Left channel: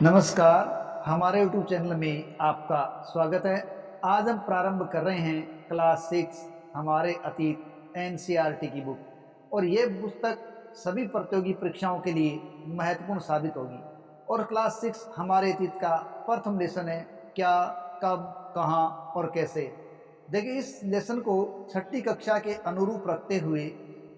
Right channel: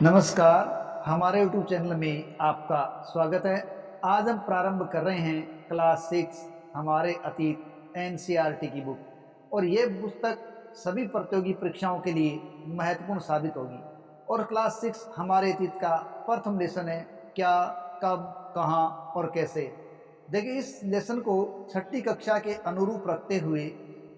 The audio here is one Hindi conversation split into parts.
नमस्कार, हमारे यूट्यूब चैनल में आपका स्वागत है। आज हम प्रारंभ कर रहे हैं क्लास 6 हमारे अतीत एनसीईआरटी की बुक और ये पुस्तक सभी प्रतियोगी परीक्षाओं के लिए महत्वपूर्ण साबित होगी। और क्लास 6 हमारे अतीत का प्रथम लेसन है क्या, कब, कहाँ और कैसे। देखिए, इस लेसन को छठी कक्षा के अनुरूप रखते हुए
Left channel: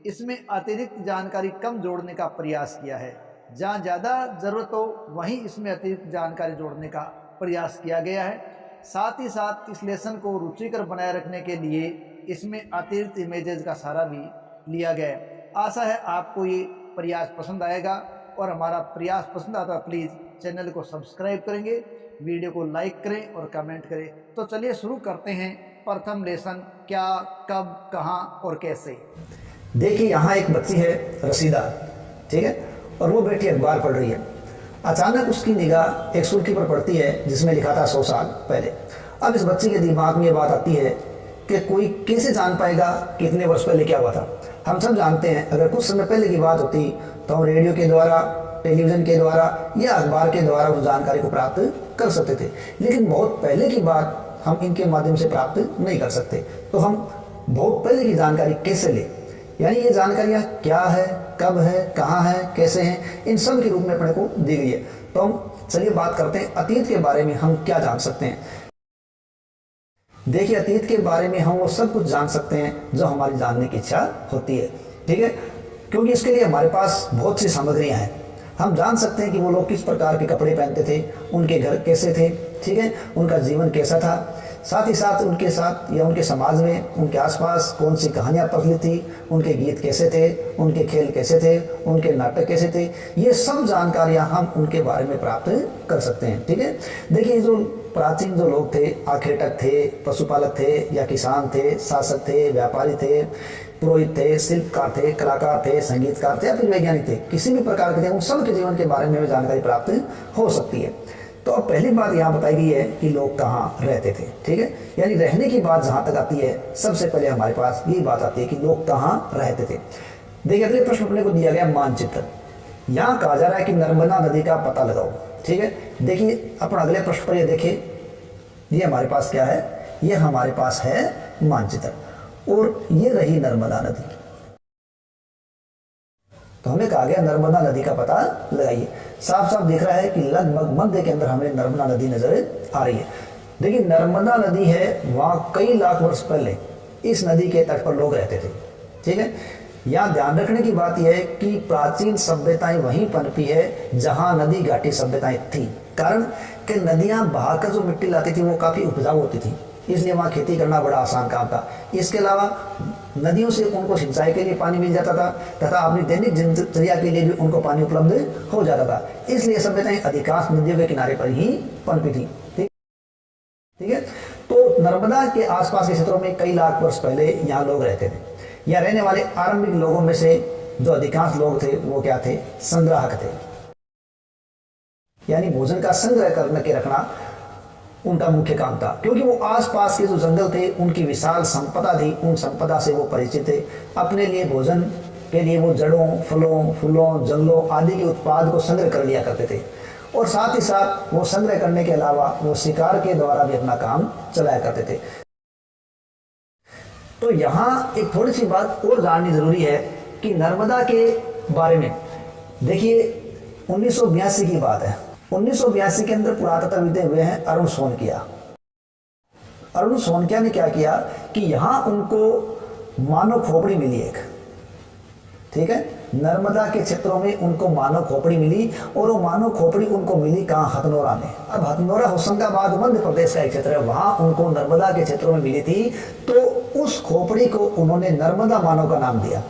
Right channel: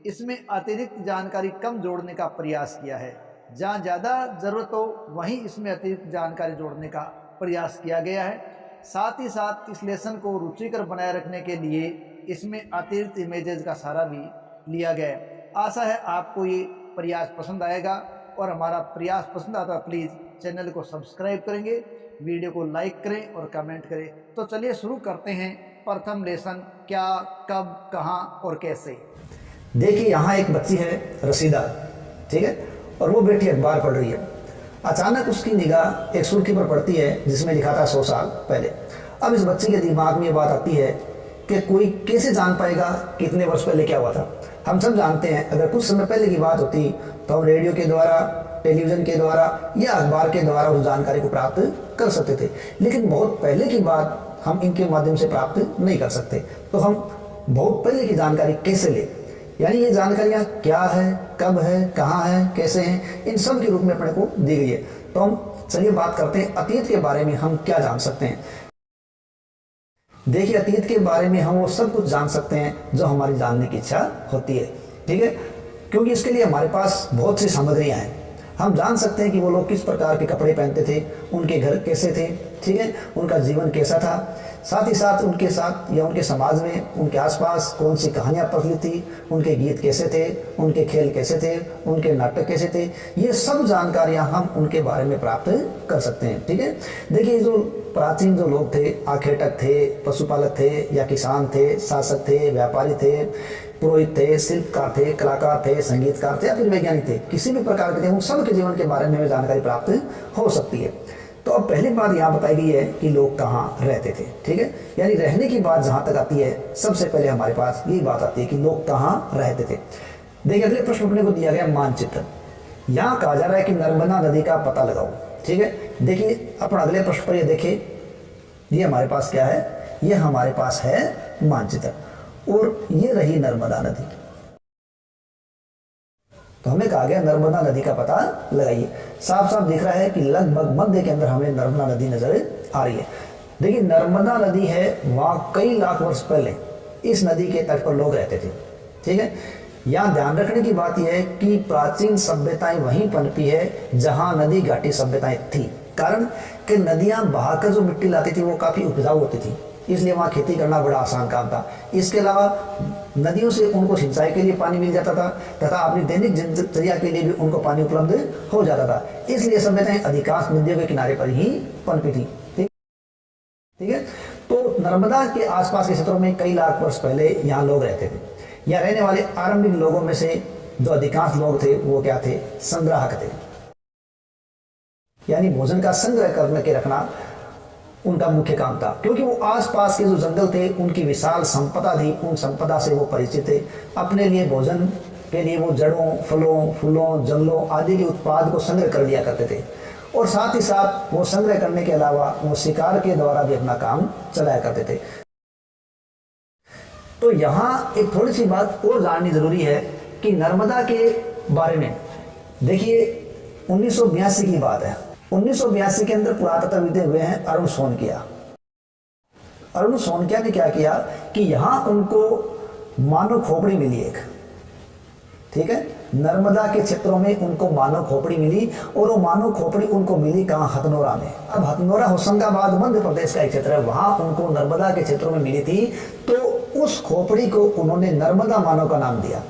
इसमें अतिरिक्त जानकारी कम जोड़ने का प्रयास किया है। जहाँ ज़्यादा ज़रूरत हो वहीं इसमें अतिरिक्त जानकारी जोड़ने का प्रयास किया गया है। साथ ही साथ इस लेसन को रुचिकर बनाए रखने के लिए इसमें अतिरिक्त इमेजेस का सहारा भी लिया गया है। आशा है आपको ये प्रयास पसंद आएगा और हमारा प्रयास पसंद आता है प्लीज़ चैनल को सब्सक्राइब करेंगे, वीडियो को लाइक करें और कमेंट करें। तो चलिए शुरू करते हैं प्रथम लेसन क्या, कब, कहाँ और कैसे। देखिए, यहाँ एक बच्ची है रसीदा, ठीक है, और वो बेटी अखबार पढ़ रही है। अचानक उसकी निगाह एक सुर्खी पर पड़ती है जिसमें लिखा था 100 साल पहले। अब इस बच्ची के दिमाग में ये बात आती है कि कोई कैसे जान पाएगा कितने वर्ष पहले क्या हुआ था। हम सब जानते हैं अगर कुछ समय पहले की बात होती तो हम रेडियो के द्वारा, टेलीविज़न के द्वारा या अखबार के द्वारा उस जानकारी को प्राप्त कर सकते थे, लेकिन बहुत पहले की बात हम इनके माध्यम से प्राप्त नहीं कर सकते। तो हम बहुत पहले की जानकारी कैसे लें, यानी ये जानकारियाँ क्या है, कब है, कहाँ है, कैसे हैं, इन सब के रूप में अपने को दी गई है। तो हम चलिए बात करते हैं अतीत के बारे में हम क्या जान सकते हैं। देखिए, अतीत के बारे में हम वो सब कुछ जान सकते हैं जो हमारी जानने की इच्छा होती है, ठीक है, क्योंकि इसके लिए हमारे पास बहुत सी सामग्रियाँ हैं। हम जान सकते हैं कि वो लोग किस प्रकार के कपड़े पहनते थे, उनके घर कैसे थे, ठीक है, उनका जीवन कैसा था। साथ ही साथ उनके साथ या उनके समाज में, उनके आसपास कौन सी कहानियाँ प्रचलित थी, उनके गीत कैसे थे, उनके खेल कैसे थे, उनके नाटक कैसे थे, ये सब जानकारियाँ हम उनके बारे में प्राप्त कर सकते हैं, ठीक है। देखिए, जो प्राचीन जो लोग थे, आखेटक थे, पशुपालक थे या किसान थे, शासक थे, व्यापारी थे, पुरोहित थे, शिल्पकार थे, कलाकार थे, संगीतकार थे या फिर वैज्ञानिक थे, किसी भी प्रकार के थे, उन सब के जीवन के बारे में हमें जानकारी प्राप्त हो सकती है। तो अब पहली बात यहाँ बताई गई है कि लोग कहाँ रहते थे, ठीक है, यानी रहने की बात जहाँ तक आती है सबसे पहले हमारे पास यही बात आती है कि लोग कहाँ रहते थे। देखिए, अगले प्रश्न अपने को दिया गया मानचित्र। यहाँ कहा जा रहा है कि नर्मदा नदी का पता लगाओ, ठीक है। देखिए, अपन अगले प्रश्न पर ये देखें, ये हमारे पास क्या है, ये हमारे पास है मानचित्र और ये रही नर्मदा नदी। तो हमें कहा गया नर्मदा नदी का पता लगाइए। साफ साफ दिख रहा है कि लगभग मध्य के अंदर हमें नर्मदा नदी नजर आ रही है। देखिए, नर्मदा नदी है, वहाँ कई लाख वर्ष पहले इस नदी के तट पर लोग रहते थे, ठीक है। यहाँ ध्यान रखने की बात यह है कि प्राचीन सभ्यताएं वहीं पनपी है जहाँ नदी घाटी सभ्यताएं थी। कारण कि नदियाँ बहाकर जो मिट्टी लाती थी वो काफ़ी उपजाऊ होती थी, इसलिए वहाँ खेती करना बड़ा आसान काम था। इसके अलावा नदियों से उनको सिंचाई के लिए पानी मिल जाता था तथा अपनी दैनिक दिनचर्या के लिए भी उनको पानी उपलब्ध हो जाता था, इसलिए सभ्यताएं अधिकांश नदियों के किनारे पर ही पनपी थी, ठीक है। तो नर्मदा के आसपास के क्षेत्रों में कई लाख वर्ष पहले यहाँ लोग रहते थे। यहाँ रहने वाले आरंभिक लोगों में से जो अधिकांश लोग थे वो क्या थे, संग्राहक थे, यानी भोजन का संग्रह करके रखना उनका मुख्य काम था, क्योंकि वो आसपास के जो जंगल थे उनकी विशाल संपदा थी, उन संपदा से वो परिचित थे। अपने लिए भोजन के लिए वो जड़ों, फलों, फूलों, जंगलों आदि के उत्पाद को संग्रह कर लिया करते थे और साथ ही साथ वो संग्रह करने के अलावा वो शिकार के द्वारा भी अपना काम चलाया करते थे। तो यहाँ एक थोड़ी सी बात और जाननी जरूरी है कि नर्मदा के बारे में। देखिए, 1982 की बात है। 1982 के अंदर पुरातत्वविद हुए हैं अरुण सोनकिया। अरुण सोनकिया ने क्या किया कि यहाँ उनको मानव खोपड़ी मिली एक, ठीक है, नर्मदा के क्षेत्रों में उनको मानव खोपड़ी मिली और वो मानव खोपड़ी उनको मिली कहाँ, हथनोरा में। अब हथनोरा होशंगाबाद मध्य प्रदेश का एक क्षेत्र है, वहाँ उनको नर्मदा के क्षेत्रों में मिली थी। तो उस खोपड़ी को उन्होंने नर्मदा मानव का नाम दिया।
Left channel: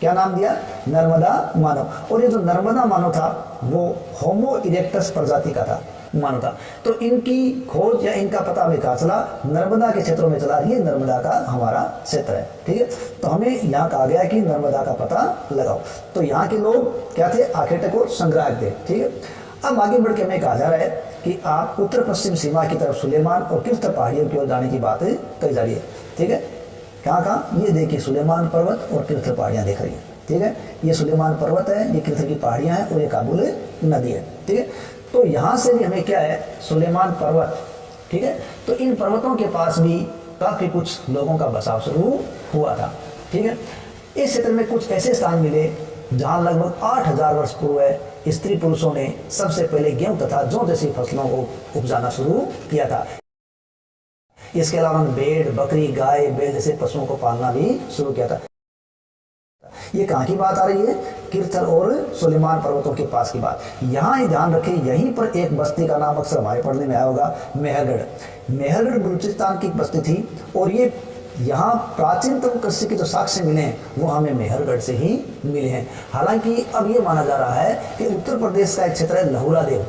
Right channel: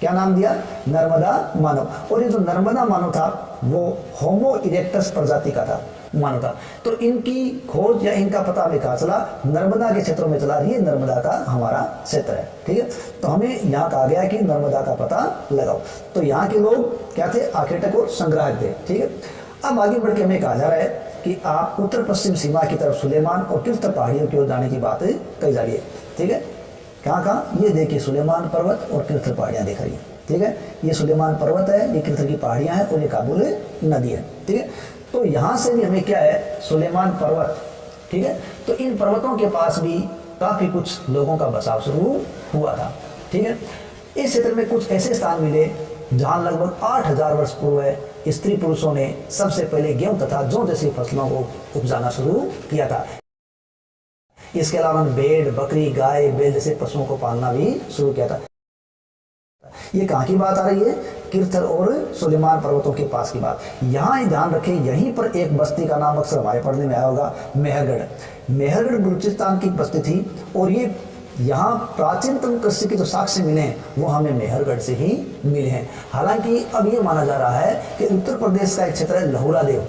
क्या नाम दिया, नर्मदा मानव। और ये जो नर्मदा मानव था वो होमो इरेक्टस प्रजाति का था, मानव था। तो इनकी खोज या इनका पता हमें कहाँ चला, नर्मदा के क्षेत्रों में चला। ये नर्मदा का हमारा क्षेत्र है, ठीक है। तो हमें यहाँ कहा गया कि नर्मदा का पता लगाओ। तो यहाँ के लोग क्या थे, आखेटक और संग्राहक थे, ठीक है। अब आगे बढ़ के हमें कहा जा रहा है कि आप उत्तर पश्चिम सीमा की तरफ सुलेमान और किर्थ पहाड़ियों की ओर जाने की बात कही जा रही है, ठीक है। कहाँ कहाँ, ये देखिए सुलेमान पर्वत और किर्थ पहाड़ियाँ दिख रही है, ठीक है। ये सुलेमान पर्वत है, ये किर्थ की पहाड़ियाँ हैं और ये काबुल नदी है, ठीक है। तो यहाँ से भी हमें क्या है, सुलेमान पर्वत, ठीक है। तो इन पर्वतों के पास भी काफ़ी कुछ लोगों का बसाव शुरू हुआ था, ठीक है। इस क्षेत्र में कुछ ऐसे स्थान मिले जहाँ लगभग 8000 वर्ष पूर्व स्त्री पुरुषों ने सबसे पहले गेहूं तथा जौ जैसी फसलों को उपजाना शुरू किया था। इसके अलावा उन्होंने भेड़, बकरी, गाय, बैल जैसे पशुओं को पालना भी शुरू किया था। ये कहाँ की बात आ रही है, किरथर और सुलेमान पर्वतों के पास की बात। यहाँ ही ध्यान रखें, यहीं पर एक बस्ती का नाम अक्सर हमारे पढ़ने में आया होगा, मेहरगढ़। मेहरगढ़ बलूचिस्तान की बस्ती थी और ये यहाँ प्राचीनतम कृषि के जो साक्ष्य मिले हैं वो हमें मेहरगढ़ से ही मिले हैं। हालांकि अब ये माना जा रहा है कि उत्तर प्रदेश का एक क्षेत्र है लहुरा देव,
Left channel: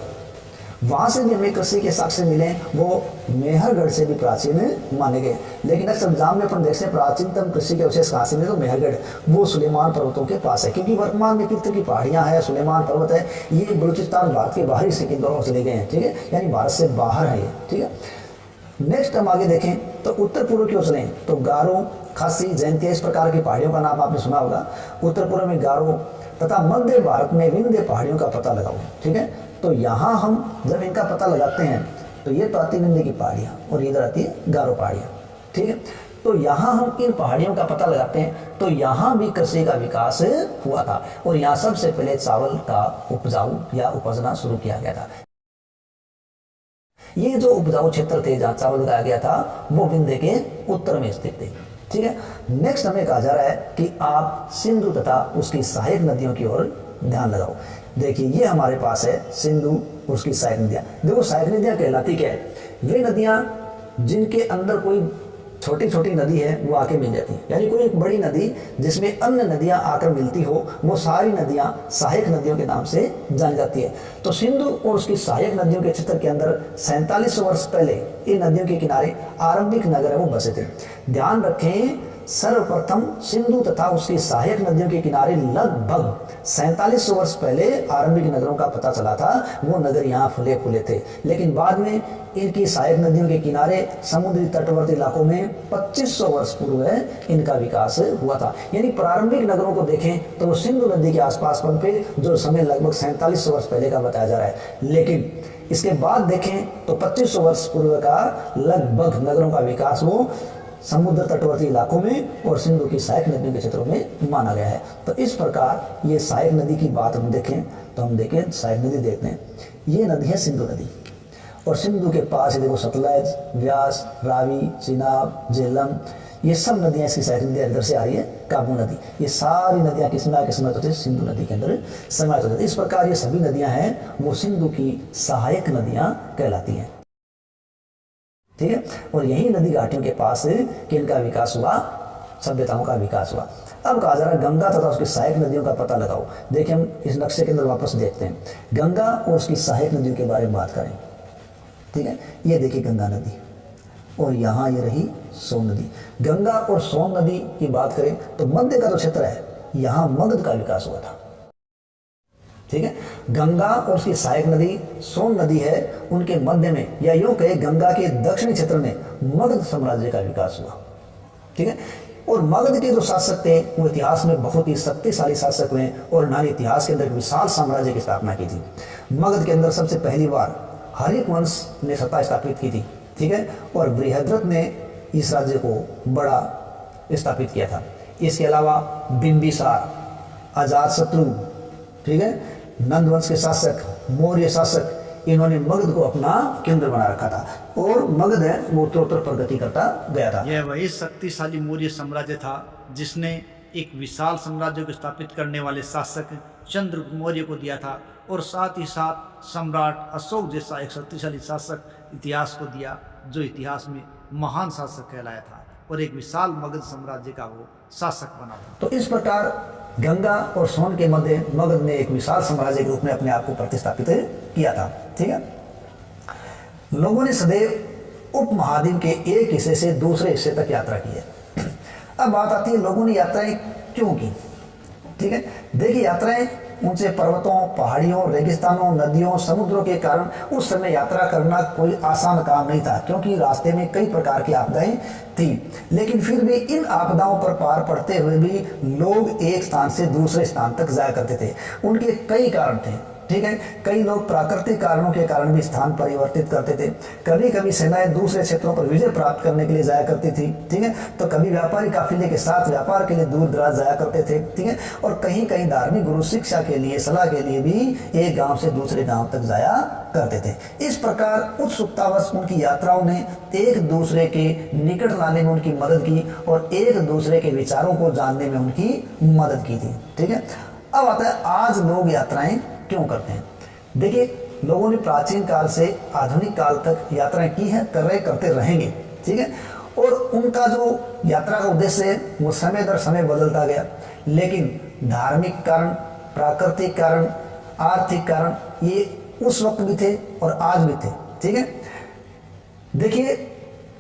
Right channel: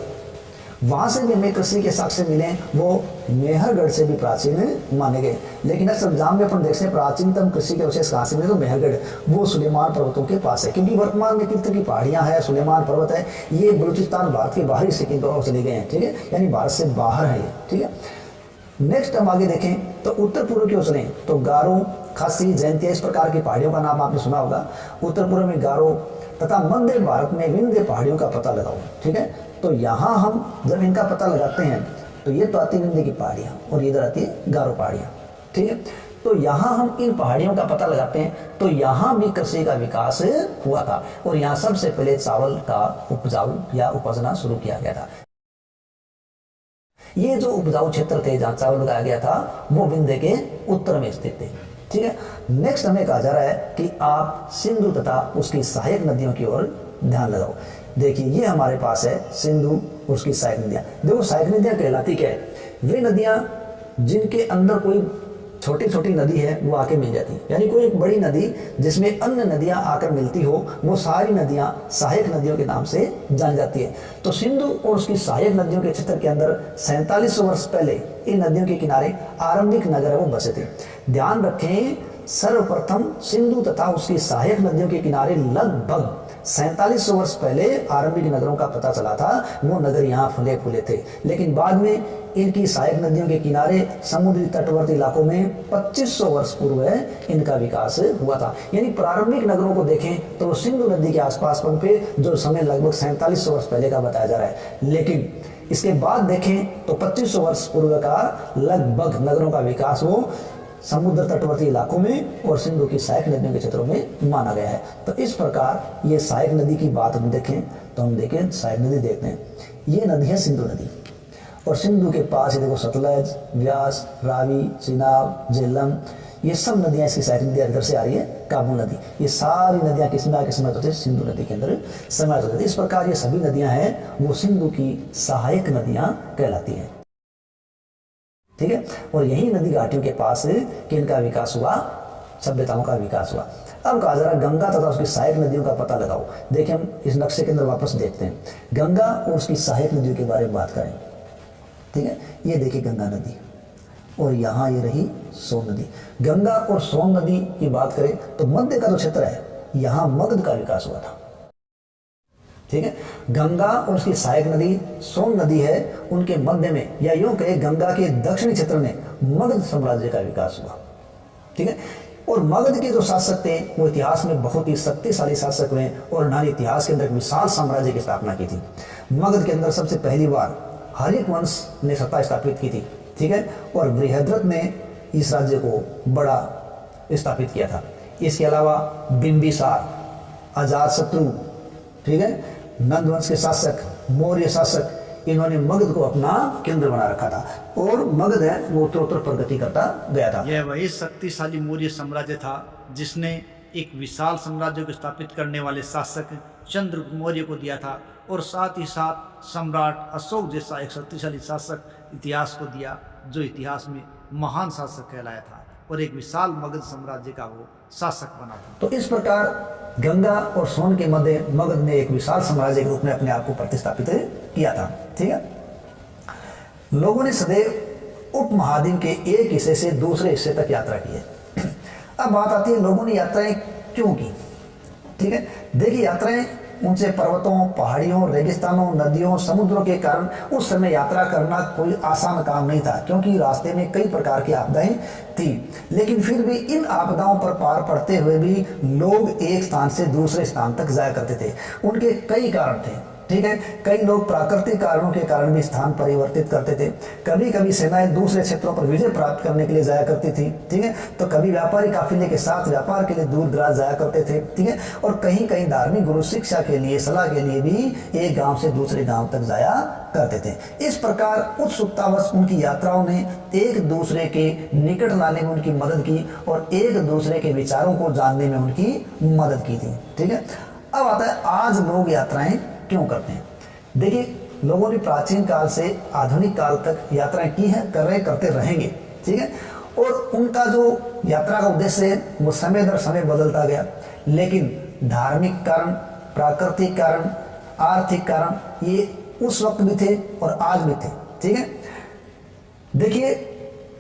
वहाँ से भी हमें कृषि के साक्ष्य मिले, वो मेहरगढ़ से भी प्राचीन माने गए। लेकिन अक्सर एग्जाम में अपन देखते हैं प्राचीनतम कृषि के अवशेष कहाँ से मिले, तो मेहरगढ़ वो सुलेमान पर्वतों के पास है, क्योंकि वर्तमान में किरथर की पहाड़ियाँ हैं, सुलेमान पर्वत है, ये बलूचिस्तान भारत के बाहरी हिस्से की तरफ चले गए हैं, ठीक है, यानी भारत से बाहर है ये, ठीक है। नेक्स्ट हम आगे देखें तो उत्तर पूर्व की ओर चलें तो गारो, खासी, जयंतिया, इस प्रकार की पहाड़ियों का नाम आपने सुना होगा। उत्तर पूर्व में गारो तथा मध्य भारत में विंध्य पहाड़ियों का पता लगाओ, ठीक है। तो यहाँ हम जब इनका पता लगाते हैं तो ये तो आती विंध्य की पहाड़ियाँ और इधर आती है गारो पहाड़ियाँ, ठीक है। तो यहाँ हम इन पहाड़ियों का पता लगाते हैं तो यहाँ भी कृषि का विकास हुआ था और यहाँ सबसे पहले चावल का उपजाऊ या उपजना शुरू किया गया था। ये जो उपजाऊ क्षेत्र थे जहाँ चावल उगाया गया था वो विंध्य के उत्तर में स्थित थे, ठीक है। नेक्स्ट हमें कहा जा रहा है कि आप सिंधु तथा उसकी सहायक नदियों की ओर ध्यान लगाओ। देखिए ये हमारे पास है सिंधु और उसकी सहायक नदियाँ। देखो सहायक नदियाँ कहलाती क्या है, वे नदियाँ जिनके अंदर कोई छोटी छोटी नदी है वो आके मिल जाती है, यानी कोई एक बड़ी नदी जिसमें अन्य नदियां आकर मिलती हो, वो सारी नदियां सहायक नदियों के नाम से जानी जाती है। तो सिंधु और उसकी सहायक नदियों के क्षेत्र के अंदर 4700 वर्ष पहले इन नदियों के किनारे आरंभिक नगर है वो बसे थे। ध्यान रखें, सर्वप्रथम सिंधु तथा उसकी सहायक नदियों के किनारे लगभग 4700 वर्ष पहले आरंभिक नगरों का पता चला था, वो नगर यहाँ फुले फूले थे। लेकिन बाद में इनकी सहायक नदियों के किनारे समुद्री तटवर्ती इलाकों में 2500 वर्ष पूर्व इनका विकास हुआ था। यानी प्रारंभिक नगरों को देखें तो वो सिंधु नदी के आसपास पे जो समय लगभग 4700 वर्ष पहले का बताया जा रहा है। लेकिन इसके बाद देखें तो 2500 वर्ष पूर्व का लगभग नगरों का विकास वो समुद्र तटवर्ती इलाकों में और सिंधु की सहायक नदियों के क्षेत्रों में माना गया है। तो इस प्रकार ये सहायक नदी की बात हम देखें तो हम देखें सहायक नदी देखते हैं, ये नदी है सिंधु नदी और सिंधु के पास ये देखो सतलज, व्यास, रावी, चिनाब, झेलम, ये सब नदियाँ इसकी सहायक नदियाँ इधर से आ रही है। काबू नदी, ये सारी नदियाँ किस में आके समाहित होती है, सिंधु नदी के अंदर समाहित होती है। इस प्रकार ये सभी नदियाँ हैं वो सिंधु की सहायक नदियाँ कहलाती हैं, ठीक है। और यही नदी घाटियों के पास किनका विकास हुआ, सभ्यताओं का विकास हुआ। अब कहा जा रहा है गंगा तथा उसकी सहायक नदियों का पता लगाओ। देखिए हम इस नक्शे के अंदर वापस देखते हैं, गंगा और उसकी सहायक नदियों के बारे में बात करें, ठीक है। ये देखिए गंगा नदी और यहाँ ये रही सोन नदी। गंगा और सोन नदी की बात करें तो मध्य का जो क्षेत्र है यहाँ मगध का विकास हुआ था, ठीक है। गंगा और उसकी सहायक नदी सोन नदी है, उनके मध्य में या यूं कहे गंगा के दक्षिणी क्षेत्र में मगध साम्राज्य का विकास हुआ, ठीक है। और मगध के जो शासक थे वो इतिहास में बहुत ही शक्तिशाली शासक हुए और उन्होंने इतिहास के अंदर एक विशाल साम्राज्य की स्थापना की थी। मगध के अंदर सबसे पहली बार हर्यक वंश ने सत्ता स्थापित की थी, ठीक है। और बृहद्रथ ने इस राज्य को बड़ा स्थापित किया था। इसके अलावा बिंबिसार, अजातशत्रु, ठीक है, नंद वंश के शासक, मौर्य शासक, इन्होंने मगध को अपना केंद्र बना रखा था और मगध है वो उत्तरोत्तर प्रगति करता गया था। यह वही शक्तिशाली मौर्य साम्राज्य था जिसने एक विशाल साम्राज्य को स्थापित करने वाले शासक चंद्रगुप्त मौर्य को दिया था और साथ ही साथ सम्राट अशोक जैसा एक शक्तिशाली शासक इतिहास को दिया जो इतिहास में महान शासक कहलाया था और एक विशाल मगध साम्राज्य का वो शासक बना था। तो इस प्रकार गंगा और सोन के मध्य मगध ने एक विशाल साम्राज्य के रूप में अपने आप को प्रतिस्थापित किया था, ठीक है। लोगों ने सदैव उपमहाद्वीप के एक हिस्से से दूसरे हिस्से तक यात्रा की है। अब बात आती है लोगों ने यात्राएं क्यों की, ठीक है। देखिए यात्राएं ऊंचे पर्वतों, पहाड़ियों, रेगिस्तानों, नदियों, समुद्रों के कारण उस समय यात्रा करना कोई आसान काम नहीं था क्योंकि रास्ते में कई प्रकार की आपदाएं थी। लेकिन फिर भी इन आपदाओं पर पार पड़ते हुए भी लोग एक स्थान से दूसरे स्थान तक जाया करते थे। उनके कई कारण थे, ठीक है। कई लोग प्राकृतिक कारणों के कारण भी स्थान परिवर्तित करते थे। कभी कभी सेनाएं दूसरे क्षेत्रों पर विजय प्राप्त करने के लिए जाया करती थी, ठीक है। तो कभी व्यापारी काफिले के साथ व्यापार के लिए दूर दराज जाया करते थे, ठीक है। और कहीं कहीं धार्मिक गुरु शिक्षा के लिए, सलाह के लिए भी एक गांव से दूसरे गांव तक जाया करते थे। इस प्रकार उत्सुकतावश उनकी यात्राओं ने एक दूसरे के निकट लाने में उनकी मदद की और एक दूसरे के विचारों को जानने में उनकी मदद की थी, ठीक है। अब आता है आज लोग यात्राएं क्यों करते हैं। देखिए, लोगों ने प्राचीन काल से आधुनिक काल तक यात्राएं की हैं, करते रहेंगे, ठीक है। और उनका जो यात्रा का उद्देश्य है वो समय दर समय बदलता गया, लेकिन धार्मिक कारण, प्राकृतिक कारण, आर्थिक कारण ये उस वक्त भी थे और आज भी थे, ठीक है। देखिए,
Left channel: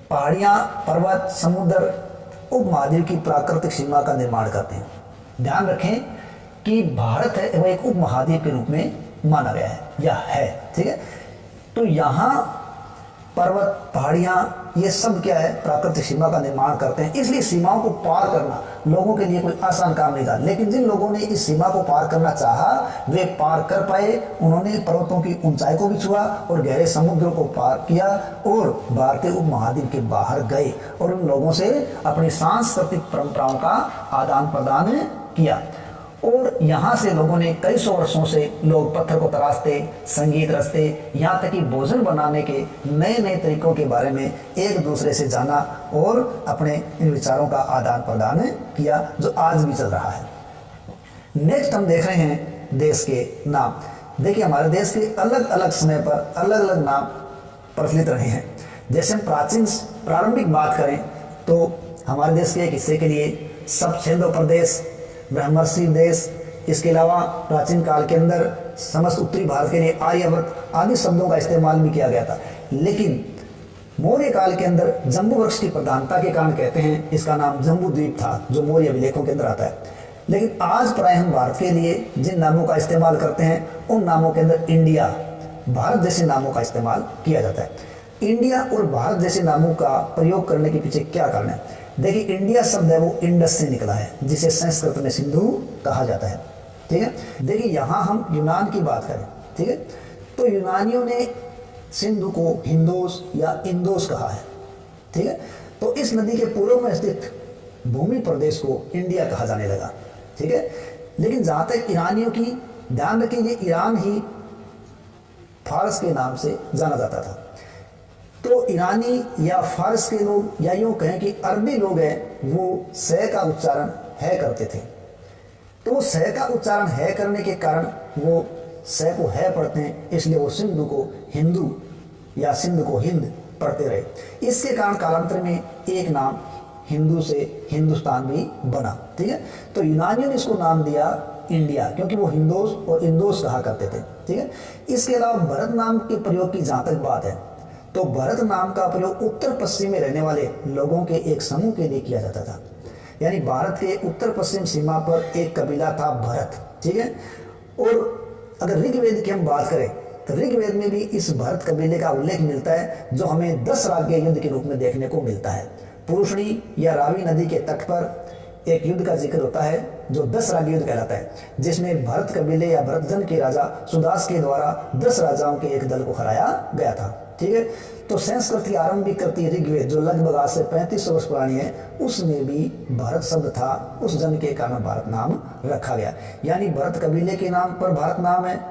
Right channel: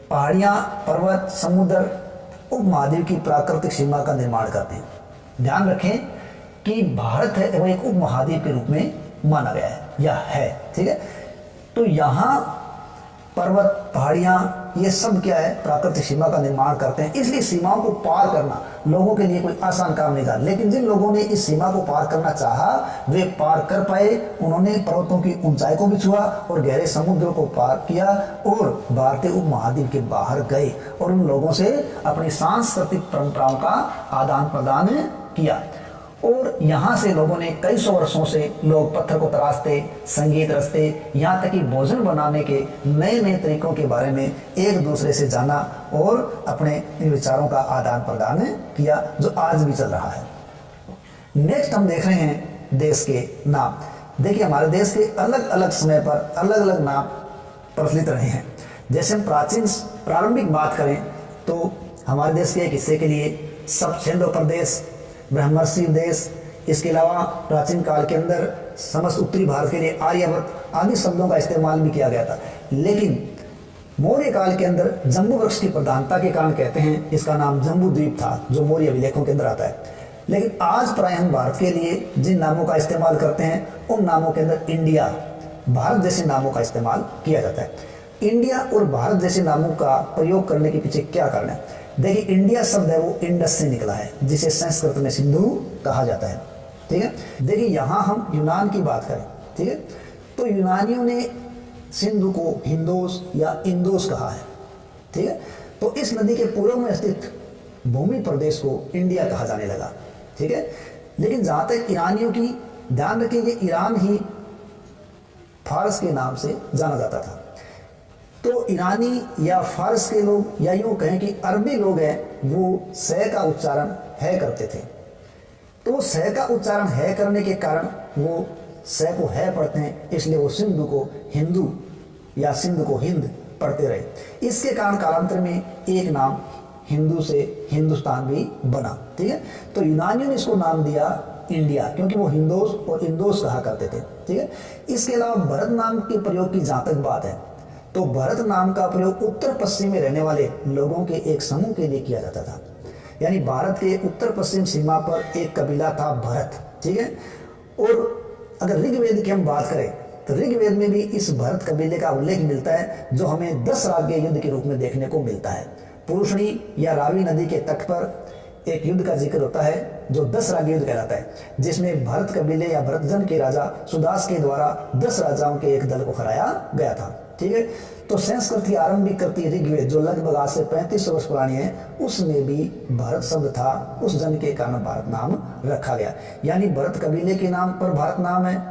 पहाड़ियाँ, पर्वत, समुद्र उपमहाद्वीप की प्राकृतिक सीमा का निर्माण करते हैं। ध्यान रखें कि भारत है वह एक उपमहाद्वीप के रूप में माना गया है या है, ठीक है। तो यहाँ पर्वत, पहाड़ियाँ ये सब क्या है, प्राकृतिक सीमा का निर्माण करते हैं। इसलिए सीमाओं को पार करना लोगों के लिए कोई आसान काम नहीं था, लेकिन जिन लोगों ने इस सीमा को पार करना चाहा वे पार कर पाए। उन्होंने पर्वतों की ऊंचाई को भी छुआ और गहरे समुद्रों को पार किया और भारतीय उपमहाद्वीप के बाहर गए और उन लोगों से अपनी सांस्कृतिक परंपराओं का आदान प्रदान किया। और यहाँ से लोगों ने कई सौ वर्षों से लोग पत्थर को तराशते, संगीत रचते, यहाँ तक कि भोजन बनाने के नए नए तरीकों के बारे में एक दूसरे से जाना और अपने इन विचारों का आदान प्रदान किया, जो आज भी चल रहा है। नेक्स्ट हम देख रहे हैं देश के नाम। देखिए, हमारे देश के अलग अलग समय पर अलग अलग नाम प्रचलित रहे हैं। जैसे हम प्रारंभिक बात करें तो हमारे देश के एक हिस्से के लिए सप्तसेंधो प्रदेश, ब्रह्मर्षि देश, इसके अलावा प्राचीन काल के अंदर समस्त उत्तरी भारत के लिए आर्यावर्त आदि शब्दों का इस्तेमाल भी किया गया था। लेकिन मौर्य काल के अंदर जम्बू वृक्ष की प्रधानता के कारण कहते हैं इसका नाम जम्बू द्वीप था, जो मौर्य अभिलेखों के अंदर आता है। लेकिन आज प्राय हम भारत के लिए जिन नामों का इस्तेमाल करते हैं उन नामों के अंदर इंडिया, भारत जैसे नामों का इस्तेमाल किया जाता है। इंडिया और भारत जैसे नामों का प्रयोग करने के पीछे क्या कारण है? देखिए, इंडिया शब्द है वो इंडस से निकला है, जिसे संस्कृत में सिंधु कहा जाता है, ठीक है। देखिए, यहाँ हम यूनान की बात करें, ठीक है, तो यूनानियों ने सिंधु को हिंदोस या इंदोस कहा है, ठीक है। तो इस नदी के पूर्व में स्थित भूमि प्रदेश को इंडिया कहा जाने लगा, ठीक है। लेकिन जहाँ तक ईरानियों की, ध्यान रखें ये ईरान ही फारस के नाम से जाना जाता था। तो ईरानी या फारस के लोग, या यूँ कहें कि अरबी लोग हैं, वो स का उच्चारण है करते थे। तो वो स का उच्चारण है करने के कारण वो स को है पढ़ते हैं, इसलिए वो सिंधु को हिंदू या सिंध को हिंद पढ़ते रहे। इसके कारण कालांतर में एक नाम हिंदू से हिंदुस्तान भी बना, ठीक है। तो यूनानियों ने इसको नाम दिया इंडिया, क्योंकि वो हिंदोस और इंदोस कहा करते थे, ठीक है। इसके अलावा भरत नाम के प्रयोग की जहाँ तक बात है, तो भरत नाम का प्रयोग उत्तर पश्चिम में रहने वाले लोगों के एक समूह के लिए किया जाता था। यानी भारत के उत्तर पश्चिम सीमा पर एक कबीला था भरत, ठीक है। और अगर ऋग्वेद की हम बात करें तो ऋग्वेद में भी इस भरत कबीले का उल्लेख मिलता है, जो हमें 10 राज्य युद्ध के रूप में देखने को मिलता है। पुरुषणी या रावी नदी के तट पर एक युद्ध का जिक्र होता है जो 10 राज्य युद्ध कहलाता है, जिसमें भरत कबीले या भरतजन के राजा सुदास के द्वारा 10 राजाओं के एक दल को हराया गया था, ठीक है। तो संस्कृत की आरंभिक कृति ऋग्वेद, जो लगभग आज से 3500 वर्ष पुरानी है, उसमें भी भरत शब्द था। उस जन के कारण भारत नाम रखा गया, यानी भरत कबीले के नाम पर भारत नाम है।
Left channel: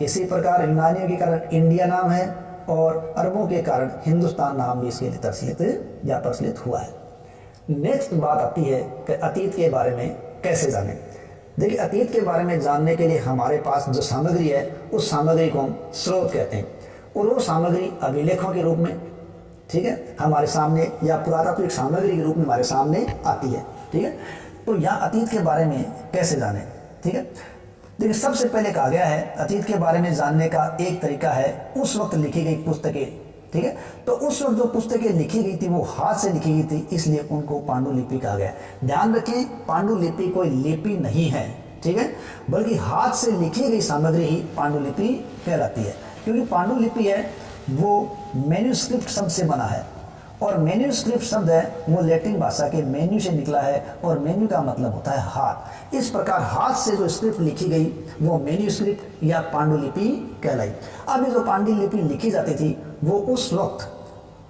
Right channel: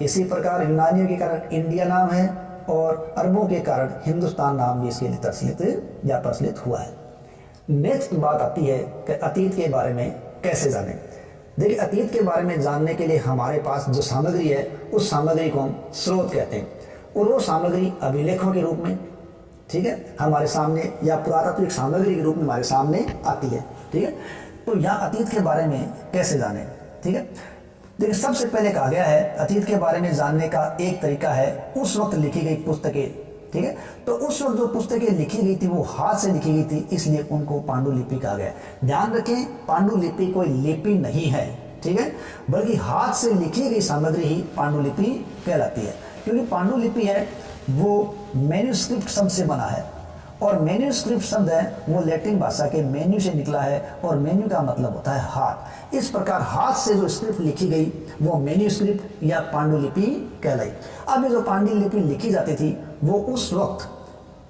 इसी प्रकार यूनानियों के कारण इंडिया नाम है और अरबों के कारण हिंदुस्तान नाम भी इसके लिए प्रचलित या प्रचलित हुआ है। नेक्स्ट बात आती है कि अतीत के बारे में कैसे जानें। देखिए, अतीत के बारे में जानने के लिए हमारे पास जो सामग्री है उस सामग्री को हम स्रोत कहते हैं, और वो सामग्री अभिलेखों के रूप में, ठीक है, हमारे सामने या पुरातात्विक सामग्री के रूप में हमारे सामने आती है, ठीक है। तो यहाँ अतीत के बारे में कैसे जानें, ठीक है। देखिए, सबसे पहले कहा गया है अतीत के बारे में जानने का एक तरीका है उस वक्त लिखी गई पुस्तकें, ठीक है। तो उस वक्त जो पुस्तकें लिखी गई थी वो हाथ से लिखी गई थी, इसलिए उनको पांडुलिपि कहा गया। ध्यान रखें, पांडुलिपि कोई लिपि नहीं है, ठीक है, बल्कि हाथ से लिखी गई सामग्री ही पांडुलिपि कहलाती है। क्योंकि पांडुलिपि है वो मैन्युस्क्रिप्ट शब्द से बना है और मैन्यूस्क्रिप्ट शब्द है वो लैटिन भाषा के मेन्यू से निकला है और मेन्यू का मतलब होता है हाथ। इस प्रकार हाथ से जो स्क्रिप्ट लिखी गई वो मैन्यूस्क्रिप्ट या पांडुलिपि कहलाई। अब ये जो पांडुलिपि लिखी जाती थी वो उस वक्त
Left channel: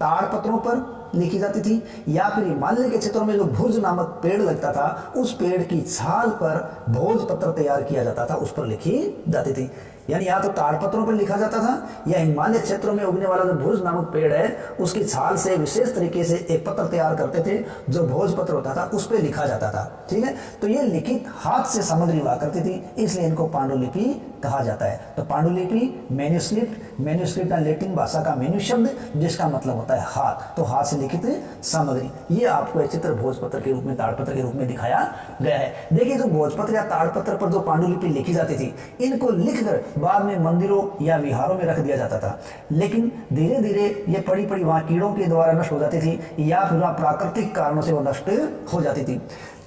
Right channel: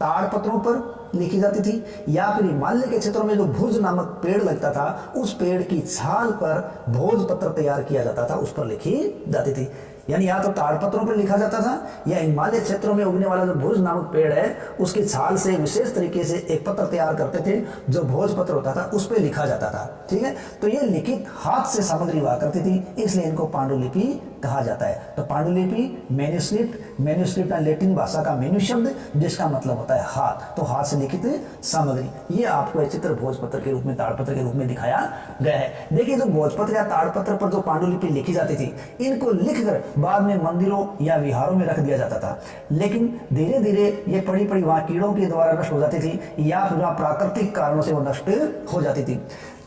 ताड़पत्रों पर लिखी जाती थी या फिर हिमालय के क्षेत्रों में जो भुज नामक पेड़ लगता था उस पेड़ की छाल पर भोजपत्र तैयार किया जाता था, उस पर लिखी जाती थी। यानी या तो ताड़पत्रों पर लिखा जाता था या हिमालय क्षेत्रों में उगने वाला जो भुज नामक पेड़ है उसकी छाल से विशेष तरीके से एक पत्र तैयार करते थे जो भोजपत्र होता था, उस पर लिखा जाता था। ठीक है, तो ये लिखित हाथ से सामग्री हुआ करती थी, इसलिए इनको पांडुलिपि कहा जाता है। तो पांडुलिपि मैन्यूस्क्रिप्ट लैटिन भाषा का मेन्यू शब्द जिसका मतलब होता है हाथ, तो हाथ से लिखित सामग्री। ये आपको एक चित्र भोजपत्र के रूप में, ताड़पत्र के रूप में दिखाया गया है। देखिए जो भोजपत्र या ताड़पत्र पर जो पांडुलिपि लिखी जाती थी इनको लिखकर बाद में मंदिरों या विहारों में रख दिया जाता था, लेकिन धीरे धीरे ये पड़ी पड़ी वहाँ कीड़ों के द्वारा नष्ट हो जाती थी या फिर वहाँ प्राकृतिक कारणों से वो नष्ट हो जाती थी।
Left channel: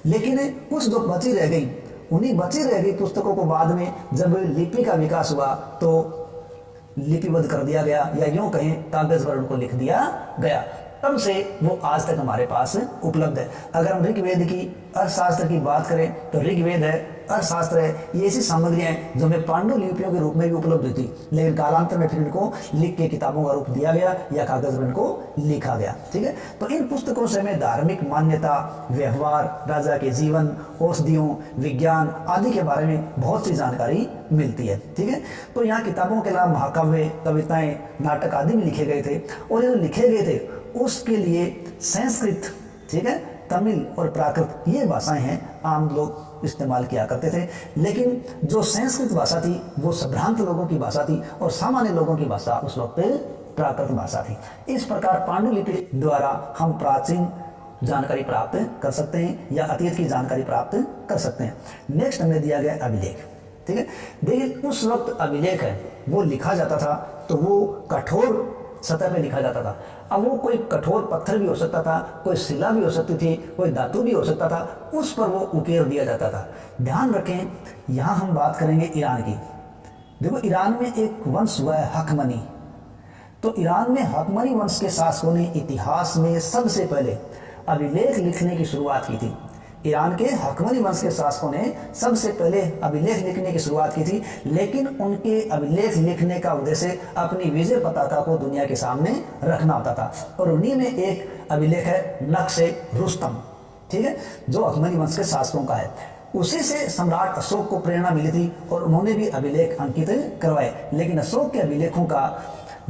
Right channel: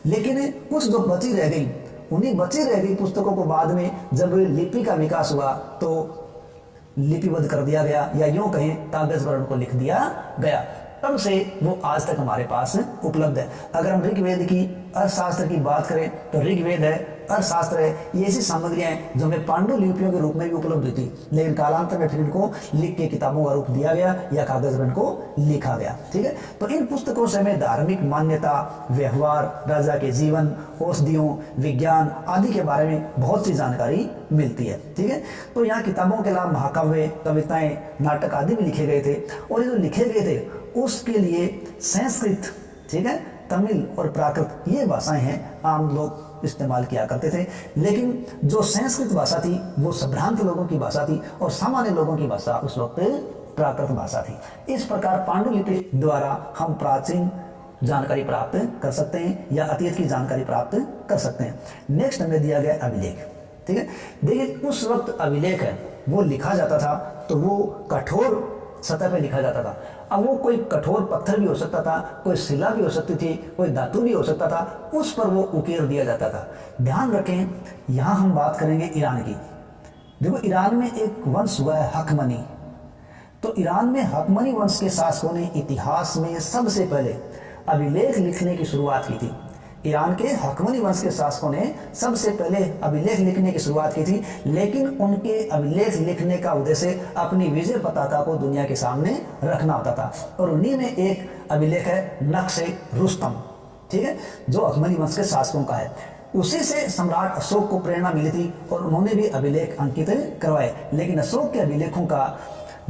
लेकिन कुछ जो बची रह गई, उन्हीं बची रह गई पुस्तकों को बाद में जब लिपि का विकास हुआ तो लिपिबद्ध कर दिया गया या यूं कहें कागज पर उनको लिख दिया गया, तब से वो आज तक हमारे पास उपलब्ध है। अगर हम ऋग्वेद की अर्थशास्त्र की बात करें तो ऋग्वेद है, अर्थशास्त्र है, ये ऐसी सामग्रियां हैं जो हमें पांडुलिपियों के रूप में भी उपलब्ध हुई थी, लेकिन कालांतर में फिर इनको लिख के किताबों का रूप दिया गया या कागज पर इनको लिखा गया। ठीक है, तो इन पुस्तकों से हमें धार्मिक मान्यता, व्यवहार, राजा के जीवन, औषधियों, विज्ञान आदि के बारे में बहुत सी जानकारी मिलती है। ठीक है, तो यहाँ किताबों के अलावा महाकाव्य, कविताएं, नाटक आदि भी लिखे गए थे और ये जो लिखे गए थे उसके लिए संस्कृत, ठीक है, तमिल और प्राकृत ये भाषाएं हैं आम लोग इस्तेमाल किया करते थे। लेकिन जो संस्कृत भाषा थी वो संभ्रांत लोगों की भाषा थी और सामान्य लोगों की भाषा उस वक्त प्राकृत भाषा थी। इस प्रकार पांडुलिपि द्वारा हम प्राचीन जानकारी प्राप्त कर सकते हैं या अतीत की जानकारी प्राप्त कर सकते हैं। नेक्स्ट हमें दिया गया अभिलेख। ठीक है, देखिए उस वक्त अभिलेख है वो लिखा जाता था तो वो कठोर सतह पे लिखा जाता था। अब वो कोई कठोर पत्थर भी हो सकता था, कोई शिला भी हो सकती थी, कोई धातु भी हो सकता था, उस पर वो उकेर दिया जाता था। ध्यान रखें, यहाँ हम बात करेंगे ईरान की। देखो ईरान में एक वंश हुआ है हकमनी। तो ईरान में हकमनी वंश के शासकों ने इतिहास में सबसे पहले अभिलेख लिखने की शुरुआत की थी। ईरान के हकमनी वंश के शासकों ने सबसे पहले अभिलेख लिखने की शुरुआत की थी, लेकिन उनके अभिलेख लिखने का उद्देश्य अपनी विजय पताका को दुनिया के सामने रखना होता था। और उन्हीं में एक अभिलेख है नक्शे रुस्तम, ठीक है, जो हकमनी वंश के शासकों का है। उसी से सम्राट अशोक को प्रेरणा मिली थी और उन्होंने भी अभिलेख अंकित करवाए। लेकिन अशोक के अभिलेखों का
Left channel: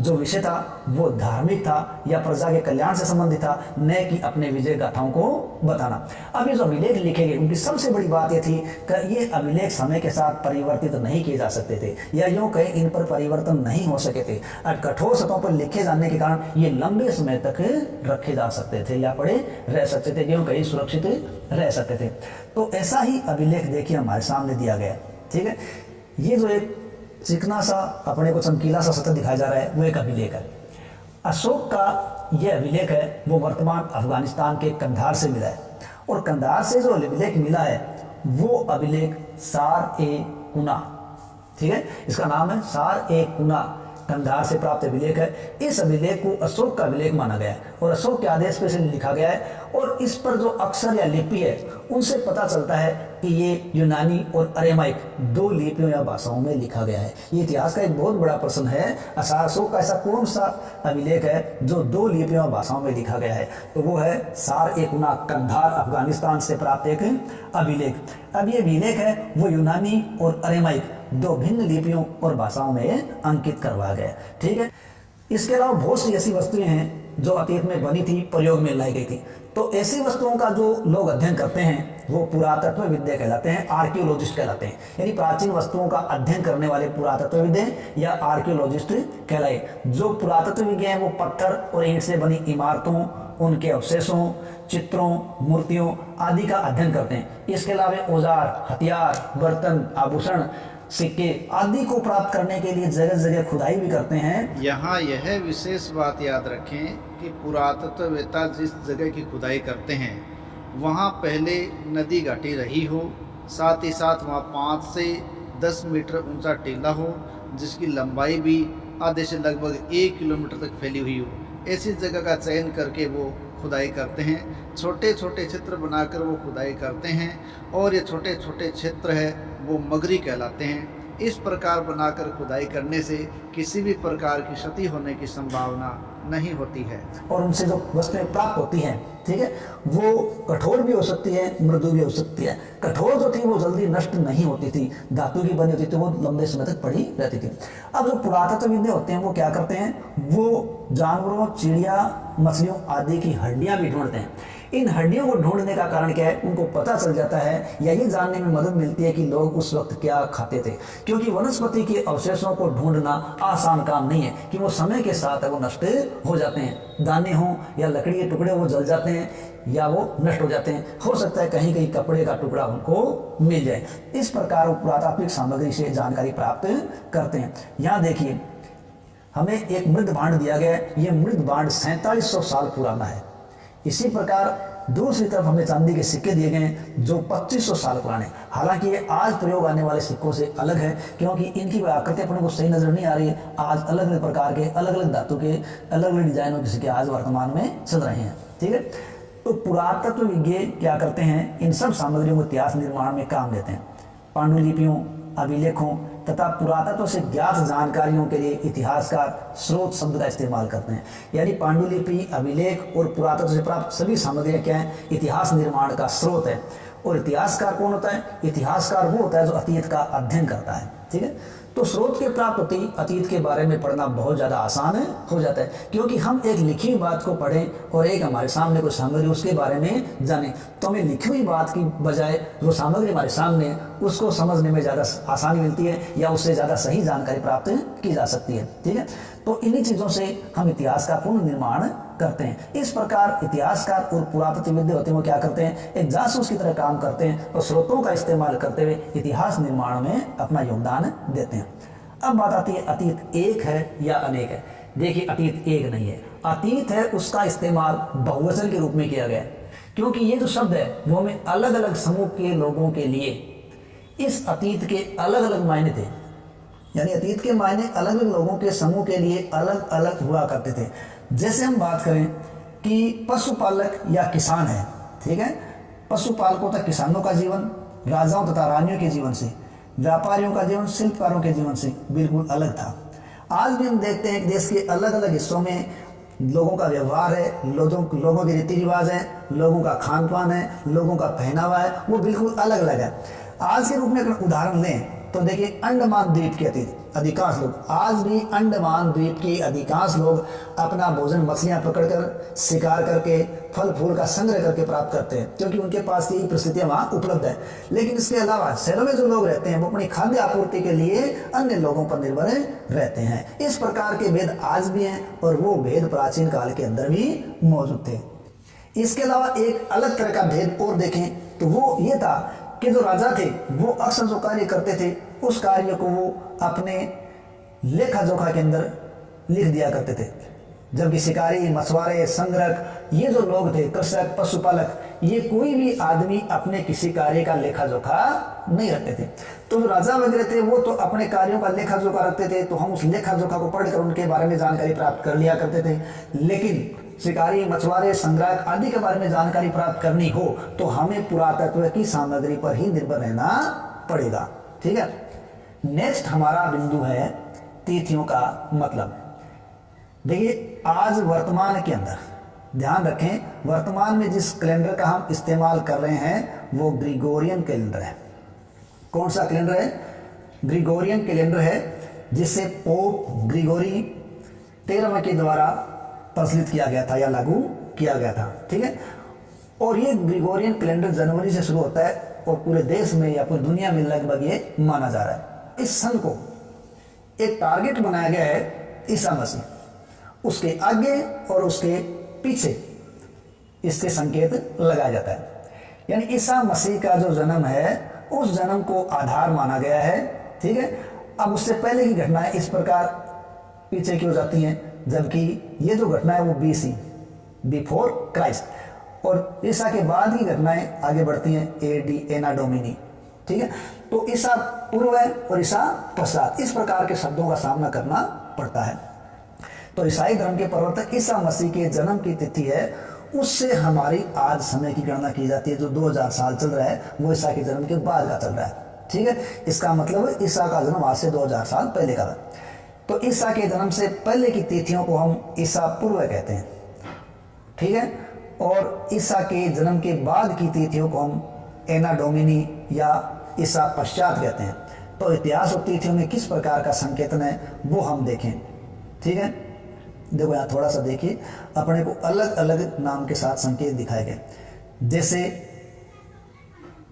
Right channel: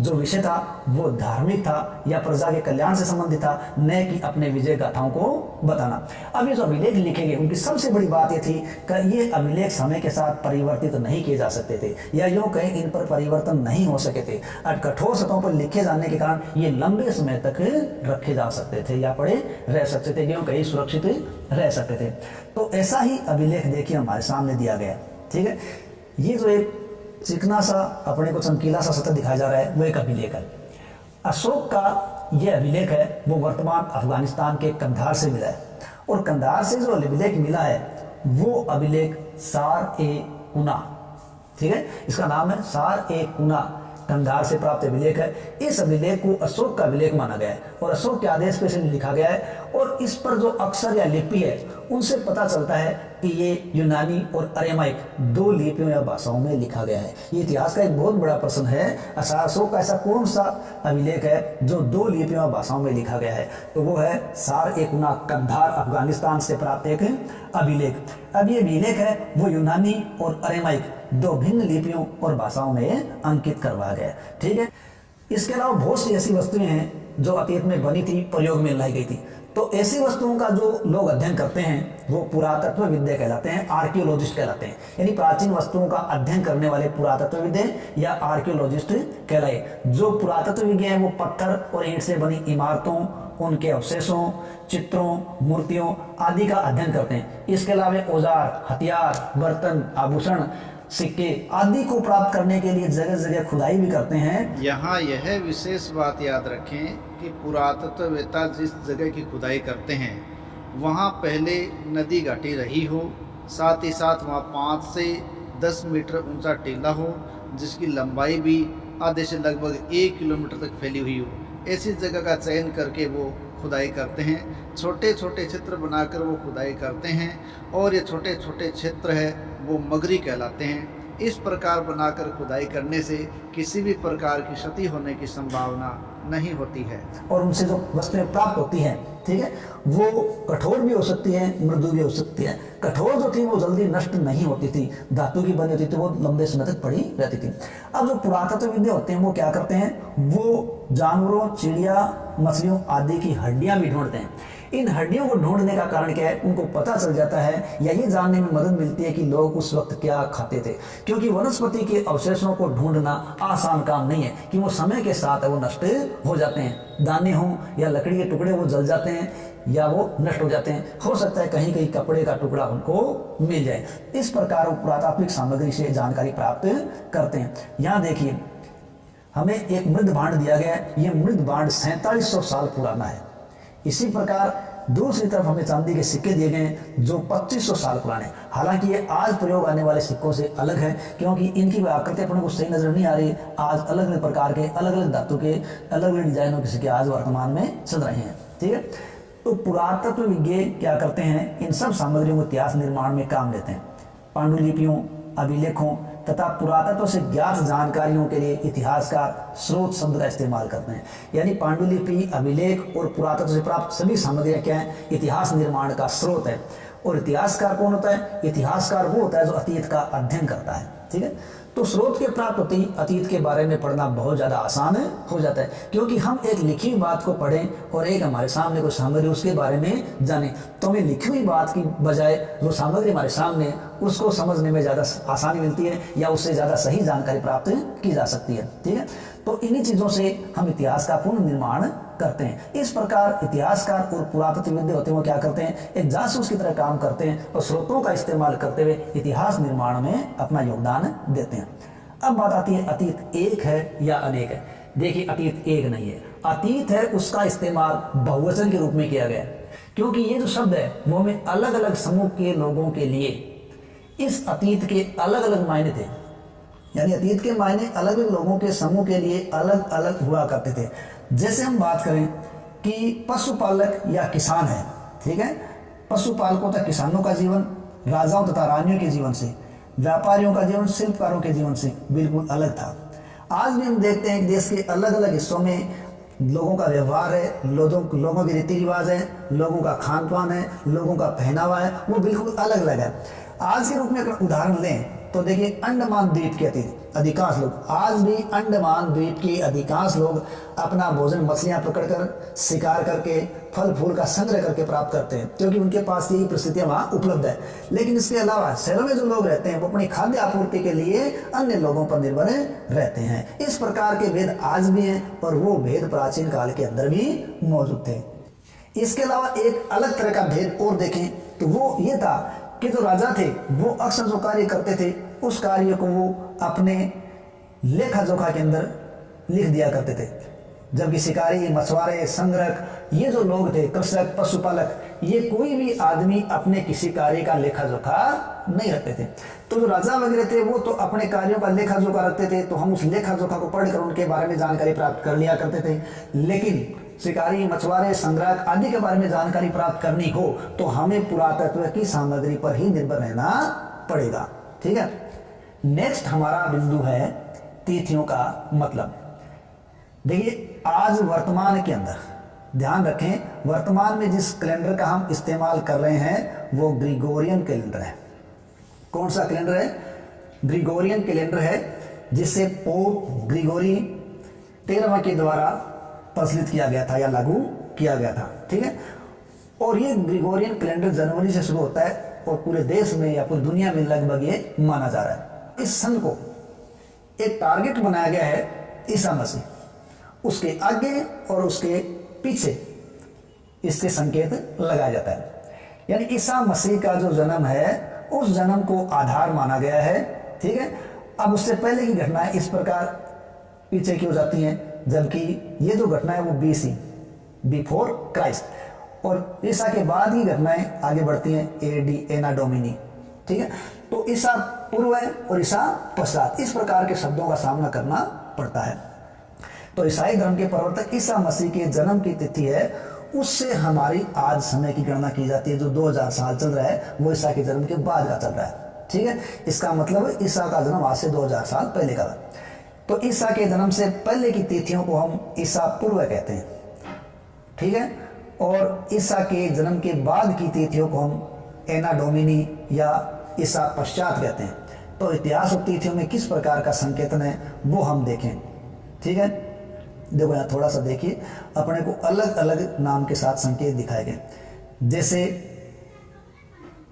जो विषय था वो धार्मिक था या प्रजा के कल्याण से संबंधित था, न कि अपने विजय गाथाओं को बताना। अब ये जो अभिलेख लिखे गए उनकी सबसे बड़ी बात ये थी कि ये अभिलेख समय के साथ परिवर्तित नहीं किए जा सकते थे या यूँ कहीं इन पर परिवर्तन नहीं हो सके थे। और कठोर सतहों पर लिखे जाने के कारण ये लंबे समय तक रखे जा सकते थे या पड़े रह सकते थे, यूँ कहीं सुरक्षित रह सकते थे। तो ऐसा ही अभिलेख देखिए हमारे सामने दिया गया। ठीक है, ये जो एक चिकना सा अपने को चमकीला सा सतह दिखाया जा रहा है वो एक अभिलेख है। अशोक का यह अभिलेख है वो वर्तमान अफगानिस्तान के कंधार से मिला है और कंधार से जो अभिलेख मिला है वो अभिलेख सार-ए-कुना, ठीक है, इसका नाम है सार-ए-कुना, कंधार से प्राप्त अभिलेख है। इस अभिलेख को अशोक का अभिलेख माना गया है और अशोक के आदेश पे इसे लिखा गया है और इस पर जो अक्षर या लिपि है उनसे पता चलता है कि ये यूनानी और अरेमाइक दो लिपियों या भाषाओं में लिखा गया है। ये इतिहास का एक बहुत बड़ा प्रश्न है, अशोक का ऐसा कौन सा अभिलेख है जो दो लिपियों या भाषाओं में लिखा गया है, तो वो है सार-ए-कुना, कंधार अफगानिस्तान से प्राप्त एक अभिलेख। अब ये अभिलेख है वो यूनानी और अरेमाइक दो भिन्न लिपियों और भाषाओं में अंकित करवाया गया। ठीक है, इसके अलावा बहुत सी ऐसी वस्तुएं हैं जो अतीत में बनी थी, प्रयोग में लाई गई थी। तो ऐसी वस्तुओं का जो लोग अध्ययन करते हैं वो पुरातत्व विद्या कहलाते हैं, आर्कियोलॉजिस्ट कहलाते हैं। यानी प्राचीन वस्तुओं का अध्ययन करने वाले पुरातत्वविद्या या आर्कियोलॉजिस्ट कहलाए। जो पुरातत्व विज्ञ हैं वो पत्थर और ईंट से बनी इमारतों, उनके अवशेषों, चित्रों, मूर्तियों आदि का अध्ययन करते हैं। इसके अलावा औजार, हथियार, बर्तन, आभूषण, सिक्के आदि को प्राप्त करने के लिए जगह जगह खुदाई भी करते हैं। यहाँ यह विशेष बात याद रखें कि पुरातत्ववेत्ता जिस जगह की खुदाई करते हैं वहाँ पहले नदी घाटी रही हो, साथ ही साथ वहाँ 5 से 10 मीटर ऊंचा टीला हो जिसकी लंबाई भी आधे से लगभग 1 किलोमीटर तक फैली हुई हो, ऐसी जगह का चयन करके वो खुदाई करते हैं। छोटे छोटे क्षेत्र बनाकर वो खुदाई करते हैं और ये छोटे छोटे क्षेत्र है वो मगरी कहलाते हैं। इस प्रकार बनाकर खुदाई करने से किसी भी प्रकार की क्षति होने की संभावना नहीं होती है। और उनसे जो वस्तुएं प्राप्त होती हैं, ठीक है, वो कठोर भी हो सकती है, मृदु भी हो सकती है। कठोर जो थी वो जल्दी नष्ट नहीं होती थी, धातु की बनी होती थी, वो लंबे समय तक पड़ी रहती थी। अब जो पुरातत्वविद होते हैं वो क्या करते हैं, वो जानवरों, चिड़िया, मछलियों आदि की हड्डियां भी ढूंढते हैं। इन हड्डियों को ढूंढने का कारण क्या है, उनको पता चल जाता है या ये जानने में मदद मिलती है कि लोग उस वक्त क्या खाते थे, क्योंकि वनस्पति के अवशेषों को ढूंढना आसान काम नहीं है कि वो समय के साथ वो नष्ट हो जाते हैं। दाने हों या लकड़ी के टुकड़े वो जल जाते हैं या वो नष्ट हो जाते हैं। हो सकता है कहीं कहीं कपड़े का टुकड़ा उनको मिल जाए। इस प्रकार वो पुरातात्विक सामग्री से जानकारी प्राप्त करते हैं। यहाँ देखिए, हमें एक मृद भांड दिया गया है। ये मृद भांड 4700 साल पुराना है। इसी प्रकार दूसरी तरफ हमें चांदी के सिक्के दिए गए हैं जो 2500 साल पुराने। हालांकि ये आज प्रयोग आने वाले सिक्कों से अलग है, क्योंकि इनकी आकृति अपने को सही नजर नहीं आ रही। आज अलग अलग प्रकार के, अलग अलग धातु के, अलग अलग डिजाइनों के सिक्के आज वर्तमान में चल रहे हैं। ठीक है, तो पुरातत्व विज्ञ क्या करते हैं, इन सब सामग्रियों को इतिहास निर्माण में काम लेते हैं। पांडुलिपियों, अभिलेखों तथा पुरातत्व से ज्ञात जानकारियों के लिए इतिहासकार स्रोत शब्द का इस्तेमाल करते हैं। यानी पांडुलिपि, अभिलेख और पुरातत्व से प्राप्त सभी सामग्रियां क्या है, इतिहास निर्माण का स्रोत है। और इतिहासकार कौन होता है, इतिहासकार वो होता है जो अतीत का अध्ययन करता है। ठीक है, तो स्रोत के प्राप्त होते ही अतीत के बारे में पढ़ना बहुत ज़्यादा आसान हो जाता है, क्योंकि हम एक लिखी हुई बात को पढ़ें और एक हमारे सामने कोई सामग्री उसके बारे में जाने, तो हमें लिखी हुई बात की बजाय जो सामग्री हमारे सामने उसको समझने में ज़्यादा आसानी मिलती है या उससे ज़्यादा सही जानकारी प्राप्त की जा सकती है। ठीक है, तो इन्हीं चीज़ों से हम इतिहास का पुनर्निर्माण करते हैं। इस प्रकार इतिहासकार और पुरातत्वविद होते हैं वो क्या करते हैं, एक जासूस की तरह काम करते हैं और स्रोतों का इस्तेमाल करते हुए इतिहास निर्माण में अपना योगदान देते हैं। अब बात आती है अतीत एक है या अनेक है। देखिए, अतीत एक नहीं है, अतीत है, उसका इस्तेमाल बहुवचन के रूप में किया गया है, क्योंकि ये जो शब्द है वो हमें अलग अलग समूह के लोगों के लिए इस अतीत के अलग अलग मायने थे। यानी अतीत के मायने अलग अलग लोगों के समूह के लिए अलग अलग हुआ करते थे। जैसे हम बात करें कि पशुपालक या किसान है, ठीक है, पशुपालकों तथा किसानों का जीवन राजाओं तथा रानियों के जीवन से, व्यापारियों का जीवन शिल्पकारों के जीवन से बिल्कुल अलग था। आज भी हम देखते हैं कि देश के अलग अलग हिस्सों में लोगों का व्यवहार है, लोगों के रीति रिवाज है, लोगों का खान पान है, लोगों का पहनावा है, वो बिल्कुल अलग अलग है। आज के रूप में अगर उदाहरण लें तो देखिए, अंडमान द्वीप के अधिकांश लोग, आज भी अंडमान द्वीप के अधिकांश लोग अपना भोजन मछलियां पकड़कर, शिकार करके, फल फूल का संग्रह करके प्राप्त करते हैं, क्योंकि उनके पास यही परिस्थितियां वहाँ उपलब्ध है। लेकिन इसके अलावा शहरों में जो लोग रहते हैं वो अपनी खाद्य आपूर्ति के लिए अन्य लोगों पर निर्भर रहते हैं। इस प्रकार के भेद आज भी हैं और वो भेद प्राचीन काल के अंदर भी मौजूद थे। इसके अलावा एक अलग तरह का भेद और देखें तो वो ये था कि जो राजा थे वो अक्सर जो कार्य करते थे उस कार्य को वो अपने लेखा जोखा के अंदर लिख दिया करते थे, जबकि शिकारी, मछुआरे, संग्रहक, ये जो लोग थे, कृषक, पशुपालक, ये कोई भी आदमी अपने किसी कार्य का लेखा जोखा नहीं रखते थे। तो जो राजा वगैरह थे वो तो अपने कार्यों का लेखा जोखा रखते थे, तो हम उस लेखा जोखा को पढ़कर उनके बारे में जानकारी प्राप्त कर लिया करते थे। लेकिन शिकारी, मछुआरे, संग्राहक आदि के बारे में जानकारी प्राप्त करनी हो तो हमें पुरातत्व की सामग्री पर ही निर्भर रहना पड़ेगा। ठीक है, नेक्स्ट हमारा बिंदु है तिथियों का मतलब। देखिए, आज वर्तमान के अंदर ध्यान रखें, वर्तमान में जिस कैलेंडर का हम इस्तेमाल कर रहे हैं वो ग्रिगोरियन कैलेंडर है। कौन सा कैलेंडर है? ग्रिगोरियन कैलेंडर है, जिसे पोप ग्रिगोरी 13वें के द्वारा प्रचलित किया गया था या लागू किया गया था। ठीक है, और ये ग्रिगोरियन कैलेंडर जनवरी से शुरू होता है और पूरे देश में या पूरी दुनिया में लगभग ये माना जा रहा है। इस सन को एक टारगेट बनाया गया है ईसा मसीह, उसके आगे और उसके पीछे इसके संकेत लगाया जाता है। यानी ईसा मसीह का जो जन्म है उस जन्म को आधार माना गया है। ठीक है, अब उससे पहले की घटनाएं इस प्रकार पीछे की हो जाती हैं, जबकि ये जो घटना है वो BC, बिफोर क्राइस्ट, और ईसा के बाद की घटनाएं आगे बढ़ती हैं AD, एना डोमिनी। ठीक है। तो ईसा पूर्व और ईसा पश्चात इस प्रकार के शब्दों का सामना करना पड़ता है। तो ईसाई धर्म के प्रवर्तक ईसा मसीह के जन्म की तिथि है, उससे हमारी आज समय की गणना की जाती है। जो 2000 साल चल रहा है वो ईसा के जन्म के बाद का चल रहा है, ठीक है। इसका मतलब ईसा का जन्म आज से 2000 साल पहले का था। तो ईसा के जन्म से पहले की तिथियों को हम ईसा पूर्व कहते हैं, ठीक है। और ईसा के जन्म के बाद की तिथियों को हम एना डोमिनी या ईसा पश्चात कहते हैं। तो इतिहास और तिथियों में किस प्रकार का संकेतन है वो हम देखें, ठीक है। देखो यहाँ थोड़ा सा देखिए, अपने को अलग अलग नाम के साथ संकेत दिखाए गए। जैसे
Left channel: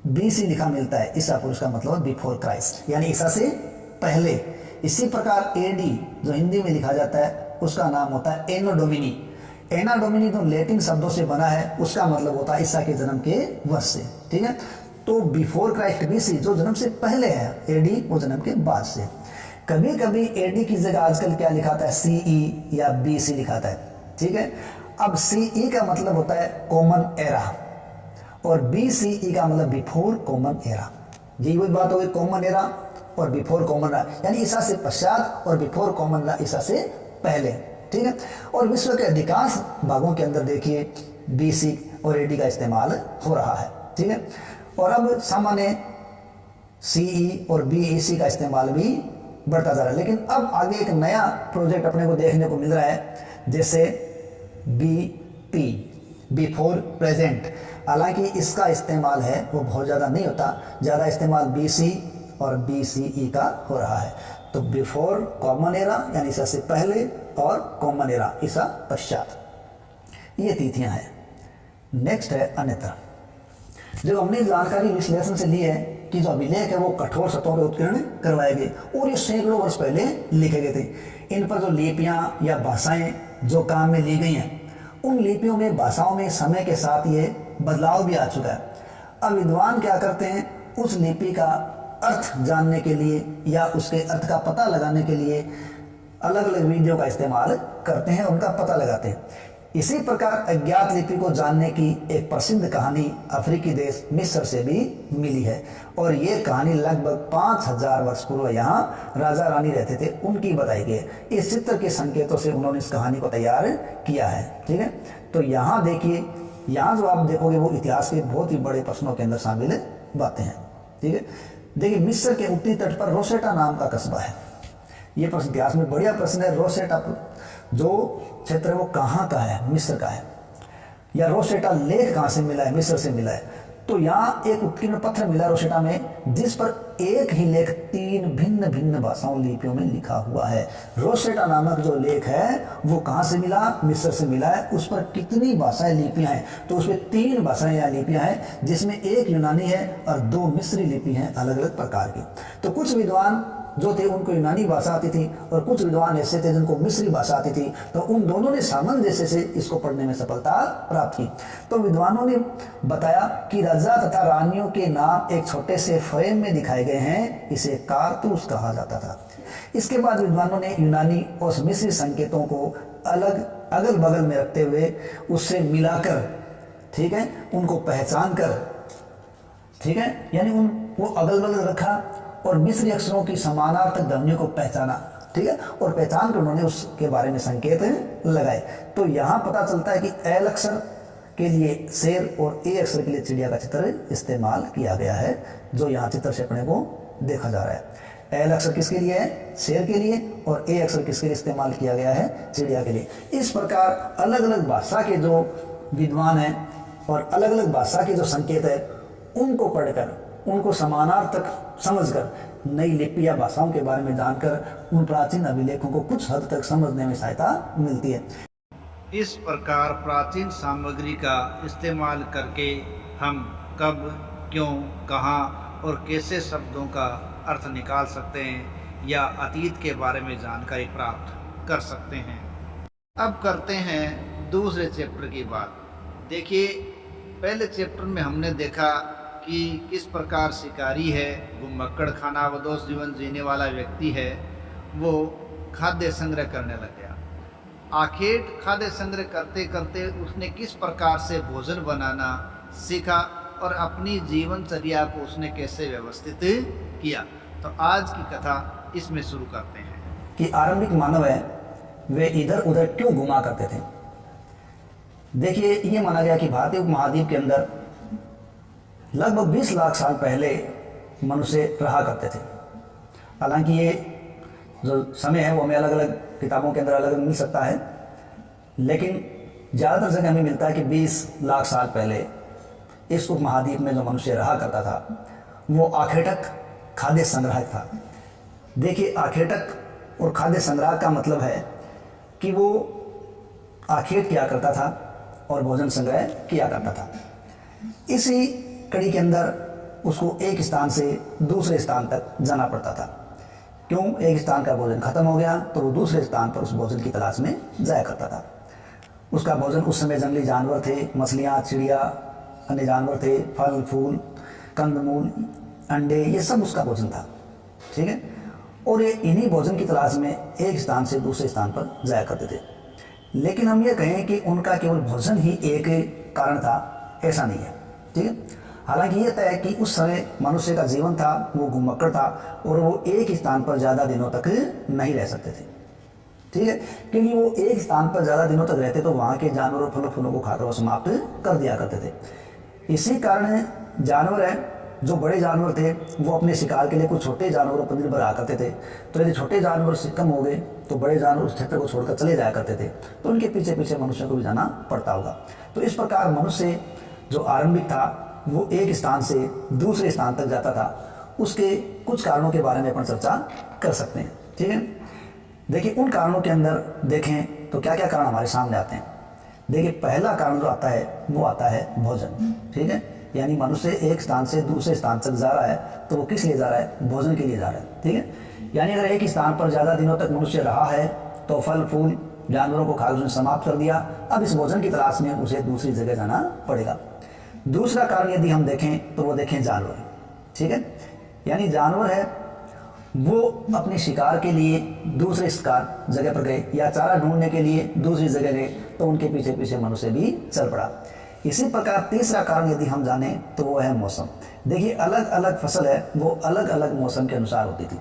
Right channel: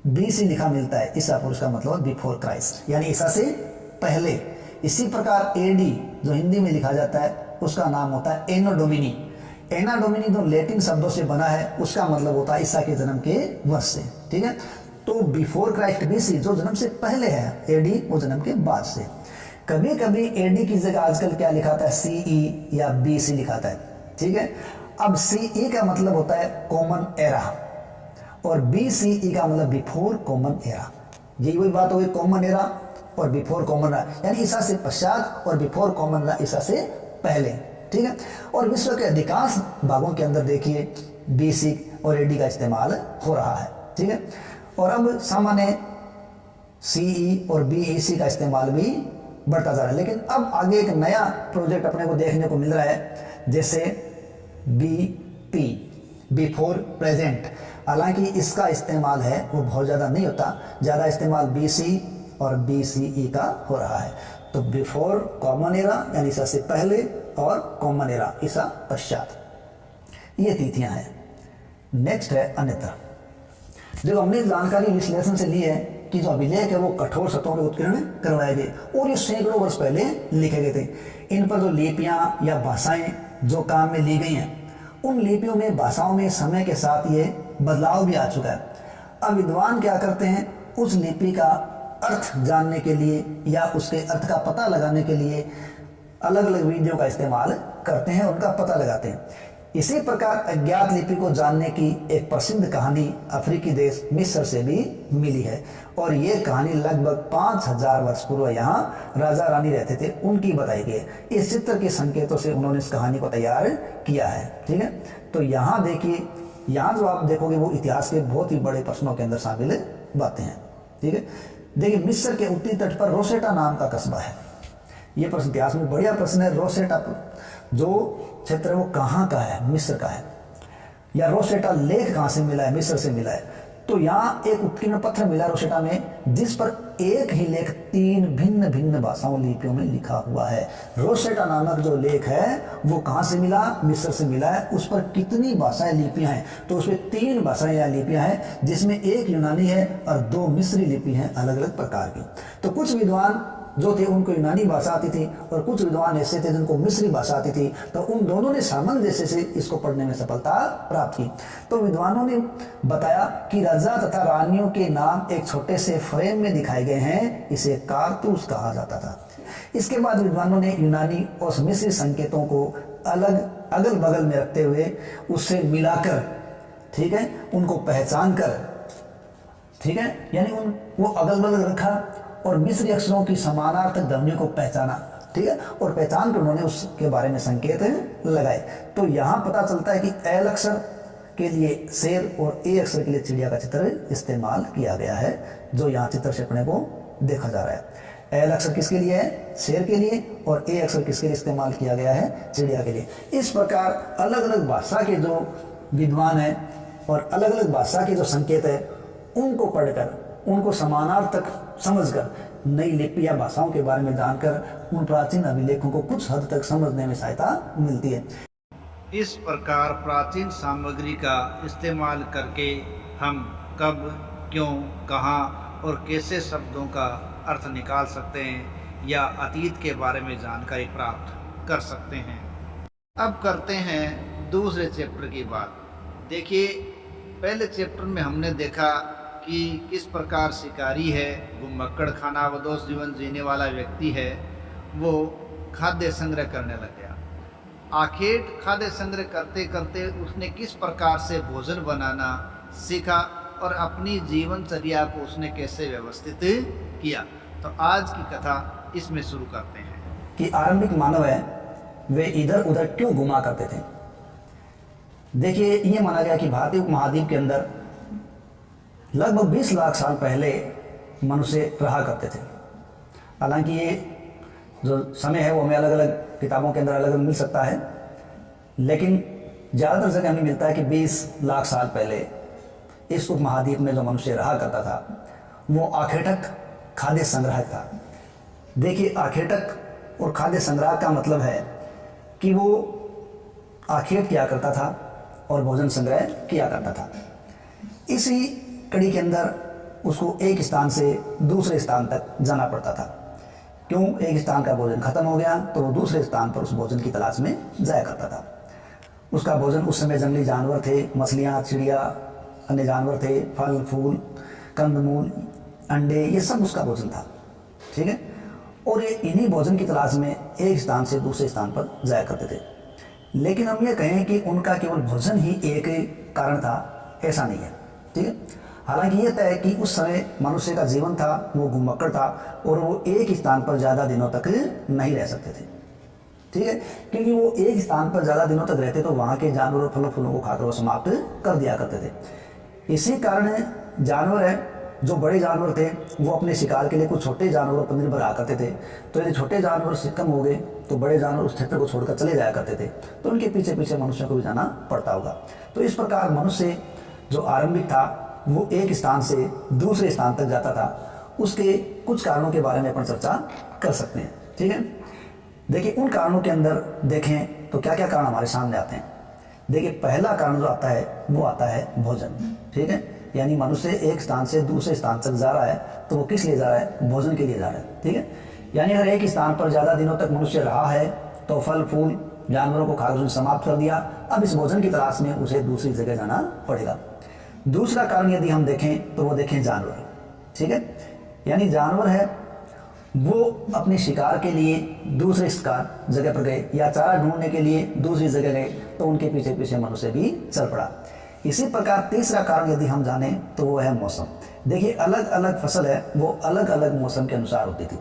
BC लिखा मिलता है, ईसा पुरुष का मतलब बिफोर क्राइस्ट, यानी ईसा से पहले। इसी प्रकार AD जो हिंदी में लिखा जाता है उसका नाम होता है एनो डोमिनी। एना डोमिनी जो लैटिन शब्दों से बना है उसका मतलब होता है ईसा के जन्म के वर्ष से, ठीक है। तो बिफोर क्राइस्ट BC जो जन्म से पहले है, AD वो जन्म के बाद से। कभी कभी AD की जगह आजकल क्या लिखाता है, CE या BC लिखाता है, ठीक है। अब CE का मतलब होता है कॉमन एरा और BCE का मतलब बिफोर कॉमन एरा। यही वही बात हो गई, कॉमन एरा और बिफोर कॉमन एरा, यानी ईसा से पश्चात और बिफोर कॉमन एरा ईसा से पहले, ठीक है। और विश्व के अधिकांश भागों के अंदर देखिए BC और AD का इस्तेमाल हो रहा है, ठीक है। और अब सामान्य CE और BEC का इस्तेमाल भी बढ़ता जा रहा है। लेकिन अब आगे एक नया प्रोजेक्ट अपने को देखने को मिल रहा है, जैसे BP बिफोर प्रेजेंट। हालांकि इसका इस्तेमाल है वो बहुत ज़्यादा नहीं होता, ज़्यादा इस्तेमाल BC और BCE का हो रहा है। तो बिफोर कॉमन एरा यानी ईसा से पहले और कॉमन एरा ईसा पश्चात, ये तिथियां हैं। नेक्स्ट है अन्यथा। जो हमने जानकारी विश्लेषण से ली है कि जो अभिलेख है वो कठोर सतहों के उत्कीर्ण करवाए गए और ये सैकड़ों वर्ष पहले लिखे गए थे। इन पर जो लिपियां या भाषाएं जो काम में ली गई हैं, उन लिपियों में भाषाओं में समय के साथ ये बदलाव भी आ चुका है। अब विद्वान क्या करते हैं, उस लिपि का अर्थ जानने के लिए या उसके अर्थ का पता लगाने के लिए अलग अलग विधियों का इस्तेमाल करते हैं, उनका पता लगाते हैं। इसी प्रकार अज्ञात लिपि को जानने की एक प्रसिद्ध कहानी अफ्रीकी देश मिस्र से भी मिली है और ये कहानी लगभग 5000 वर्ष पूर्व यहाँ राजा रानी रहते थे उनकी बताई गई है। इस चित्र के संकेतों से उन्होंने इस कहानी को तैयार किया है, ठीक है। तो यहाँ देखिए, यहाँ जो आप देखोगे वो इतिहास के बहुत ही बड़े प्रश्नों के अंदर शामिल बातें हैं, ठीक है। देखिए मिस्र के उत्तरी तट पर रोसेटा नाम का कस्बा है। ये प्रश्न इतिहास में बढ़िया प्रश्न है। रोसेटा जो क्षेत्र है वो कहाँ का है, मिस्र का है, या रोसेटा लेख कहाँ से मिला है, मिस्र से मिला है। तो यहाँ एक उत्कीर्ण पत्थर मिला रोसेटा में जिस पर एक ही लेख 3 भिन्न भिन्न भाषाओं लिपियों में लिखा हुआ है। रोसेटा नामक जो लेख है वो कहाँ से मिला, मिस्र से मिला है। उस पर कितनी भाषाएं लिपियां हैं, तो उसमें 3 भाषाएं या लिपियां हैं जिसमें एक यूनानी है और 2 मिस्री लिपि हैं अलग अलग प्रकार की। तो कुछ विद्वान जो थे उनको यूनानी भाषा आती थी और कुछ विद्वान ऐसे थे जिनको मिस्री भाषा आती थी। तो उन दोनों ने सामंजस्य से इसको पढ़ने में सफलता प्राप्त की। तो विद्वानों ने बताया कि राजा तथा रानियों के नाम एक छोटे से फ्रेम में दिखाए गए हैं, इसे कारतूस कहा जाता था। इसके बाद विद्वानों ने यूनानी और मिस्री संकेतों को अलग अगल बगल में रखते हुए उससे मिलाकर, ठीक है, उनको पहचान कर, ठीक है, यानी वो अगल बगल रखा और मिस्री अक्षरों की समानार्थक ध्वनियों को पहचाना, ठीक है, और पहचान कर उन्होंने उसके बारे में संकेत लगाए। तो यहाँ पता चलता है कि एल अक्षर के लिए शेर और ए अक्षर के लिए चिड़िया का चित्र इस्तेमाल किया गया है, जो यहाँ चित्र से अपने को देखा जा रहा है। एल अक्षर किसके लिए है, शेर के लिए, और ए अक्षर किसके लिए इस्तेमाल किया गया है, चिड़िया के लिए। इस प्रकार अलग अलग भाषा के जो विद्वान हैं और अलग अलग भाषा के जो संकेत है उनको पढ़कर, उनको समानार्थक समझकर, नई लिपि या भाषाओं के बारे में जानकर उन प्राचीन अभिलेखों को कुछ हद तक समझने में सहायता मिलती है। इस प्रकार प्राचीन सामग्री का इस्तेमाल करके हम कब, क्यों, कहाँ और कैसे शब्दों का अर्थ निकाल सकते हैं या अतीत के बारे में जानकारी प्राप्त कर सकते हैं। अब करते हैं दूसरे चैप्टर की बात। देखिए पहले चैप्टर में हमने देखा कि किस प्रकार शिकारी है, वो मक्कड़ खाना वदोष जीवन जीने वाला व्यक्ति है, वो खाद्य संग्रह करने लग गया। आखिर खाद्य संग्रह करते करते उसने किस प्रकार से भोजन बनाना सीखा और अपनी जीवनचर्या को उसने कैसे व्यवस्थित किया। तो आज की कथा इसमें शुरू करते हैं कि आरंभिक मानव है वे इधर उधर क्यों घुमा करते थे। देखिए, ये माना गया कि भारतीय उपमहाद्वीप के अंदर लगभग 20 लाख साल पहले मनुष्य रहा करते थे। हालांकि ये जो समय है वो हमें अलग अलग किताबों के अंदर अलग अलग मिल सकता है, लेकिन ज़्यादातर जगह हमें मिलता है कि 20 लाख साल पहले इस उपमहाद्वीप में जो मनुष्य रहा करता था वो आखेटक खाद्य संग्राहक था। देखिए, आखेटक और खाद्य संग्राहक का मतलब है कि वो आखेट किया करता था और भोजन संग्रह किया करता था। इसी कड़ी के अंदर उसको एक स्थान से दूसरे स्थान तक जाना पड़ता था। क्यों? एक स्थान का भोजन खत्म हो गया तो वो दूसरे स्थान पर उस भोजन की तलाश में जाया करता था। उसका भोजन उस समय जंगली जानवर थे, मछलियाँ, चिड़िया, अन्य जानवर थे, फल फूल, कंदमूल, अंडे, ये सब उसका भोजन था। ठीक है, और ये इन्हीं भोजन की तलाश में एक स्थान से दूसरे स्थान पर जाया करते थे। लेकिन हम ये कहें कि उनका केवल भोजन ही एक कारण था, ऐसा नहीं है। ठीक है, हालांकि ये तय है कि उस समय मनुष्य का जीवन था वो घुमक्कड़ था और वो एक स्थान पर ज़्यादा दिनों तक नहीं रह सकते थे। ठीक है, क्योंकि वो एक स्थान पर ज़्यादा दिनों तक रहते तो वहाँ के जानवर और फलों फूलों को खाकर वो समाप्त कर दिया करते थे। इसी कारण जानवर है, जो बड़े जानवर थे वो अपने शिकार के लिए कुछ छोटे जानवरों पर निर्भर रहा करते थे। तो यदि छोटे जानवर कम हो गए तो बड़े जानवर उस क्षेत्र को छोड़कर चले जाया करते थे, तो उनके पीछे पीछे मनुष्यों को भी जाना पड़ता होगा। तो इस प्रकार मनुष्य जो आरंभिक था वो एक स्थान से दूसरे स्थान तक जाता था। उसके कुछ कारणों के बारे में अपन चर्चा कर सकते हैं। ठीक है, देखिए, उन कारणों के अंदर देखें तो क्या क्या कारण हमारे सामने आते हैं। देखिए, पहला कारण जो आता है वो आता है भोजन। ठीक है, यानी मनुष्य एक स्थान से दूसरे स्थान तक जा रहा है तो वो किस लिए जा रहा है? भोजन के लिए जा रहा है। ठीक है, यानी अगर एक स्थान पर ज़्यादा दिनों तक मनुष्य रहा है तो फल फूल जानवरों को खाकर उसने समाप्त कर दिया। अब इस भोजन की तलाश में उसे दूसरी जगह जाना पड़ेगा। दूसरा कारण यदि हम देखें तो वो देखें जानवर। ठीक है, यानी जानवर है वो अपने शिकार के लिए दूसरे शिकार जगह पर गए या चारा ढूंढने के लिए दूसरी जगह गए तो उनके पीछे पीछे मनुष्य भी चल पड़ा। इसी प्रकार तीसरा कारण यदि हम जानें तो वो है मौसम। देखिए, अलग अलग फसल है वो अलग अलग मौसम के अनुसार होती थी,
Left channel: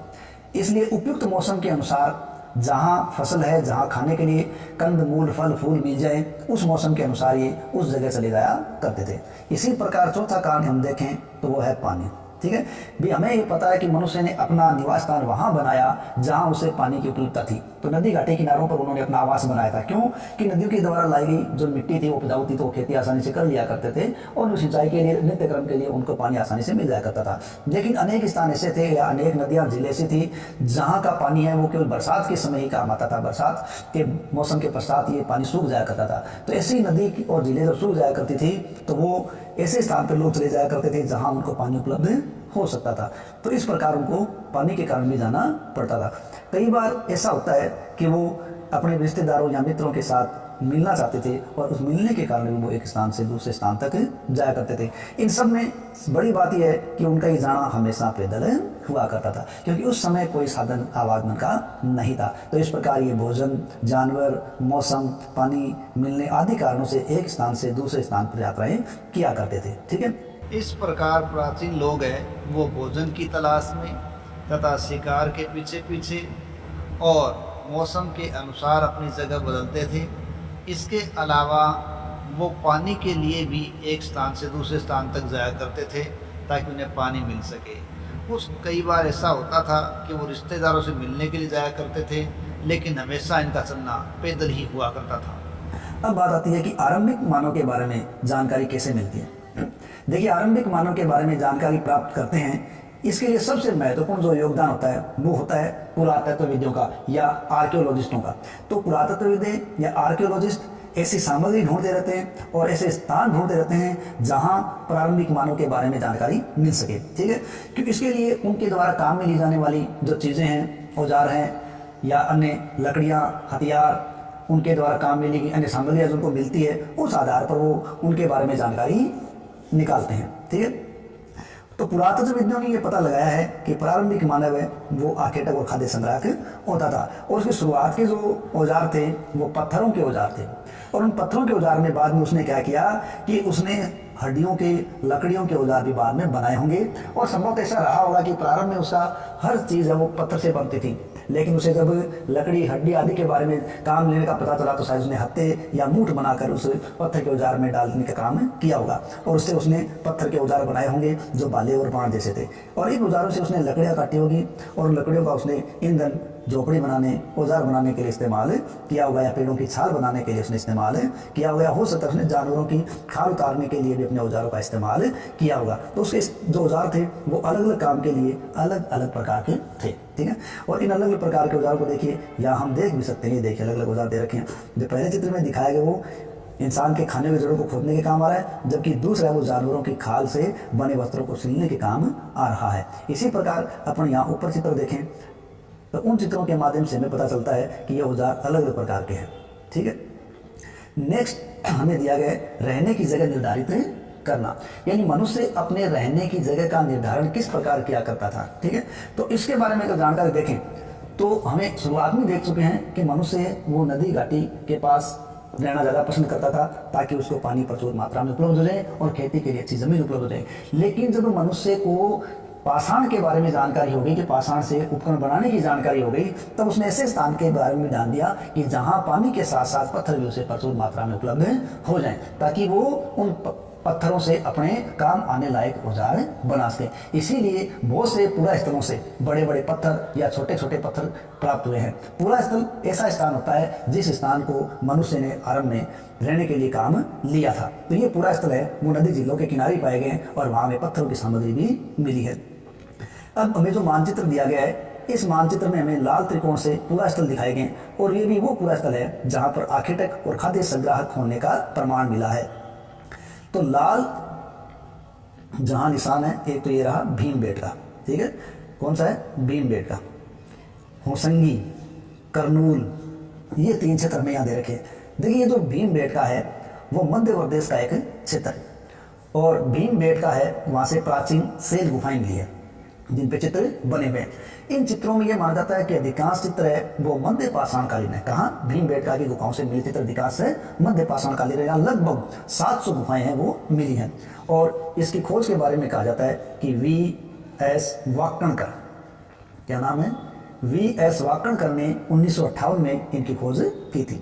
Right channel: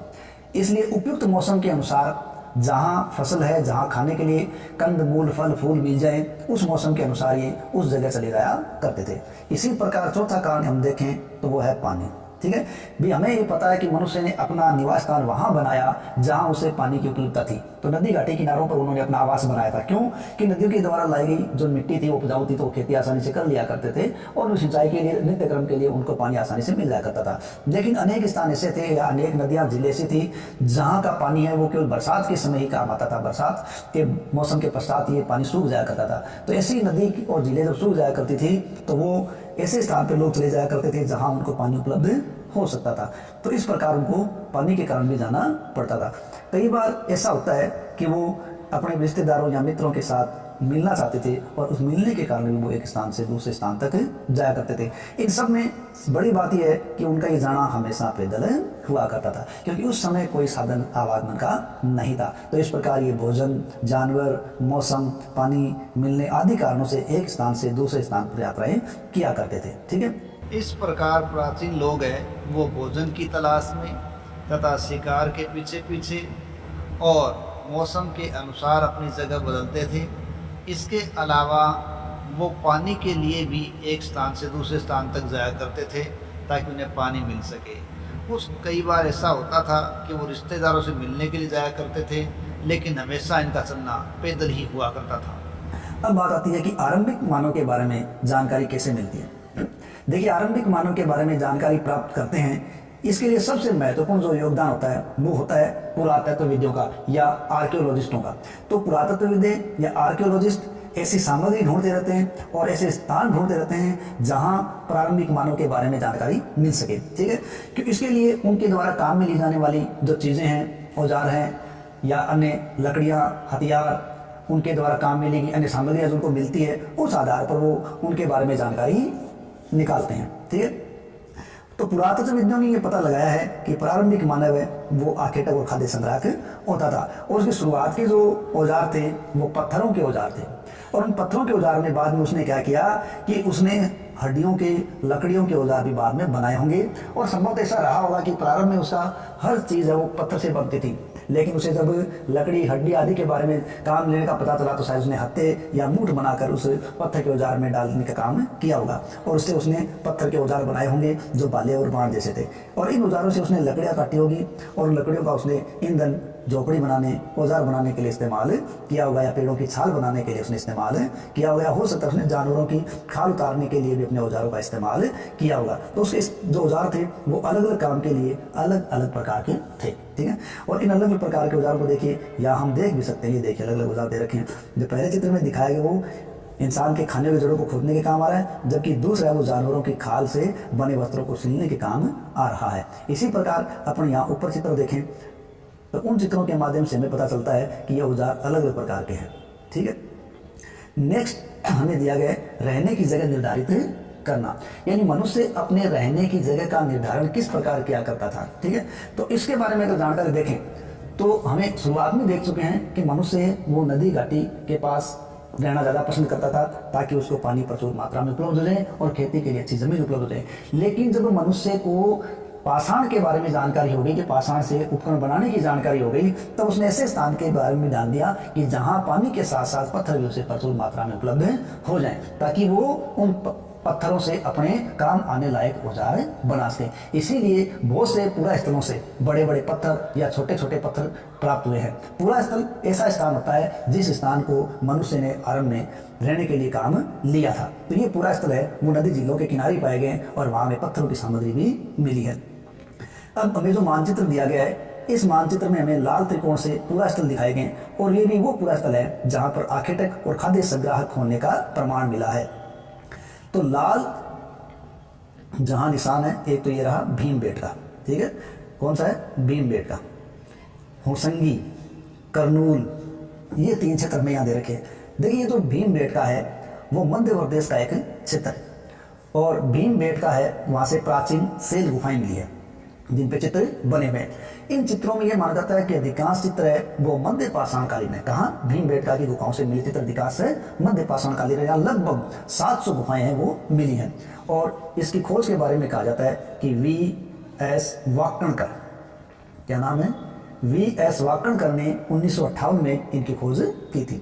इसलिए उपयुक्त मौसम के अनुसार जहाँ फसल है, जहाँ खाने के लिए कंद मूल फल फूल मिल जाए, उस मौसम के अनुसार ये उस जगह चले जाया करते थे। इसी प्रकार चौथा कारण हम देखें तो वो है पानी। ठीक है, भी हमें ये पता है कि मनुष्य ने अपना निवास स्थान वहाँ बनाया जहाँ उसे पानी की उपलब्धता थी। तो नदी घाटी किनारों पर उन्होंने अपना आवास बनाया था। क्यों? कि नदियों के द्वारा लाई गई जो मिट्टी थी वो उपजाऊ थी तो वो खेती आसानी से कर लिया करते थे और सिंचाई के लिए नित्य क्रम के लिए उनको पानी आसानी से मिल जाया करता था। लेकिन अनेक स्थान ऐसे थे या अनेक नदियाँ झीलें ऐसी थी जहाँ का पानी है वो केवल बरसात के समय ही काम आता था। बरसात के मौसम के पश्चात ये पानी सूख जाया करता था। तो ऐसी नदी और झीलें जब सूख जाया करती थी तो वो ऐसे स्थान पर लोग चले जाया करते थे जहाँ उनको पानी उपलब्ध हो सकता था। तो इस प्रकार उनको पानी के कारण भी जाना पड़ता था। कई बार ऐसा होता है कि वो अपने रिश्तेदारों या मित्रों के साथ मिलना चाहते थे और उस मिलने के कारण भी वो एक स्थान से दूसरे स्थान तक जाया करते थे। इन सब में बड़ी बात यह है कि उनका ये जाना हमेशा पैदल हुआ करता था, क्योंकि उस समय कोई साधन आवागमन का नहीं था। तो इस प्रकार ये भोजन, जानवर, मौसम, पानी मिलने आदि कारणों से एक स्थान से दूसरे स्थान पर यात्राएं किया करते थे। ठीक है, इस प्रकार प्राचीन लोग हैं वो भोजन की तलाश में तथा शिकार के पीछे पीछे और मौसम के अनुसार अपनी जगह बदलते थे। इसके अलावा वो पानी के लिए भी एक स्थान से दूसरे स्थान तक जाया करते थे ताकि उन्हें पानी मिल सके। कुछ कई बार ऐसा होता था कि वो रिश्तेदारों से मिलने के लिए जाया करते थे, लेकिन हमेशा इनका चलना पैदल ही हुआ करता था। अब बात आती है कि आरंभिक मानव के बारे में जानकारी कैसे मिलती है। देखिए, आरंभिक मानव के बारे में जानकारी प्राप्त करते हैं, इसके लिए सबसे महत्वपूर्ण जो योगदान होता है वो होता है पुरातत्वविदों का या आर्कियोलॉजिस्टों का। तो पुरातत्वविद या आर्कियोलॉजिस्ट ऐसी सामग्री ढूंढते रहते हैं और ऐसे स्थान ढूंढते रहते हैं जहां प्रारंभिक मानव के बारे में जानकारी मिल सके। ठीक है, क्योंकि इसके लिए उनके द्वारा काम में ली जाने वाली जो चीज़ें हैं, औजार हैं या अन्य लकड़ियाँ, हथियार, उनके द्वारा काम में ली गई अन्य सामग्रियाँ जो उनको मिलती है, उस आधार पर वो उनके बारे में जानकारी निकालते हैं। ठीक है, तो पुरातत्वविदों ने यह पता लगाया है कि प्रारंभिक मानव है वो आखेटक और खाद्य संग्राहक होता था और उसकी शुरुआत के जो औजार थे वो पत्थरों के औजार थे। और उन पत्थरों के औजार में बाद में उसने क्या किया कि उसने हड्डियों के, लकड़ियों के औजार भी बाद में बनाए होंगे। और संभवतः ऐसा रहा होगा कि प्रारंभ में उसका हर चीज़ है वो पत्थर से बनती थी, लेकिन उसे जब लकड़ी, हड्डी आदि के बारे में काम लेने का पता चला तो शायद उसने हत्थे या मूठ बनाकर उस पत्थर के औजार में डालने का काम किया होगा, और उससे उसने पत्थर के औजार बनाए होंगे जो बाले और बाण जैसे थे। और इन औजारों से उसने लकड़ियाँ काटी होगी, और लकड़ियों का उसने ईंधन, झोपड़ी बनाने, औजार बनाने के लिए इस्तेमाल किया होगा, या पेड़ों की छाल बनाने के लिए उसने इस्तेमाल किया होगा, या हो सकता है उसने जानवरों की खाल उतारने के लिए भी अपने औजारों का इस्तेमाल किया होगा। तो उसके जो औजार थे वो अलग अलग काम के लिए अलग अलग प्रकार के थे, ठीक है। और इन अलग अलग प्रकार के औजारों को देखिए, या हम देख भी सकते हैं, ये देखिए अलग अलग औजार दे रखे हैं। जो पहले चित्र में दिखाया गया वो इंसान के खाने की जड़ों को खोदने के काम आ रहा है, जबकि दूसरा वो जानवरों की खाल से बने वस्त्रों को सिलने के काम आ रहा है। इसी प्रकार अपन यहाँ ऊपर चित्र देखें तो उन चित्रों के माध्यम से हमें पता चलता है कि ये औजार अलग अलग प्रकार के हैं, ठीक है। नेक्स्ट हमें दिया गया है रहने की जगह निर्धारित करना, यानी मनुष्य अपने रहने की जगह का निर्धारण किस प्रकार किया करता था, ठीक है। तो इसके बारे में अगर जानकारी देखें तो हमें शुरुआत में देख चुके हैं कि मनुष्य वो नदी घाटी के पास रहना ज़्यादा पसंद करता था ताकि उसको पानी प्रचुर मात्रा में उपलब्ध हो जाए और खेती के लिए अच्छी ज़मीन उपलब्ध हो जाए। लेकिन जब मनुष्य को पाषाण के बारे में जानकारी हो गई, कि पाषाण से उपकरण बनाने की जानकारी हो गई, तब उसने ऐसे स्थान के बारे में जान दिया कि जहाँ पानी के साथ साथ पत्थर भी उसे प्रचुर मात्रा में उपलब्ध हो जाएं, ताकि वो उन पत्थरों से अपने काम आने लायक औजार बना सके। इसीलिए बहुत से पूरा स्थलों से बड़े बड़े पत्थर या छोटे छोटे पत्थर प्राप्त हुए हैं। पूरा स्थल ऐसा स्थान होता है जिस स्थान को मनुष्य ने आरंभ में रहने के लिए काम लिया था। तो ये पूरा स्थल है वो नदी झीलों के किनारे पाए गए और वहाँ में पत्थरों की सामग्री भी मिली है। अब हमें जो मानचित्र दिया गया है, इस मानचित्र में हमें लाल त्रिकोण से पूरा स्थल दिखाए गए, और ये भी वो पूरा स्थल है जहाँ पर आखेटक और खाद्य संग्राहक होने का प्रमाण मिला है। तो लाल जहां निशान है, एक तो ये रहा भीमबेटका, ठीक है। कौन सा है? भीमबेटका, होसंगी, करनूल, ये 3 क्षेत्र हमें यहाँ दे रखे हैं। देखिए ये जो भीमबेटका है वो मध्य प्रदेश का एक क्षेत्र है, और भीमबेटका है वहाँ से प्राचीन शैल गुफाएं मिली है जिन पे चित्र बने हुए हैं। इन चित्रों में यह माना जाता है कि अधिकांश चित्र है वो मध्य पाषाणकालीन है। कहाँ? भीमबेटका की गुफाओं से मिले चित्र अधिकांश है मध्य पाषाणकालीन है। यहाँ लगभग 700 गुफाएं हैं वो मिली हैं, और इसकी खोज के बारे में कहा जाता है कि V.S. वाकणकर, क्या नाम है? V.S. वाकणकर ने 1958 में इनकी खोज की थी।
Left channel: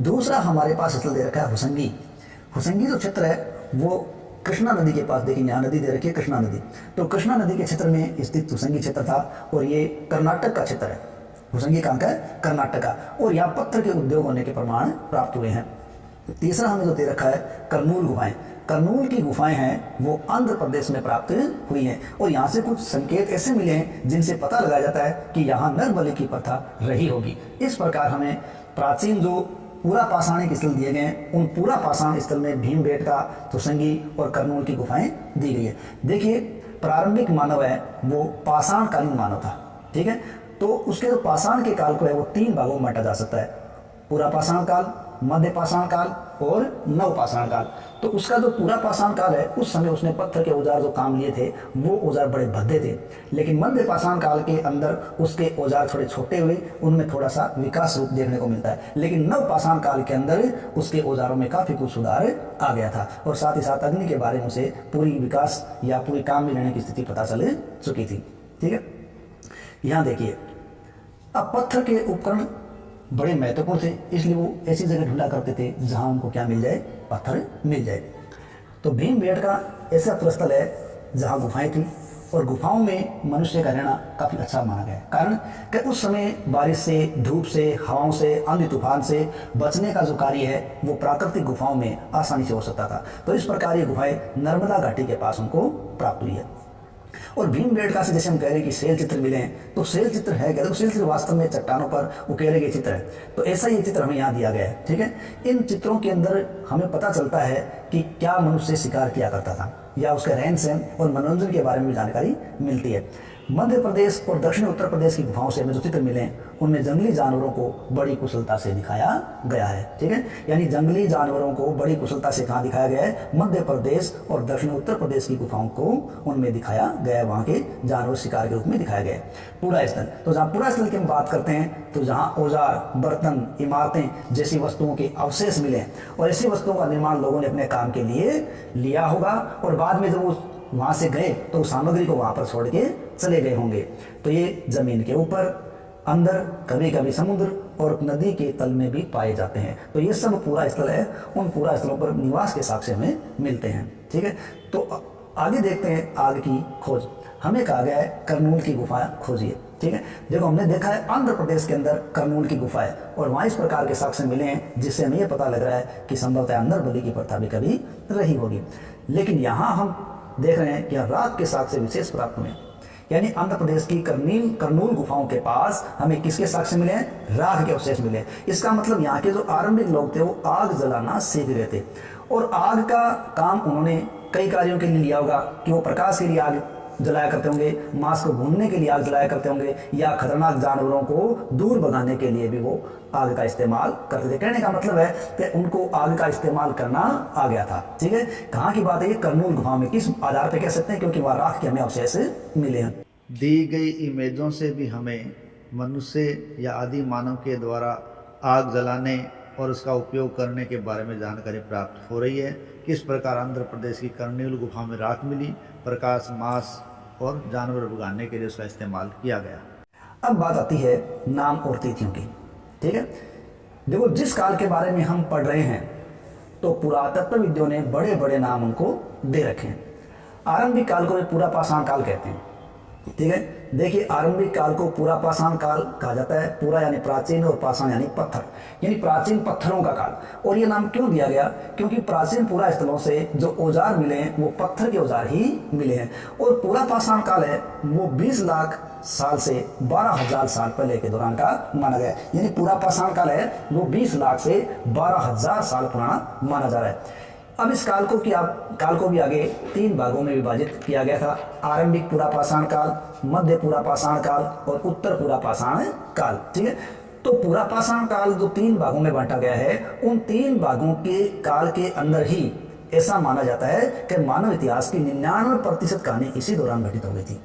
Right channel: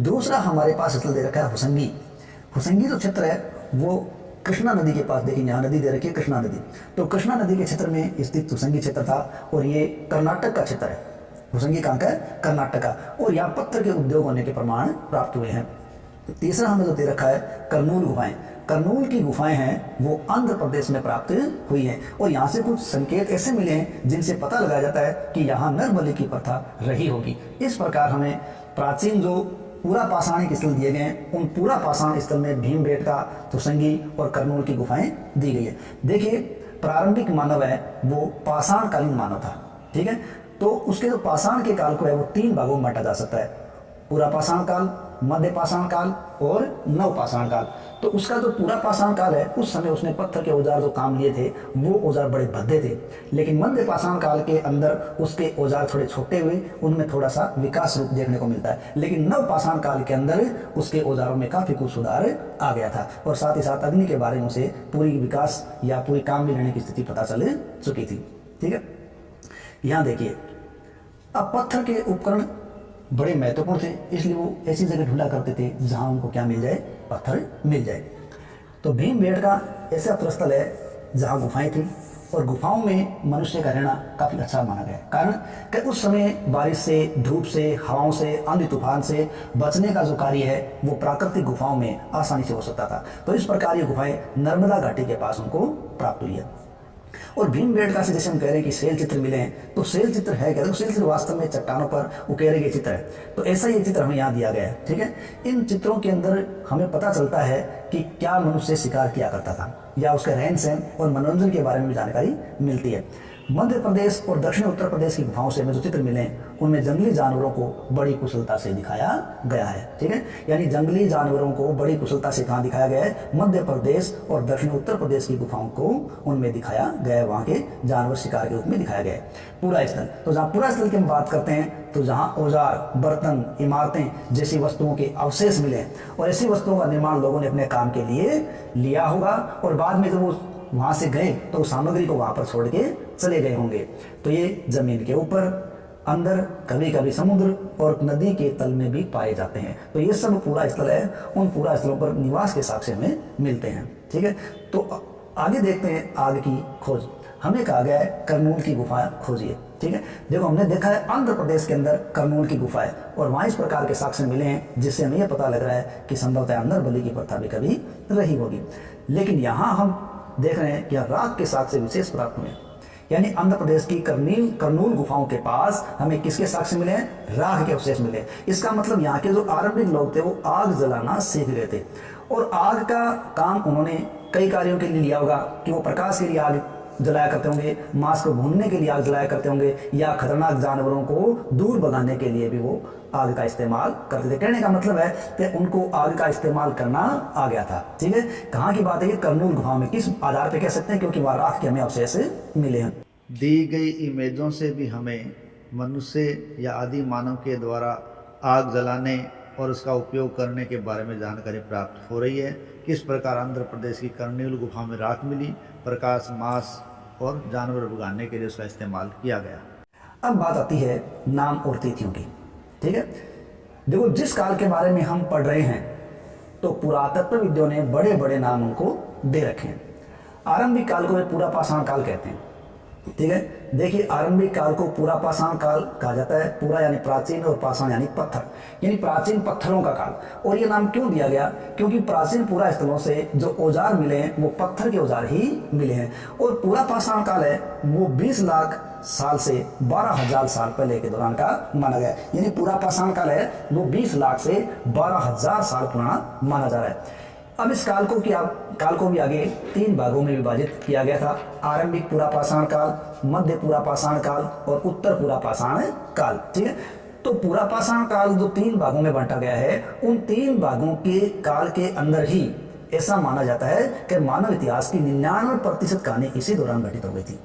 दूसरा हमारे पास स्थल दे रखा है होसंगी। होसंगी जो क्षेत्र है वो कृष्णा नदी के पास, देखिए यहाँ नदी दे रखी है कृष्णा नदी, तो कृष्णा नदी के क्षेत्र में स्थित होसंगी क्षेत्र था, और ये कर्नाटक का क्षेत्र है। होसंगी कहाँ का है? कर्नाटक का, और यहाँ पत्थर के उद्योग होने के प्रमाण प्राप्त हुए हैं। तीसरा हमें जो दे रखा है करनूल गुफाएं। करनूल की गुफाएं हैं वो आंध्र प्रदेश में प्राप्त हुई हैं, और यहाँ से कुछ संकेत ऐसे मिले हैं जिनसे पता लगाया जाता है कि यहाँ नर बलि की प्रथा रही होगी। इस प्रकार हमें प्राचीन जो पूरा पाषाणिक स्थल दिए गए हैं, उन पूरा पाषाण स्थल में भीमबेटका, होसंगी और करनूल की गुफाएं दी गई है। देखिए प्रारंभिक मानव है वो पाषाणकालीन मानव था, ठीक है। तो उसके जो पाषाण के काल को है वो 3 भागों में बांटा जा सकता है, पूरा पाषाण काल, मध्य पाषाण काल और नव पाषाण काल। तो उसका जो पूरा पाषाण काल है उस समय उसने पत्थर के औजार जो काम लिए थे वो औजार बड़े भद्दे थे, लेकिन मध्य पाषाण काल के अंदर उसके औजार थोड़े छोटे हुए, उनमें थोड़ा सा विकास रूप देखने को मिलता है। लेकिन नव पाषाण काल के अंदर उसके औजारों में काफ़ी कुछ सुधार आ गया था, और साथ ही साथ अग्नि के बारे में उसे पूरी विकास या पूरी काम में लेने की स्थिति पता चल चुकी थी, ठीक है। यहाँ देखिए अब पत्थर के उपकरण बड़े महत्वपूर्ण थे, इसलिए वो ऐसी जगह ढूंढा करते थे जहां उनको क्या मिल जाए? पत्थर मिल जाए। तो भीमबेटका ऐसा प्रस्थल है जहां गुफाएं थी, और गुफाओं में मनुष्य का रहना काफ़ी अच्छा माना गया है। कारण कि उस समय बारिश से, धूप से, हवाओं से, आंधी तूफान से बचने का जो कार्य है वो प्राकृतिक गुफाओं में आसानी से हो सकता था। तो इस प्रकार ये गुफाएं नर्मदा घाटी के पास उनको प्राप्त हुई है। और भीमबेटका से जैसे हम कह रहे हैं कि शैल चित्र मिले हैं, तो शैल चित्र है क्या? तो शैल चित्र वास्तव में चट्टानों पर उकेरे गए चित्र है। तो ऐसा ये चित्र हमें यहाँ दिया गया है, ठीक है। इन चित्रों के अंदर हमें पता चलता है कि क्या मनुष्य शिकार किया करता था, या उसके रहन सहन और मनोरंजन के बारे में भी जानकारी मिलती है। मध्य प्रदेश और दक्षिणी उत्तर प्रदेश की गुफाओं से हमें जो चित्र मिले हैं उनमें जंगली जानवरों को बड़ी कुशलता से दिखाया गया है। ठीक है, यानी जंगली जानवरों को बड़ी कुशलता से कहाँ दिखाया गया है? मध्य प्रदेश और दक्षिणी उत्तर प्रदेश की गुफाओं को उनमें दिखाया गया है। वहाँ के जानवर शिकार के रूप में दिखाया गया है। पूरा स्थल, तो जहाँ पूरा स्थल की हम बात करते हैं तो जहाँ औजार, बर्तन, इमारतें जैसी वस्तुओं के अवशेष मिले और ऐसी वस्तुओं का निर्माण लोगों ने अपने काम के लिए लिया होगा और बाद में जब वो वहाँ से गए तो उस सामग्री को वहाँ पर छोड़ के चले गए होंगे। तो ये जमीन के ऊपर, अंदर, कभी कभी समुद्र और नदी के तल में भी पाए जाते हैं। तो ये सब पूरा स्थल है, उन पूरा स्थलों पर निवास के साक्ष्य हमें मिलते हैं। ठीक है, तो आगे देखते हैं आग की खोज। हमें कहा गया है करनूल की गुफा खोजिए। ठीक है, देखो हमने देखा है आंध्र प्रदेश के अंदर करनूल की गुफा है और वहाँ इस प्रकार के साक्ष्य मिले हैं जिससे हमें यह पता लग रहा है कि संभवतः अंदर बलि की प्रथा भी कभी रही होगी। लेकिन यहाँ हम देख रहे हैं कि राख के साक्ष्य विशेष प्राप्त हुए, यानी आंध्र प्रदेश की करनूल गुफाओं के पास हमें किसके साक्ष्य मिले हैं? राख के अवशेष मिले। इसका मतलब यहाँ के जो आरंभिक लोग थे वो आग जलाना सीख गए थे और आग का काम उन्होंने कई कार्यों के लिए लिया होगा कि वो प्रकाश के लिए आग जलाया करते होंगे, मांस को भूनने के लिए आग जलाया करते होंगे या खतरनाक जानवरों को दूर भगाने के लिए भी वो आग का इस्तेमाल करते थे। कहने का मतलब है कि उनको आग का इस्तेमाल करना आ गया था। ठीक है, कहाँ की बात है ये? करनूल गुफाओं में। किस आधार पर कह सकते हैं? क्योंकि वहाँ राख के हमें अवशेष मिले हैं। दी गई इमेजों से भी हमें मनुष्य या आदि मानव के द्वारा आग जलाने और उसका उपयोग करने के बारे में जानकारी प्राप्त हो रही है। किस प्रकार आंध्र प्रदेश की करनूल गुफा में राख मिली, प्रकाश, मांस और जानवर भगाने के लिए उसका इस्तेमाल किया गया। अब बात आती है नाम और तिथियों की। ठीक है, देखो जिस काल के बारे में हम पढ़ रहे हैं तो पुरातत्वविदों ने बड़े बड़े नाम उनको दे रखे हैं। आरंभिक काल को वे पूरा पाषाण काल कहते हैं। ठीक है, देखिए आरंभिक काल को पूरा पाषाण काल कहा जाता है। पूरा यानी प्राचीन और पाषाण यानी पत्थर, यानी प्राचीन पत्थरों का काल। और ये नाम क्यों दिया गया? क्योंकि प्राचीन पूरा स्थलों से जो औजार मिले हैं वो पत्थर के औजार ही मिले हैं। और पूरा पाषाण काल है वो 20 लाख साल से 12,000 साल पहले के दौरान का माना गया। यानी पूरा पाषाण काल है वो 20 लाख से 12,000 साल पुराना माना जा रहा है। अब इस काल को भी आगे 3 भागों में विभाजित किया गया था। आरंभिक पूरा पाषाण काल, मध्य पूरा पाषाण काल और उत्तर पूरा पाषाण काल। ठीक है, तो पूरा पाषाण काल जो 3 भागों में बांटा गया है उन 3 भागों के काल के अंदर ही ऐसा माना जाता है कि मानव इतिहास की 99% कहानी इसी दौरान घटित हो गई थी।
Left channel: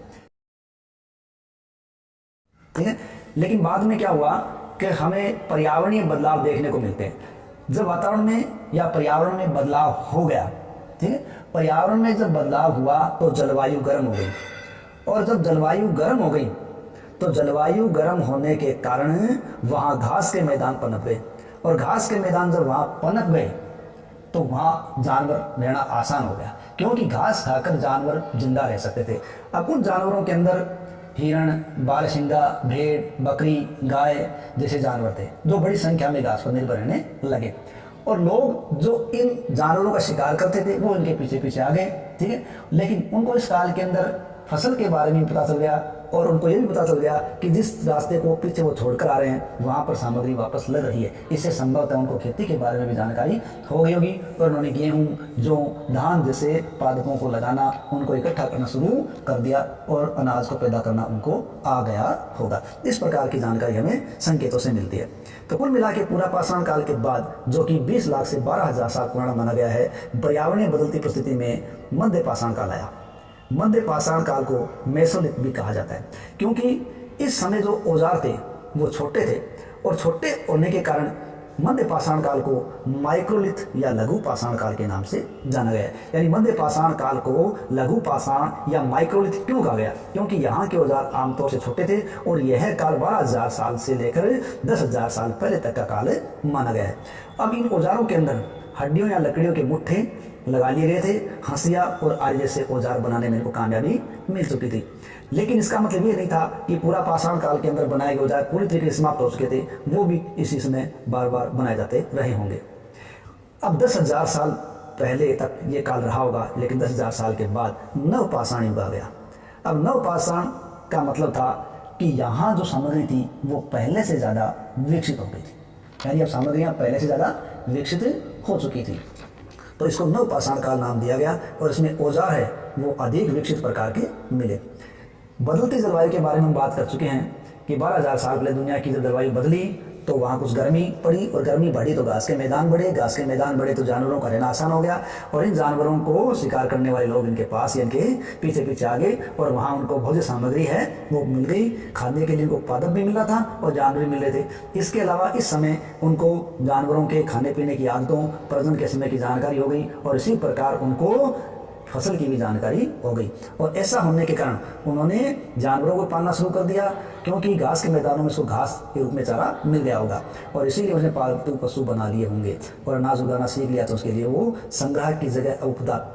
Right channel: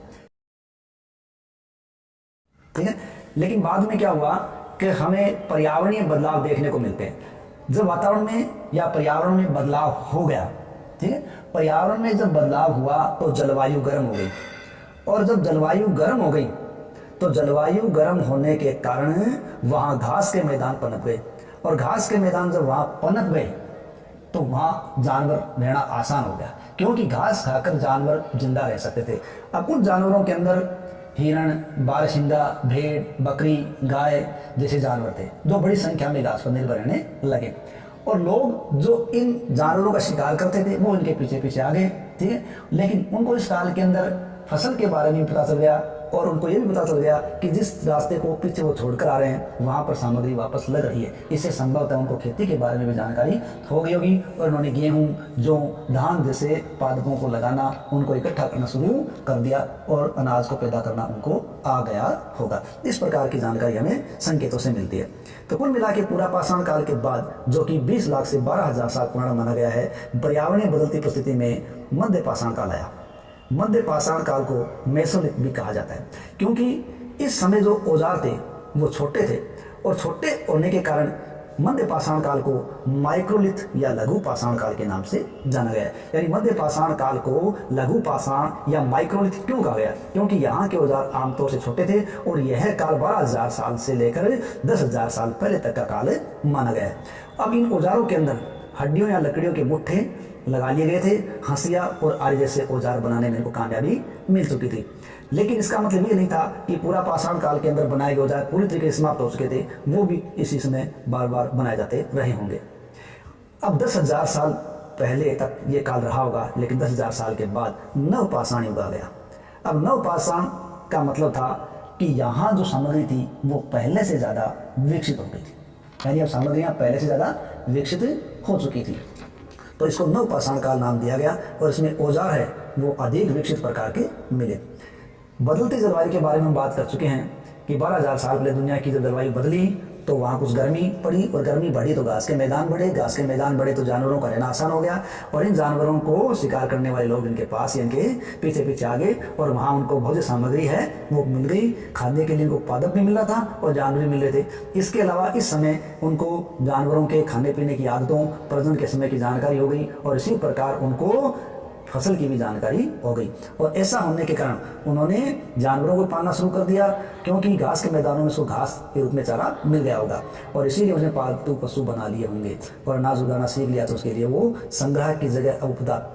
ठीक है, लेकिन बाद में क्या हुआ कि हमें पर्यावरणीय बदलाव देखने को मिलते हैं। जब वातावरण में या पर्यावरण में बदलाव हो गया, ठीक है, पर्यावरण में जब बदलाव हुआ तो जलवायु गर्म हो गई और जब जलवायु गर्म हो गई तो जलवायु गर्म होने के कारण वहाँ घास के मैदान पनप गए और घास के मैदान जब वहाँ पनप गए तो वहाँ जानवर रहना आसान हो गया क्योंकि घास खाकर जानवर जिंदा रह सकते थे। अब उन जानवरों के अंदर हिरण, बारहसिंगा, भेड़, बकरी, गाय जैसे जानवर थे जो बड़ी संख्या में घास पर निर्भर रहने लगे और लोग जो इन जानवरों का शिकार करते थे वो इनके पीछे पीछे आ गए। ठीक है, लेकिन उनको इस काल के अंदर फसल के बारे में पता चल गया और उनको ये भी पता चल गया कि जिस रास्ते को पीछे वो छोड़कर आ रहे हैं वहाँ पर सामग्री वापस लग रही है। इससे संभवतः उनको खेती के बारे में भी जानकारी हो गई होगी और उन्होंने गेहूँ, जौ, धान जैसे पादपों को लगाना, उनको इकट्ठा करना शुरू कर दिया और अनाज को पैदा करना उनको आ गया होगा। इस प्रकार की जानकारी हमें संकेतों से मिलती है। तो कुल मिला के पूरा पाषाण काल के बाद जो कि 20 लाख से 12,000 साल पुराना माना गया है, पर्यावरणीय बदलती परिस्थिति में मध्य पाषाण काल आया। मध्य पाषाण काल को मेसोलिथ भी कहा जाता है क्योंकि इस समय जो औजार थे वो छोटे थे और छोटे होने के कारण मध्य पाषाण काल को माइक्रोलिथ या लघु पाषाण काल के नाम से जाना गया। यानी मध्य पाषाण काल को लघु पाषाण या माइक्रोलिथ क्यों कहा गया? क्योंकि यहाँ के औजार आमतौर से छोटे थे और यह काल 12,000 साल से लेकर 10,000 साल पहले तक का काल माना गया है। अब इन औजारों के अंदर हड्डियों या लकड़ियों के मुट्ठे लगा लिए गए थे। हंसिया और आरी जैसे औजार बनाने में इनको कामयाबी मिल चुकी थी, लेकिन इसका मतलब ये नहीं था कि पूरा पाषाण काल के अंदर बनाए गए औजार पूरी तरीके से समाप्त हो चुके थे। वो भी इसी समय बार बार बनाए जाते रहे होंगे। अब 10,000 साल पहले तक ये काल रहा होगा, लेकिन 10,000 साल के बाद नवपाषाण युग आ गया। अब नवपाषाण का मतलब था कि यहाँ जो सामग्री थी वो पहले से ज़्यादा विकसित हो गई थी, यानी अब सामग्रियाँ पहले से ज़्यादा विकसित हो चुकी थी, तो इसको नवपाषाण काल नाम दिया गया और इसमें औजार है वो अधिक विकसित प्रकार के मिले। बदलती जलवायु के बारे में हम बात कर चुके हैं कि 12,000 साल पहले दुनिया की जब जलवायु बदली तो वहाँ कुछ गर्मी पड़ी, और गर्मी बढ़ी तो घास के मैदान बढ़े, घास के मैदान बढ़े तो जानवरों का रहना आसान हो गया, और इन जानवरों को शिकार करने वाले लोग इनके पास या इनके पीछे पीछे आ गए, और वहाँ उनको भोज्य सामग्री है वो मिल गई, खाने के लिए उनको पादप भी मिल रहा था और जानवर भी मिल रहे थे। इसके अलावा इस समय उनको जानवरों के खाने पीने की आदतों, प्रजनन के समय की जानकारी हो गई, और इसी प्रकार उनको फसल की भी जानकारी हो गई। और ऐसा होने के कारण उन्होंने जानवरों को पालना शुरू कर दिया, क्योंकि घास के मैदानों में उसको घास के रूप में चारा मिल गया होगा, और इसीलिए उसने पालतू पशु बना लिए होंगे और अनाज उगाना सीख लिया, तो उसके लिए वो संग्रह की जगह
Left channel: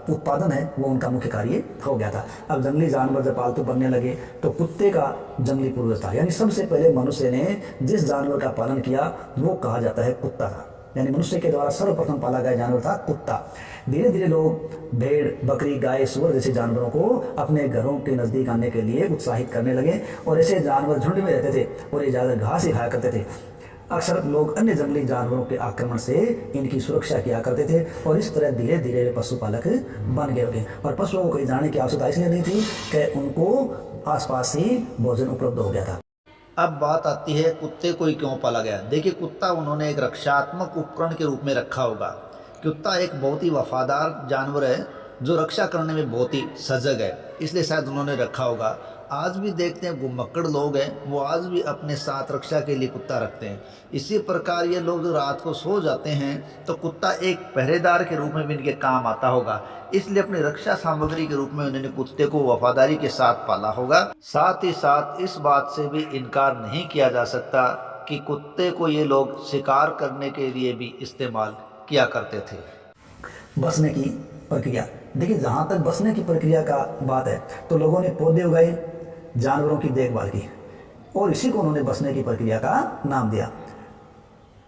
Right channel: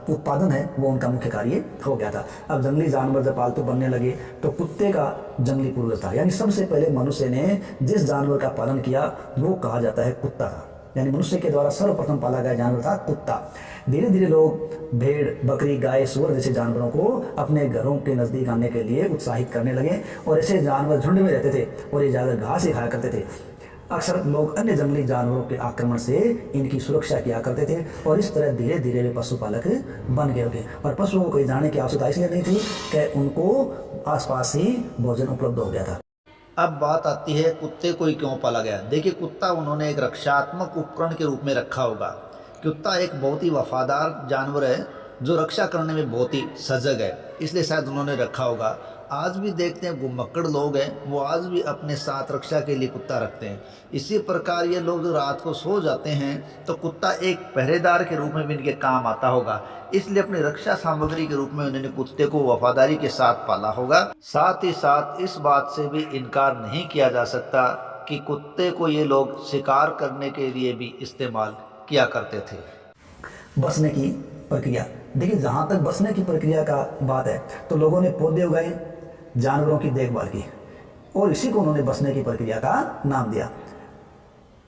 उत्पादन है वो उनका मुख्य कार्य हो गया था। अब जंगली जानवर जब पालतू बनने लगे तो कुत्ते का जंगली पूर्वज था, यानी सबसे पहले मनुष्य ने जिस जानवर का पालन किया वो कहा जाता है कुत्ता था, यानी मनुष्य के द्वारा सर्वप्रथम पाला गया जानवर था कुत्ता। धीरे धीरे लोग भेड़, बकरी, गाय, सूअर जैसे जानवरों को अपने घरों के नज़दीक आने के लिए उत्साहित करने लगे, और ऐसे जानवर झुंड में रहते थे और ये ज़्यादातर घास ही खाया करते थे। अक्सर लोग अन्य जंगली जानवरों के आक्रमण से इनकी सुरक्षा किया करते थे, और इस तरह धीरे धीरे वे पशुपालक बन गए होंगे। और पशुओं को कहीं जाने की आवश्यकता इसलिए नहीं थी कि उनको आसपास ही भोजन उपलब्ध हो गया था। अब बात आती है कुत्ते को ही क्यों पाला गया। देखिए, कुत्ता उन्होंने एक रक्षात्मक उपकरण के रूप में रखा होगा। कुत्ता एक बहुत ही वफादार जानवर है जो रक्षा करने में बहुत ही सजग है, इसलिए शायद उन्होंने रखा होगा। आज भी देखते हैं घुमक्कड़ लोग हैं, वो आज भी अपने साथ रक्षा के लिए कुत्ता रखते हैं। इसी प्रकार ये लोग जो रात को सो जाते हैं तो कुत्ता एक पहरेदार के रूप में भी इनके काम आता होगा, इसलिए अपनी रक्षा सामग्री के रूप में उन्होंने कुत्ते को वफादारी के साथ पाला होगा। साथ ही साथ इस बात से भी इनकार नहीं किया जा सकता कि कुत्ते को ये लोग शिकार करने के लिए भी इस्तेमाल किया करते थे। बसने की प्रक्रिया, देखिए जहाँ तक बसने की प्रक्रिया का बात है तो लोगों ने पौधे उगाए, जानवरों की देखभाल की, और इसी को उन्होंने बसने की प्रक्रिया का नाम दिया।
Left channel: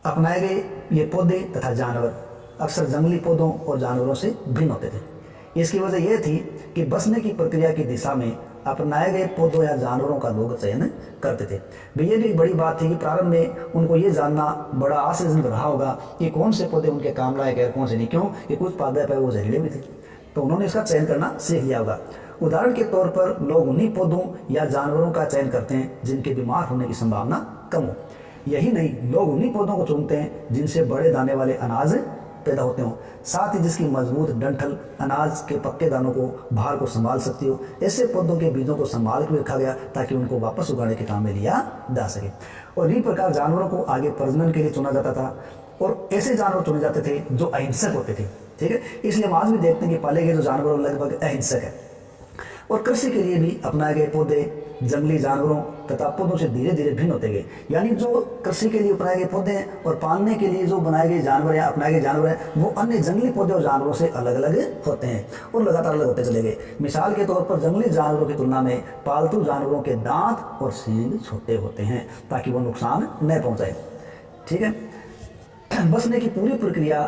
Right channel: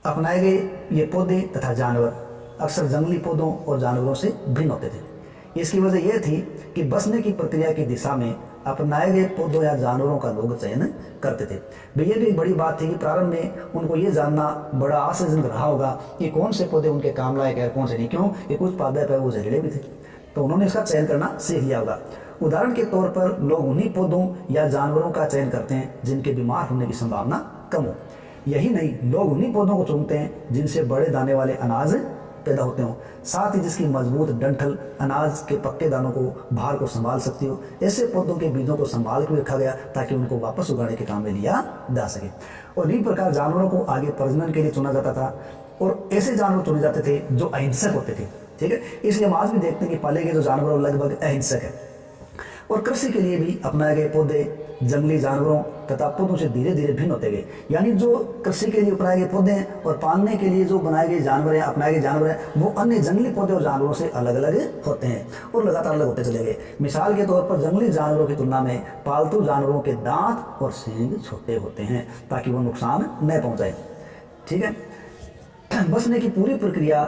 अपनाए गए ये पौधे तथा जानवर अक्सर जंगली पौधों और जानवरों से भिन्न होते थे। इसकी वजह यह थी कि बसने की प्रक्रिया की दिशा में अपनाए गए पौधों या जानवरों का लोग चयन करते थे। ये भी एक बड़ी बात थी कि प्रारंभ में उनको ये जानना बड़ा आश्चर्यजनक रहा होगा कि कौन से पौधे उनके काम लायक है और कौन से नहीं, क्यों कि कुछ पादप है वो जहरीले भी थे, तो उन्होंने इसका चयन करना सीख लिया होगा। उदाहरण के तौर पर लोग उन्हीं पौधों या जानवरों का चयन करते हैं जिनके बीमार होने की संभावना कम हो। यही नहीं, लोग उन्हीं पौधों को चुनते हैं जिनसे बड़े दाने वाले अनाज पैदा होते हों, साथ ही जिसकी मजबूत डंठल अनाज के पक्के दानों को भार को संभाल सकती हो। ऐसे पौधों के बीजों को संभाल के रखा गया ताकि उनको वापस उगाने के काम में लिया जा सके। और इसी प्रकार जानवरों को आगे प्रजनन के लिए चुना जाता था, और ऐसे जानवर चुने जाते थे जो अहिंसक होते थे। ठीक है, इसलिए हम आज भी देखते हैं कि पाले गए जो जानवर लगभग अहिंसक है। और कृषि के लिए भी अपनाए गए पौधे जंगली जानवरों तथा पौधों से धीरे धीरे भिन्न होते गए, यानी जो कृषि के लिए अपनाए गए पौधे हैं और पालने के लिए जो बनाए गए जानवर हैं, अपनाए गए जानवर हैं, वो अन्य जंगली पौधे और जानवरों से अलग अलग होते हैं और लगातार अलग होते चले गए। मिसाल के तौर पर जंगली जानवरों की तुलना में पालतू जानवरों के दांत और सींग छोटे होते हैं ताकि वो नुकसान न पहुँचाए। ठीक है, बसने की पूरी प्रक्रिया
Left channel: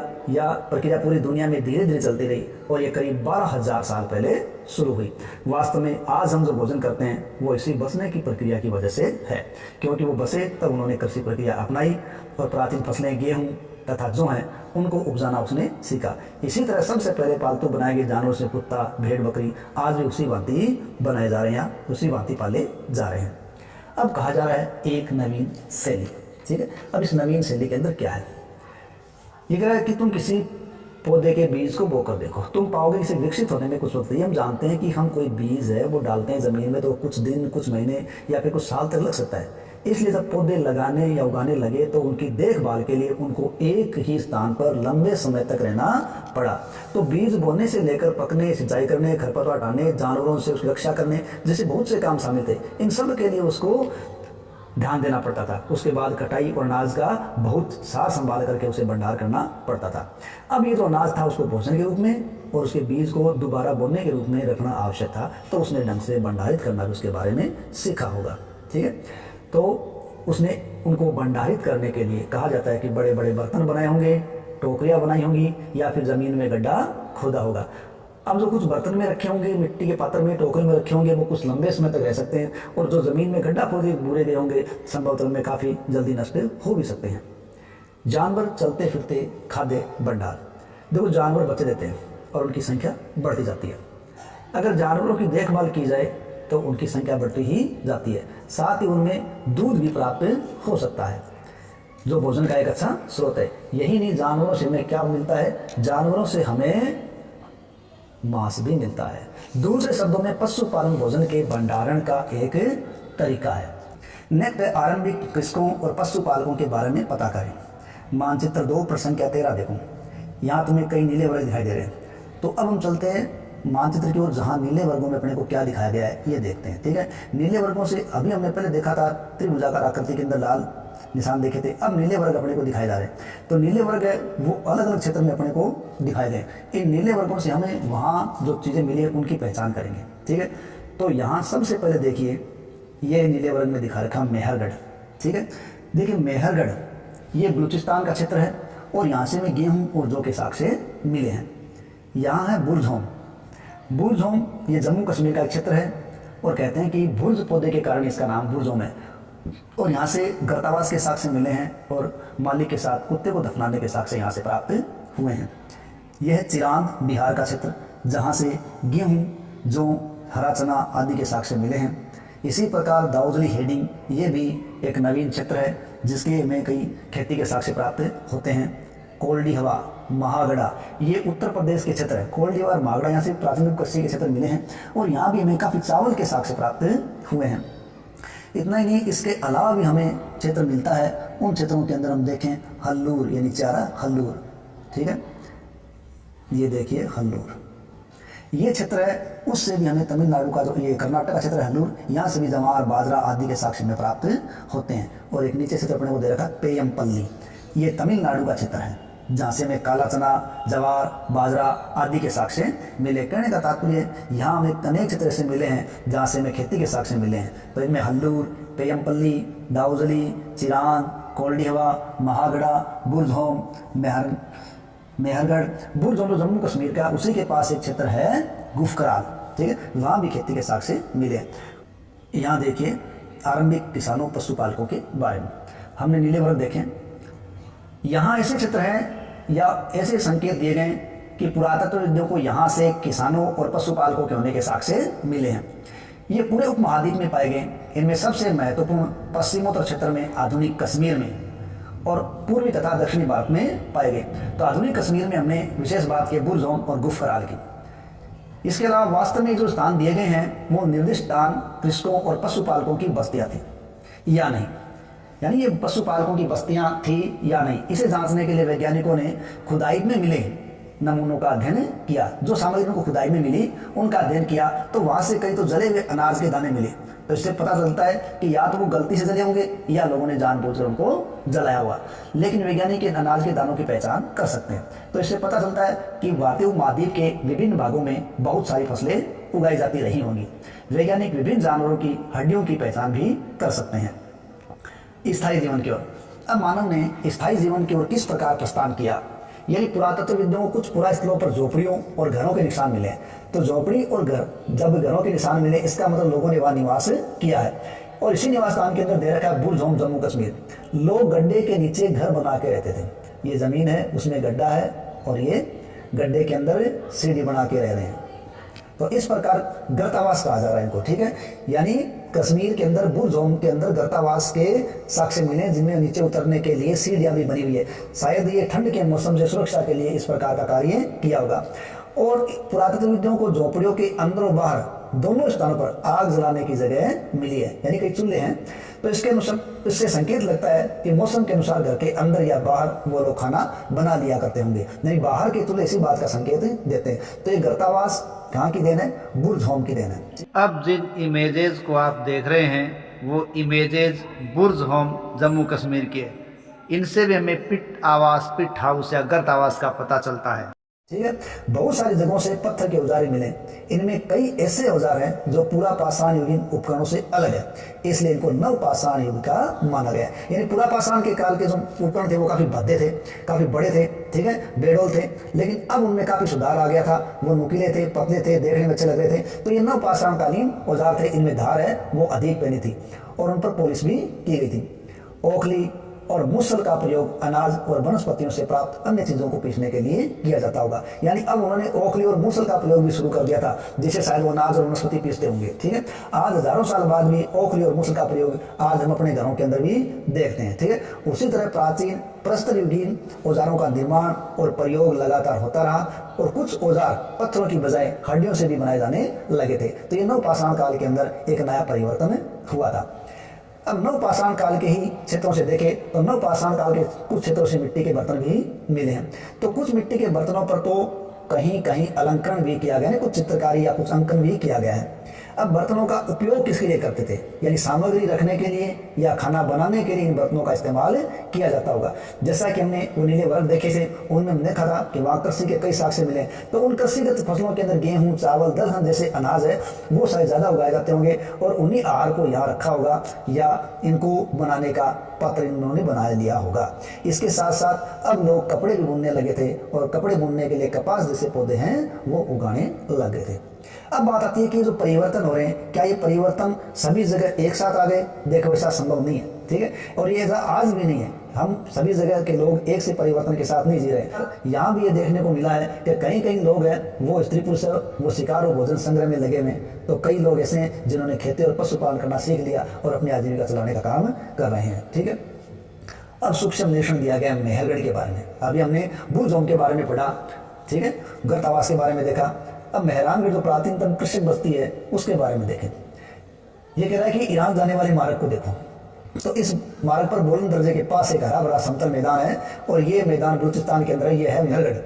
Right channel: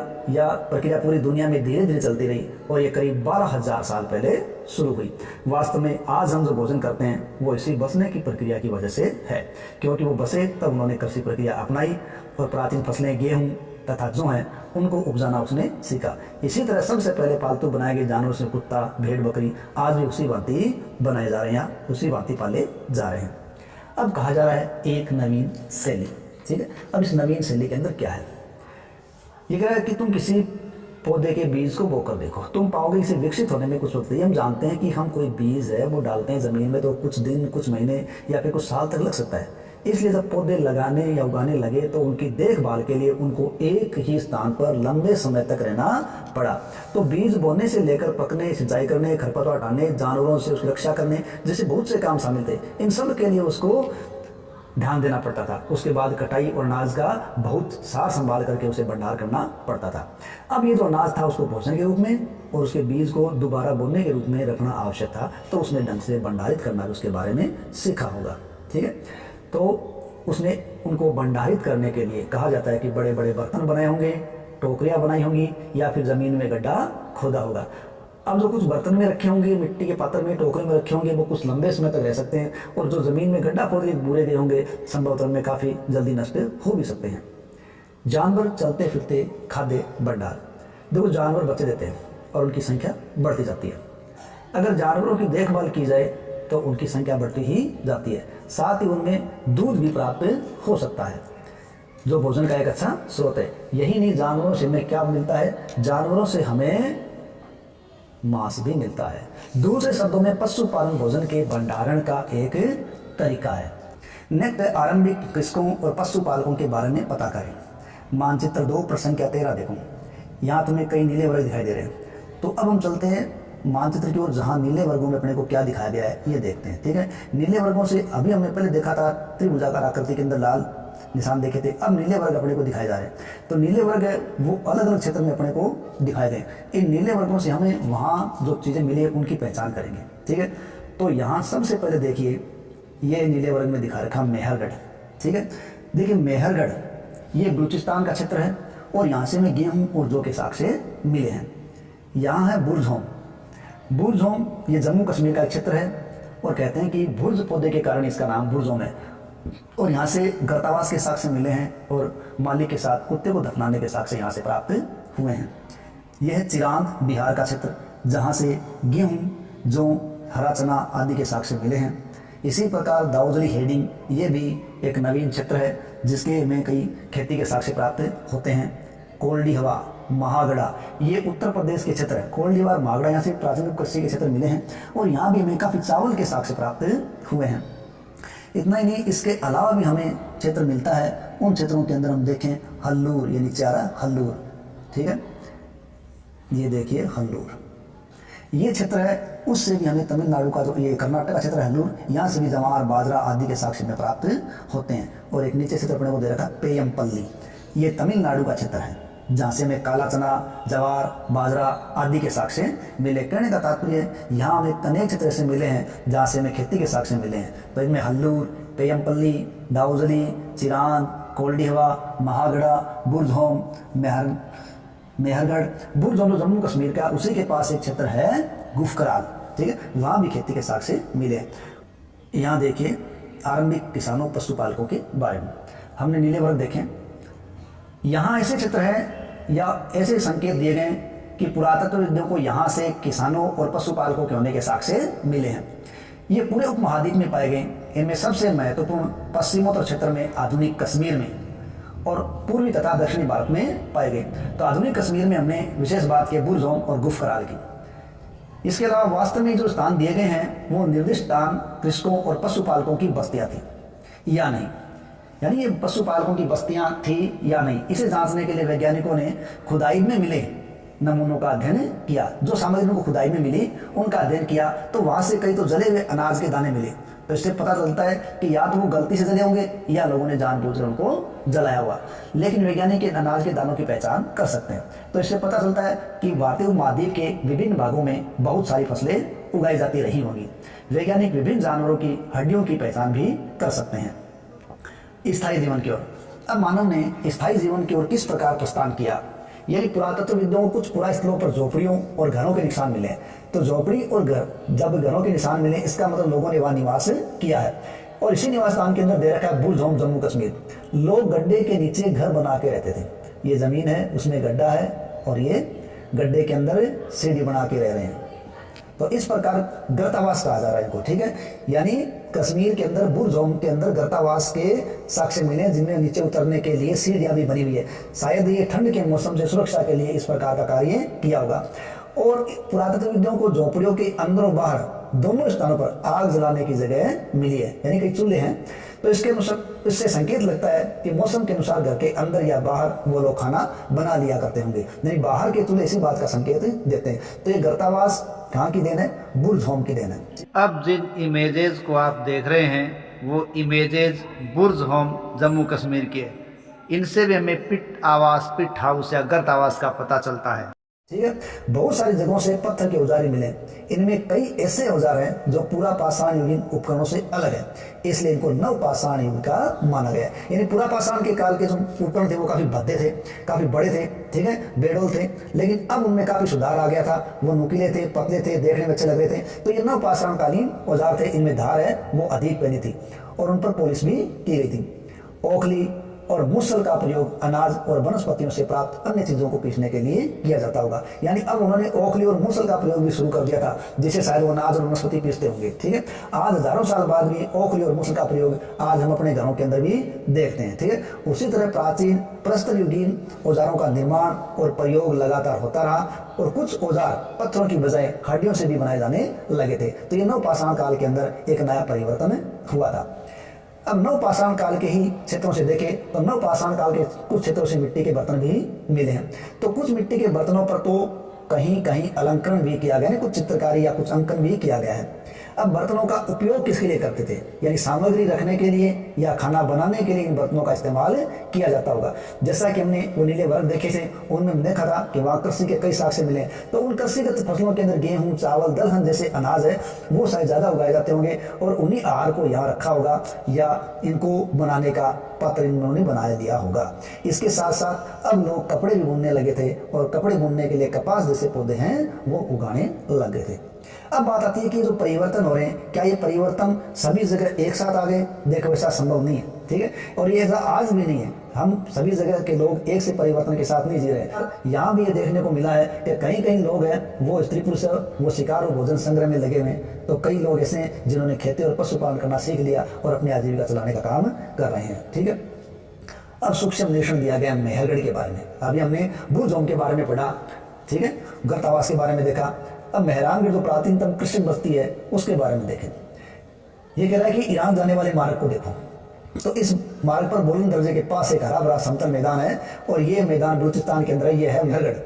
पूरी दुनिया में धीरे धीरे चलती रही, और ये करीब 12,000 साल पहले शुरू हुई। वास्तव में आज हम जो भोजन करते हैं वो इसी बसने की प्रक्रिया की वजह से है, क्योंकि वो बसे तब उन्होंने कृषि प्रक्रिया अपनाई और प्राचीन फसलें गेहूँ तथा जो हैं उनको उपजाना उसने सीखा। इसी तरह सबसे पहले पालतू बनाए गए जानवरों से कुत्ता, भेड़, बकरी आज भी उसी भांति बनाए जा रहे हैं, उसी भांति पाले जा रहे हैं। अब कहा जा रहा है एक नवीन शैली। ठीक है, अब इस नवीन शैली के अंदर क्या है? ये कह रहा है कि तुम किसी पौधे के बीज को बोकर देखो, तुम पाओगे इसे विकसित होने में कुछ वक्त लगता है। हम जानते हैं कि हम कोई बीज है वो डालते हैं ज़मीन में तो कुछ दिन, कुछ महीने या फिर कुछ साल तक लग सकता है। इसलिए जब पौधे लगाने या उगाने लगे तो उनकी देखभाल के लिए उनको एक ही स्थान पर लंबे समय तक रहना पड़ा। तो बीज बोने से लेकर पकने, सिंचाई करने, खरपतवार हटाने, जानवरों से उसकी रक्षा करने जैसे बहुत से काम शामिल थे। इन सब के लिए उसको ध्यान देना पड़ता था। उसके बाद कटाई और अनाज का बहुत सार संभाल करके उसे भंडार करना पड़ता था। अब ये जो अनाज था उसको भोजन के रूप में और उसके बीज को दोबारा बोने के रूप में रखना आवश्यक था, तो उसने ढंग से भंडारित करना भी उसके बारे में सीखा होगा। ठीक है, तो उसने उनको भंडारित करने के लिए कहा जाता है कि बड़े बड़े बर्तन बनाए होंगे, टोकरियाँ बनाई होंगी या फिर ज़मीन में गड्ढा खोदा होगा। अब जो कुछ बर्तन में रखे होंगे, मिट्टी के पात्र में, टोकरे में रखे होंगे, वो कुछ लंबे समय तक रह सकते हैं, और जो ज़मीन में गड्ढा खोद के बूरे गए होंगे संभवतः में काफ़ी जल्दी नष्ट हो भी सकते हैं। जानवर चलते फिरते खाद्य भंडार। देखो, जानवर बच्चे देते हैं और उनकी संख्या बढ़ती जाती है। अगर जानवरों की देखभाल की जाए तो उनकी संख्या बढ़ती ही जाती है। साथ ही उनमें दूध भी प्राप्त हो सकता है, जो भोजन का एक अच्छा स्रोत है। यही नहीं, जानवरों से हमें क्या मिलता है, जानवरों से हमें मांस भी मिलता है। दूसरे शब्दों में पशुपालन भोजन के भंडारण का एक तरीका है। नेक्स्ट, आरंभिक कृषकों और पशुपालकों के बारे में पता करें। मानचित्र 2 प्रसंख्या 13 देखो, यहाँ तुम्हें कई नीले वर्ग दिखाई दे रहे हैं। तो अब हम चलते हैं मानचित्र की ओर, जहाँ नीले वर्गों में अपने को क्या दिखाया गया है ये देखते हैं। ठीक है, नीले वर्गों से अभी हमने पहले देखा था त्रिभुजाकार आकृति के अंदर लाल निशान देखे थे, अब नीले वर्ग अपने को दिखाए जा रहे हैं। तो नीले वर्ग है वो अलग अलग क्षेत्र में अपने को दिखाए गए। इन नीले वर्गों से हमें वहाँ जो चीज़ें मिली है उनकी पहचान करेंगे। ठीक है, तो यहाँ सबसे पहले देखिए ये नीले वर्ग में दिखा रखा मेहरगढ़। ठीक है, देखिए मेहरगढ़ ये बलूचिस्तान का क्षेत्र है और यहाँ से हमें गेहूँ और जौ के साग से मिले हैं। यहाँ है बुर्जहोम। बुर्जहोम ये जम्मू कश्मीर का एक क्षेत्र है और कहते हैं कि बुर्ज पौधे के कारण इसका नाम बुर्जहोम है। और यहाँ से गर्तावास के साक्ष्य मिले हैं और मालिक के साथ कुत्ते को दफनाने के साक्ष्य यहाँ से प्राप्त हुए हैं। यह है चिरांद बिहार का क्षेत्र, जहाँ से गेहूँ, जौ, हरा चना आदि के साक्ष्य मिले हैं। इसी प्रकार दाऊजली हेडिंग ये भी एक नवीन क्षेत्र है जिसके में कई खेती के साक्ष्य प्राप्त होते हैं। कोल्डी हवा, महागढ़ा ये उत्तर प्रदेश के क्षेत्र है। कोल्डी हवा और महागढ़ा यहाँ से प्राचीन कृषि के क्षेत्र मिले हैं और यहाँ भी हमें काफ़ी चावल के साक्ष्य प्राप्त हुए हैं। इतना ही नहीं, इसके अलावा भी हमें क्षेत्र मिलता है। उन क्षेत्रों के अंदर हम देखें हल्लूर, यानी चारा हल्लूर। ठीक है, ये देखिए हल्लूर ये क्षेत्र है। उससे भी हमें तमिलनाडु का जो ये कर्नाटक का क्षेत्र है हल्लूर, यहाँ से भी जवार, बाजरा आदि के साक्ष्य में प्राप्त होते हैं। और एक नीचे क्षेत्र अपने को दे रखा पेयमपल्ली, ये तमिलनाडु का क्षेत्र है जहाँ से हमें काला चना, जवार, बाजरा आदि के साक्ष्य मिले। कहने का तात्पर्य यहाँ हमें अनेक क्षेत्र ऐसे मिले हैं जहाँ से हमें खेती के साक्ष्य मिले हैं। तो इनमें हल्लूर, पेयमपल्ली, दाऊजली, चिरांद, कोल्डीहवा, महागढ़ा, बुर्जहोम, मेहरगढ़। बुर्जहोम जो जम्मू कश्मीर का, उसी के पास एक क्षेत्र है गुफकराल। ठीक है, वहाँ भी खेती के साक्ष्य मिले। यहाँ देखिए आरंभिक किसानों पशुपालकों के बारे में हमने नीले वर्ग देखें। यहाँ ऐसे क्षेत्र हैं या ऐसे संकेत दिए गए कि पुरातत्वविदों को यहाँ से किसानों और पशुपालकों के होने के साक्ष्य मिले हैं। ये पूरे उपमहाद्वीप में पाए गए। इनमें सबसे महत्वपूर्ण पश्चिमोत्तर क्षेत्र में, आधुनिक कश्मीर में और पूर्वी तथा दक्षिणी भारत में पाए गए। तो आधुनिक कश्मीर में हमने विशेष बात की बुर्जहोम और गुफकराल की। इसके अलावा वास्तव में जो स्थान दिए गए हैं वो निर्दिष्ट स्थान कृषकों और पशुपालकों की बस्तियाँ थी या नहीं, यानी ये पशुपालकों की बस्तियां थी या नहीं, इसे जांचने के लिए वैज्ञानिकों ने खुदाई में मिले नमूनों का अध्ययन किया। जो सामग्री उनको खुदाई में मिली उनका अध्ययन किया तो वहाँ से कई तो जले हुए अनाज के दाने मिले। तो इससे पता चलता है कि या तो वो गलती से जले होंगे या लोगों ने जानबूझकर उनको जलाया हुआ। लेकिन वैज्ञानिक अनाज के दानों की पहचान कर सकते हैं। तो इससे पता चलता है कि भारतीय उपमहाद्वीप के विभिन्न भागों में बहुत सारी फसलें उगाई जाती रही होंगी। वैज्ञानिक विभिन्न जानवरों की हड्डियों की पहचान भी कर सकते हैं। स्थायी जीवन की ओर, अब मानव ने स्थायी जीवन की ओर किस प्रकार प्रस्थान किया, यानी पुरातत्वविदों को कुछ पुरास्थलों पर झोपड़ियों और घरों के निशान मिले। तो झोपड़ी और घर, जब घरों के निशान मिले इसका मतलब लोगों ने वहाँ निवास किया है। और इसी निवास स्थान के अंदर दे रखा है बुर्जहोम जम्मू कश्मीर। लोग गड्ढे के नीचे घर बना के रहते थे। ये ज़मीन है, उसमें गड्ढा है और ये गड्ढे के अंदर सीढ़ी बना के रह रहे हैं। तो इस प्रकार गर्तावास कहा जा रहा है इनको। ठीक है, यानी कश्मीर के अंदर बुर्जहोम के अंदर गर्तावास के साक्ष्य मिले जिनमें नीचे उतरने के लिए सीढ़ियाँ भी बनी हुई है। शायद ये ठंड के मौसम से सुरक्षा के लिए इस प्रकार का कार्य किया होगा। और पुरातत्वविदों को झोपड़ियों के अंदर और बाहर दोनों स्थानों पर आग जलाने की जगह मिली है, यानी कई चूल्हे हैं। तो इसके अनुसार इससे संकेत लगता है कि मौसम के अनुसार घर के अंदर या बाहर वो लोग खाना बना लिया करते होंगे, यानी बाहर के चूल्हे इसी बात का संकेत देते हैं। तो ये गर्तावास कहाँ की देन है? बुर्जहोम की देन है। अब जिन इमेजेस को आप देख रहे हैं वो इमेजेस बुर्जहोम जम्मू कश्मीर के हैं। इनसे भी हमें पिट आवास, पिट हाउस या गर्त आवास का पता चलता है। ठीक है, बहुत सारी जगहों से पत्थर के औजार मिले। इनमें कई ऐसे औजार हैं जो पूरा पाषाण युगीन उपकरणों से अलग है, इसलिए इनको नव पाषाण युग का माना गया। यानी पूरा पाषाण के काल के जो उपकरण थे वो काफ़ी भद्दे थे, काफ़ी बड़े थे, ठीक है, बेडोल थे। लेकिन अब उनमें काफ़ी सुधार आ गया था। वो नुकीले थे, पतले थे, देखने में अच्छे लग रहे थे। तो ये नव पाषाणकालीन औजार थे। इनमें धार है वो अधिक पैनी थी और उन पर पॉलिश भी की गई थी। ओखली और मूसल का प्रयोग अनाज और वनस्पतियों से प्राप्त अन्य चीज़ों को पीसने के लिए किया जाता होगा। यानी अब उन्होंने ओखली और मूसल का प्रयोग भी शुरू कर दिया था, जिसे शायद वो अनाज और वनस्पति पीसते होंगे। ठीक है, आज हजारों साल बाद भी ओखली और मूसल का प्रयोग आज हम अपने घरों के अंदर भी देखते हैं। ठीक है, उसी तरह प्राचीन प्रस्तर युगीन औजारों का निर्माण और प्रयोग लगातार होता रहा और कुछ औजार पत्थरों की बजाय हड्डियों से भी बनाए जाने लगे थे। तो ये नवपाषाण काल के अंदर एक नया परिवर्तन हुआ था। अब नवपाषाण काल के ही क्षेत्रों से देखें तो नवपाषाण काल के कुछ क्षेत्रों से मिट्टी के बर्तन भी मिले हैं। तो कुछ मिट्टी के बर्तनों पर तो कहीं कहीं अलंकरण भी किया गया है, कुछ चित्रकारी या कुछ अंकन भी किया गया है। अब बर्तनों का उपयोग किसके लिए करते थे, यानी सामग्री रखने के लिए या खाना बनाने के लिए इन बर्तनों का इस्तेमाल किया जाता होगा। जैसा कि हमने वो नीले वर्ग देखे थे, उनमें हमने देखा था कि वहाँ कृषि के कई साक्ष्य मिले। तो उन कृषिगत फसलों के अंदर गेहूँ, चावल, दलहन जैसे अनाज है वो शायद ज़्यादा उगाए जाते होंगे और उन्हीं आहार को यहाँ रखा होगा या इनको बनाने का पात्र इन्होंने बना लिया होगा। इसके साथ साथ अब लोग कपड़े भी बुनने लगे थे और कपड़े बुनने के लिए कपास जैसे पौधे हैं वो उगाने लग गए थे। अब बात आती है कि जो परिवर्तन हो रहे हैं, क्या ये परिवर्तन सभी जगह एक साथ आ गए? देखो, ऐसा संभव नहीं है। ठीक है, और ये ऐसा आज भी नहीं है। हम सभी जगह के लोग एक से परिवर्तन के साथ नहीं जी रहे हैं। यहाँ भी ये देखने को मिला है कि कहीं कहीं लोग हैं वो स्त्री पुरुष वो शिकार और भोजन संग्रह में लगे हुए हैं, तो कई लोग ऐसे हैं जिन्होंने खेती और पशुपालन करना सीख लिया और अपनी आजीविका चलाने का काम कर रहे हैं। ठीक है, अब सूक्ष्म निरीक्षण दिया गया मेहरगढ़ के बारे में। अभी हमने बुरजोम के बारे में पढ़ा, ठीक है, गर्तावास के बारे में देखा। अब मेहरानगढ़ जो प्राचीनतम कृषक बस्ती है उसके बारे में देखें। ये कह रहा है कि ईरान जाने वाले मार्ग को देखो, तो इस मार्ग पर बुलंद दर्जे के पास एक हरा भरा समतल मैदान है और ये मैदान बलूचिस्तान के अंदर है, ये है मेहरगढ़।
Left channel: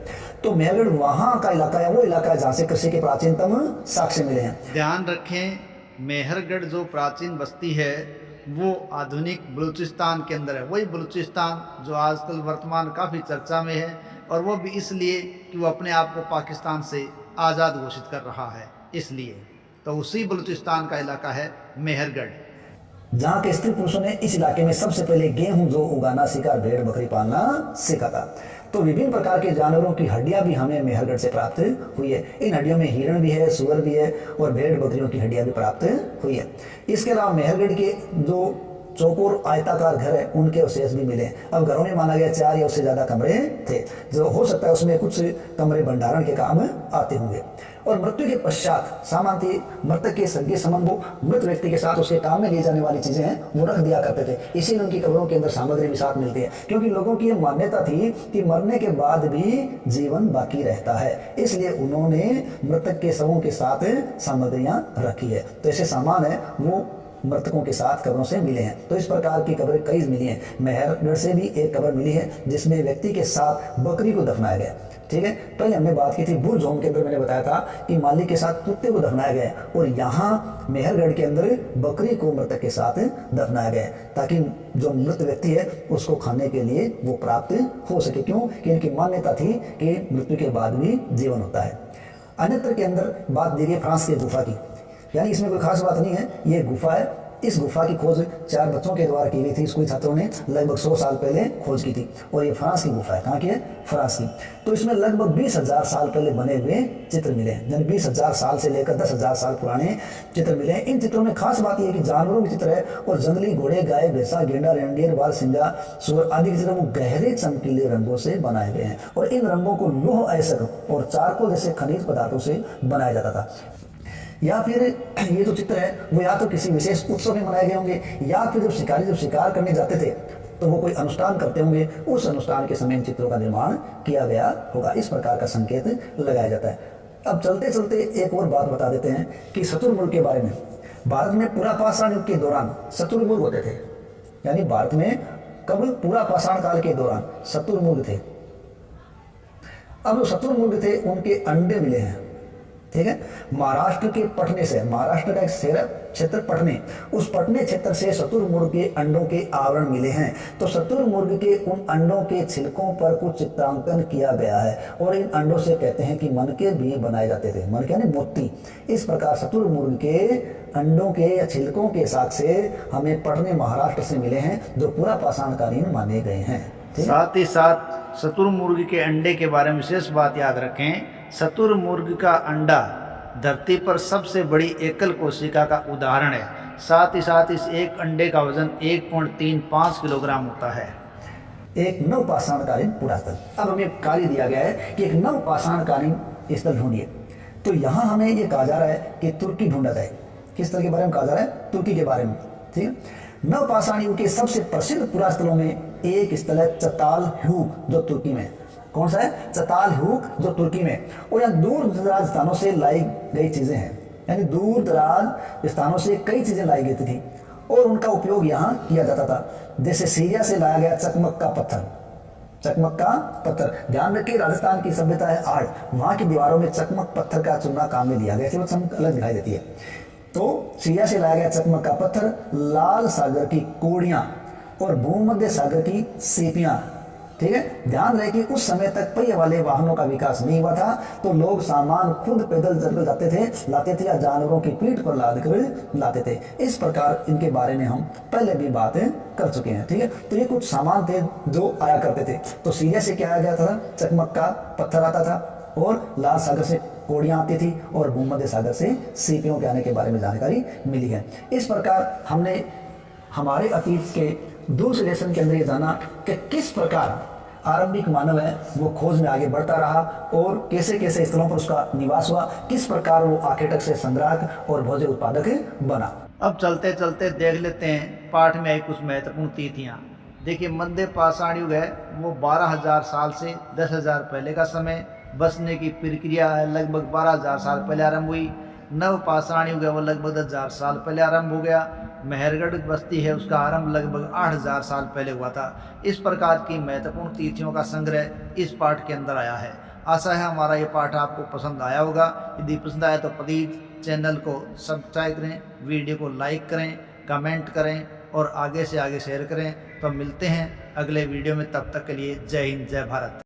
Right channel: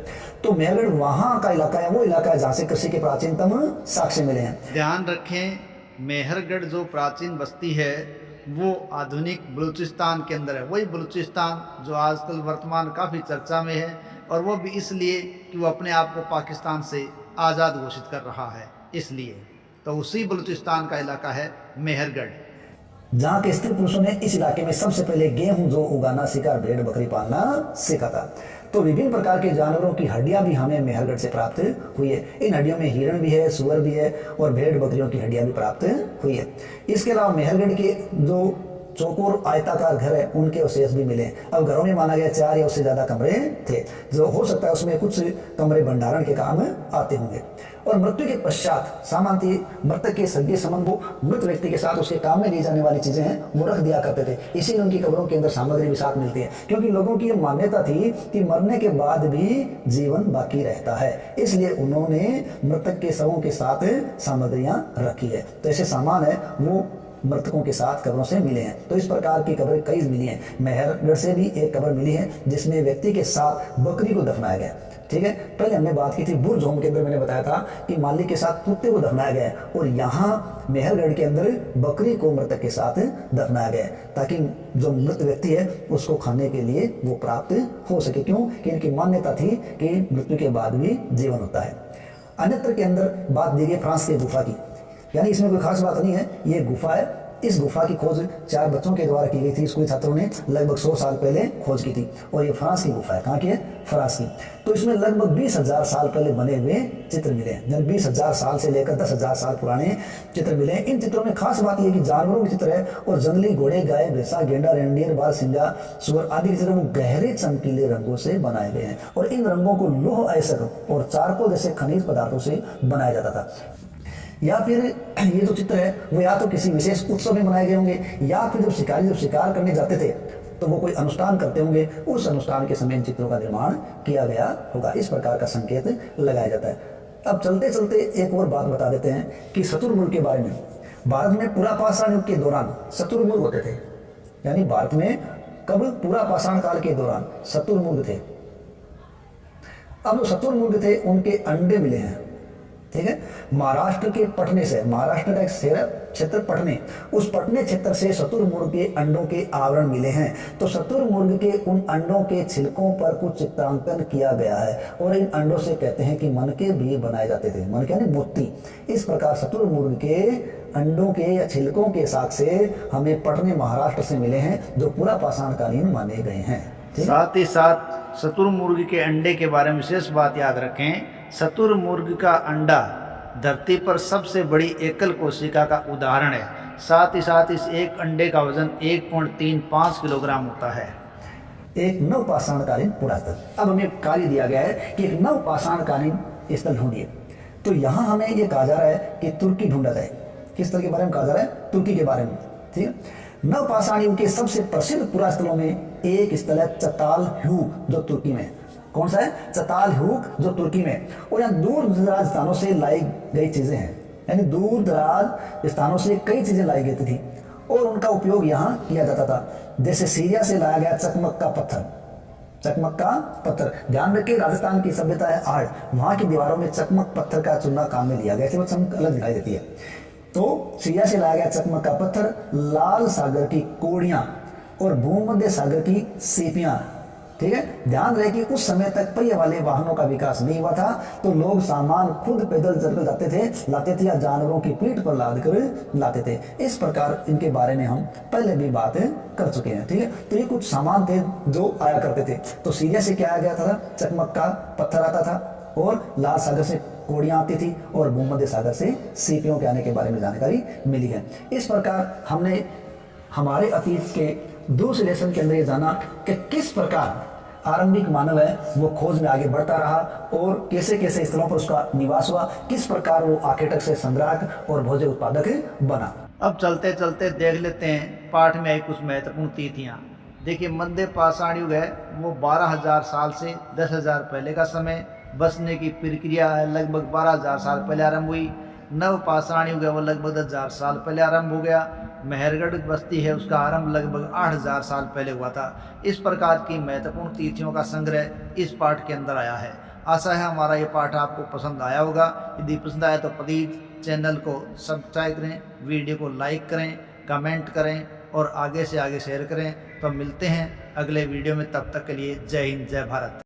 तो मेहरगढ़ वहाँ का इलाका है, वो इलाका है जहाँ से कृषि के प्राचीनतम साक्ष्य मिले हैं। ध्यान रखें, मेहरगढ़ जो प्राचीन बस्ती है वो आधुनिक बलूचिस्तान के अंदर है। वही बलूचिस्तान जो आजकल वर्तमान काफ़ी चर्चा में है, और वो भी इसलिए कि वो अपने आप को पाकिस्तान से आज़ाद घोषित कर रहा है, इसलिए। तो उसी बलूचिस्तान का इलाका है मेहरगढ़, जहाँ के स्त्री पुरुषों ने इस इलाके में सबसे पहले गेहूं जो उगाना सीखा, भेड़ बकरी पालना सीखा था। तो विभिन्न प्रकार के जानवरों की हड्डियां भी हमें मेहरगढ़ से प्राप्त हुई है। इन हड्डियों में हिरण भी है, सुअर भी है और भेड़ बकरियों की हड्डियां भी प्राप्त हुई है। इसके अलावा मेहरगढ़ के जो चौकोर आयताकार घर है उनके अवशेष भी मिले। अब घरों में माना गया 4 या उससे ज़्यादा कमरे थे, जो हो सकता है उसमें कुछ कमरे भंडारण के काम आते होंगे। और मृत्यु के पश्चात सामान्यतः मृतक के सगे संबंध वो मृत व्यक्ति के साथ उसके काम में ले जाने वाली चीज़ें हैं वो रख दिया करते थे। इसीलिए उनकी कब्रों के अंदर सामग्री भी साथ मिलती है, क्योंकि लोगों की ये मान्यता थी कि मरने के बाद भी जीवन बाकी रहता है, इसलिए उन्होंने मृतक के शवों के साथ सामग्रियाँ रखी है। तो ऐसे सामान है वो मृतकों के साथ कब्रों से मिले हैं। तो इस प्रकार की कब्रें कई मिली हैं। मेहरगढ़ से भी एक कब्र मिली है जिसमें व्यक्ति के साथ बकरी को दफनाया गया। ठीक है, पहले हमने बात की थी बुरजोम के अंदर, मैंने बताया था कि मालिक के साथ कुत्ते को दफनाया गया है, और यहाँ मेहरगढ़ के अंदर बकरी को मृतक के साथ दफनाया गया है, ताकि जो मृत व्यक्ति है उसको खाने के लिए वो प्राप्त हो सके। क्यों कि इनकी मान्यता थी कि मृत्यु के बाद भी जीवन होता है। अन्यत्र के अंदर बात दी गई फ्रांस की गुफा की, यानी इसमें कोई खास बात नहीं है, ये गुफा है। इस गुफा की खोज 4 बच्चों के द्वारा की गई थी। स्कूली छात्रों ने लगभग 100 साल पहले खोज की थी, और ये फ्रांस की गुफा है। कहाँ की है? फ्रांस की। तो इसमें लगभग 20,000 साल पहले बने हुए चित्र मिले हैं, यानी 20,000 साल से लेकर 10,000 साल पुराने चित्र मिले हैं। इन चित्रों में खास बात यह है कि जानवरों के चित्र है, और जंगली घोड़े, गाय, भैंसा, गेंडा, रेंडियर, बारहसिंगा, सुअर आदि के चित्र वो गहरे चमकीले रंगों से बनाए गए हैं, और इन रंगों को लौह अयस्क और चारकोल जैसे खनिज पदार्थों से बनाया जाता था। या फिर ये जो चित्र है वो या तो किसी विशेष उत्सव में बनाए गए होंगे, या फिर जब शिकार करने जाते थे तो वो कोई अनुष्ठान करते होंगे, उस अनुष्ठान के समय इन चित्रों का निर्माण किया गया होगा। इस प्रकार का संकेत लगाया जाता है। अब चलते चलते एक और बात बता देते हैं कि शतुरमुर्ग के बारे में। भारत में पुरापाषाण युग के दौरान शतुरमुर्ग होते थे, यानी भारत में कब? पुरापाषाण काल के दौरान शतुरमुर्ग थे। अब जो शतुरमुर्ग थे उनके अंडे मिले हैं। ठीक है, महाराष्ट्र के पटने से, महाराष्ट्र का एक शहर क्षेत्र पटने, उस पटने क्षेत्र से शतुरमुर्ग के अंडों के आवरण मिले हैं। तो शतुरमुर्ग के उन अंडों के छिलकों पर कुछ चित्रांकन किया गया है, और इन अंडों से कहते हैं कि मनके भी बनाए जाते थे। मनके यानी मोती। इस प्रकार शतुरमुर्ग के अंडों के या छिलकों के साक्ष्य हमें पटने महाराष्ट्र से मिले हैं, जो पूरा पाषाणकालीन माने गए हैं। साथ ही साथ शतुरमुर्ग के अंडे के बारे में विशेष बात याद रखें, शतुरमुर्ग का अंडा धरती पर सबसे बड़ी एकल कोशिका का उदाहरण है। साथ ही साथ इस एक अंडे का वजन 1.35 किलोग्राम होता है। एक नवपाषाणकालीन पुरास्थल। अब हमें कार्य दिया गया है कि एक नवपाषाणकालीन स्थल ढूंढिए। तो यहाँ हमें ये कहा जा रहा है कि तुर्की ढूंढा जाए। किस स्थल के बारे में कहा जा रहा है? तुर्की के बारे में। ठीक है। नवपाषाण युग के सबसे प्रसिद्ध पुरास्थलों में एक स्थल है चतालहूक, जो तुर्की में। कौन सा है? चतालहूक, जो तुर्की में। और यहाँ दूर दराज स्थानों से लाई गई चीजें हैं, यानी दूर दराज स्थानों से कई चीजें लाई गई थी और उनका उपयोग यहाँ किया जाता था। जैसे सीरिया से लाया गया चकमक का पत्थर। चकमक का पत्थर, ध्यान रखिए, राजस्थान की सभ्यता है आड़, वहां की दीवारों में चकमक पत्थर का चूना काम में लिया गया, ऐसे वो चमक अलग दिखाई देती है। तो सीरिया से लाया गया चकमक का पत्थर, लाल सागर की कोड़ियां और भूमध्य सागर की सीपियां। ठीक है। ध्यान रहे कि उस समय तक पहिए वाले वाहनों का विकास नहीं हुआ था, तो लोग सामान खुद पैदल चलकर जाते थे, लाते थे, या जानवरों की पीठ पर लाद कर लाते थे। इस प्रकार इनके बारे में हम पहले भी बातें कर चुके हैं। ठीक है। तो ये कुछ सामान थे जो आया करते थे। तो सीरिया से क्या आया गया था? चकमक का पत्थर आता था, और लाल सागर से कोड़ियां आती थी, और भूमध्य सागर से सीपियों के आने के बारे में जानकारी मिली है। इस प्रकार हमने हमारे अतीत के दूसरे लेसन के अंदर ये जाना कि किस प्रकार आरंभिक मानव है वो खोज में आगे बढ़ता रहा और कैसे कैसे स्थलों पर उसका निवास हुआ, किस प्रकार वो आखेटक से संग्राहक और भोज्य उत्पादक बना। अब चलते चलते देख लेते हैं पाठ में आई कुछ महत्वपूर्ण तिथियाँ। देखिए, मध्य पाषाण युग है वो 12,000 साल से 10,000 पहले का समय। बसने की प्रक्रिया है लगभग 12,000 साल पहले आरंभ हुई। नव पाषाण युग है वो लगभग 10,000 साल पहले आरंभ हो गया। मेहरगढ़ बस्ती है उसका आरंभ लगभग 8,000 साल पहले हुआ था। इस प्रकार की महत्वपूर्ण तिथियों का संग्रह इस पाठ के अंदर आया है। आशा है हमारा ये पाठ आपको पसंद आया होगा। यदि पसंद आया तो प्लीज़ चैनल को सब्सक्राइब करें, वीडियो को लाइक करें, कमेंट करें और आगे से आगे शेयर करें। तो मिलते हैं अगले वीडियो में, तब तक के लिए जय हिंद, जय भारत।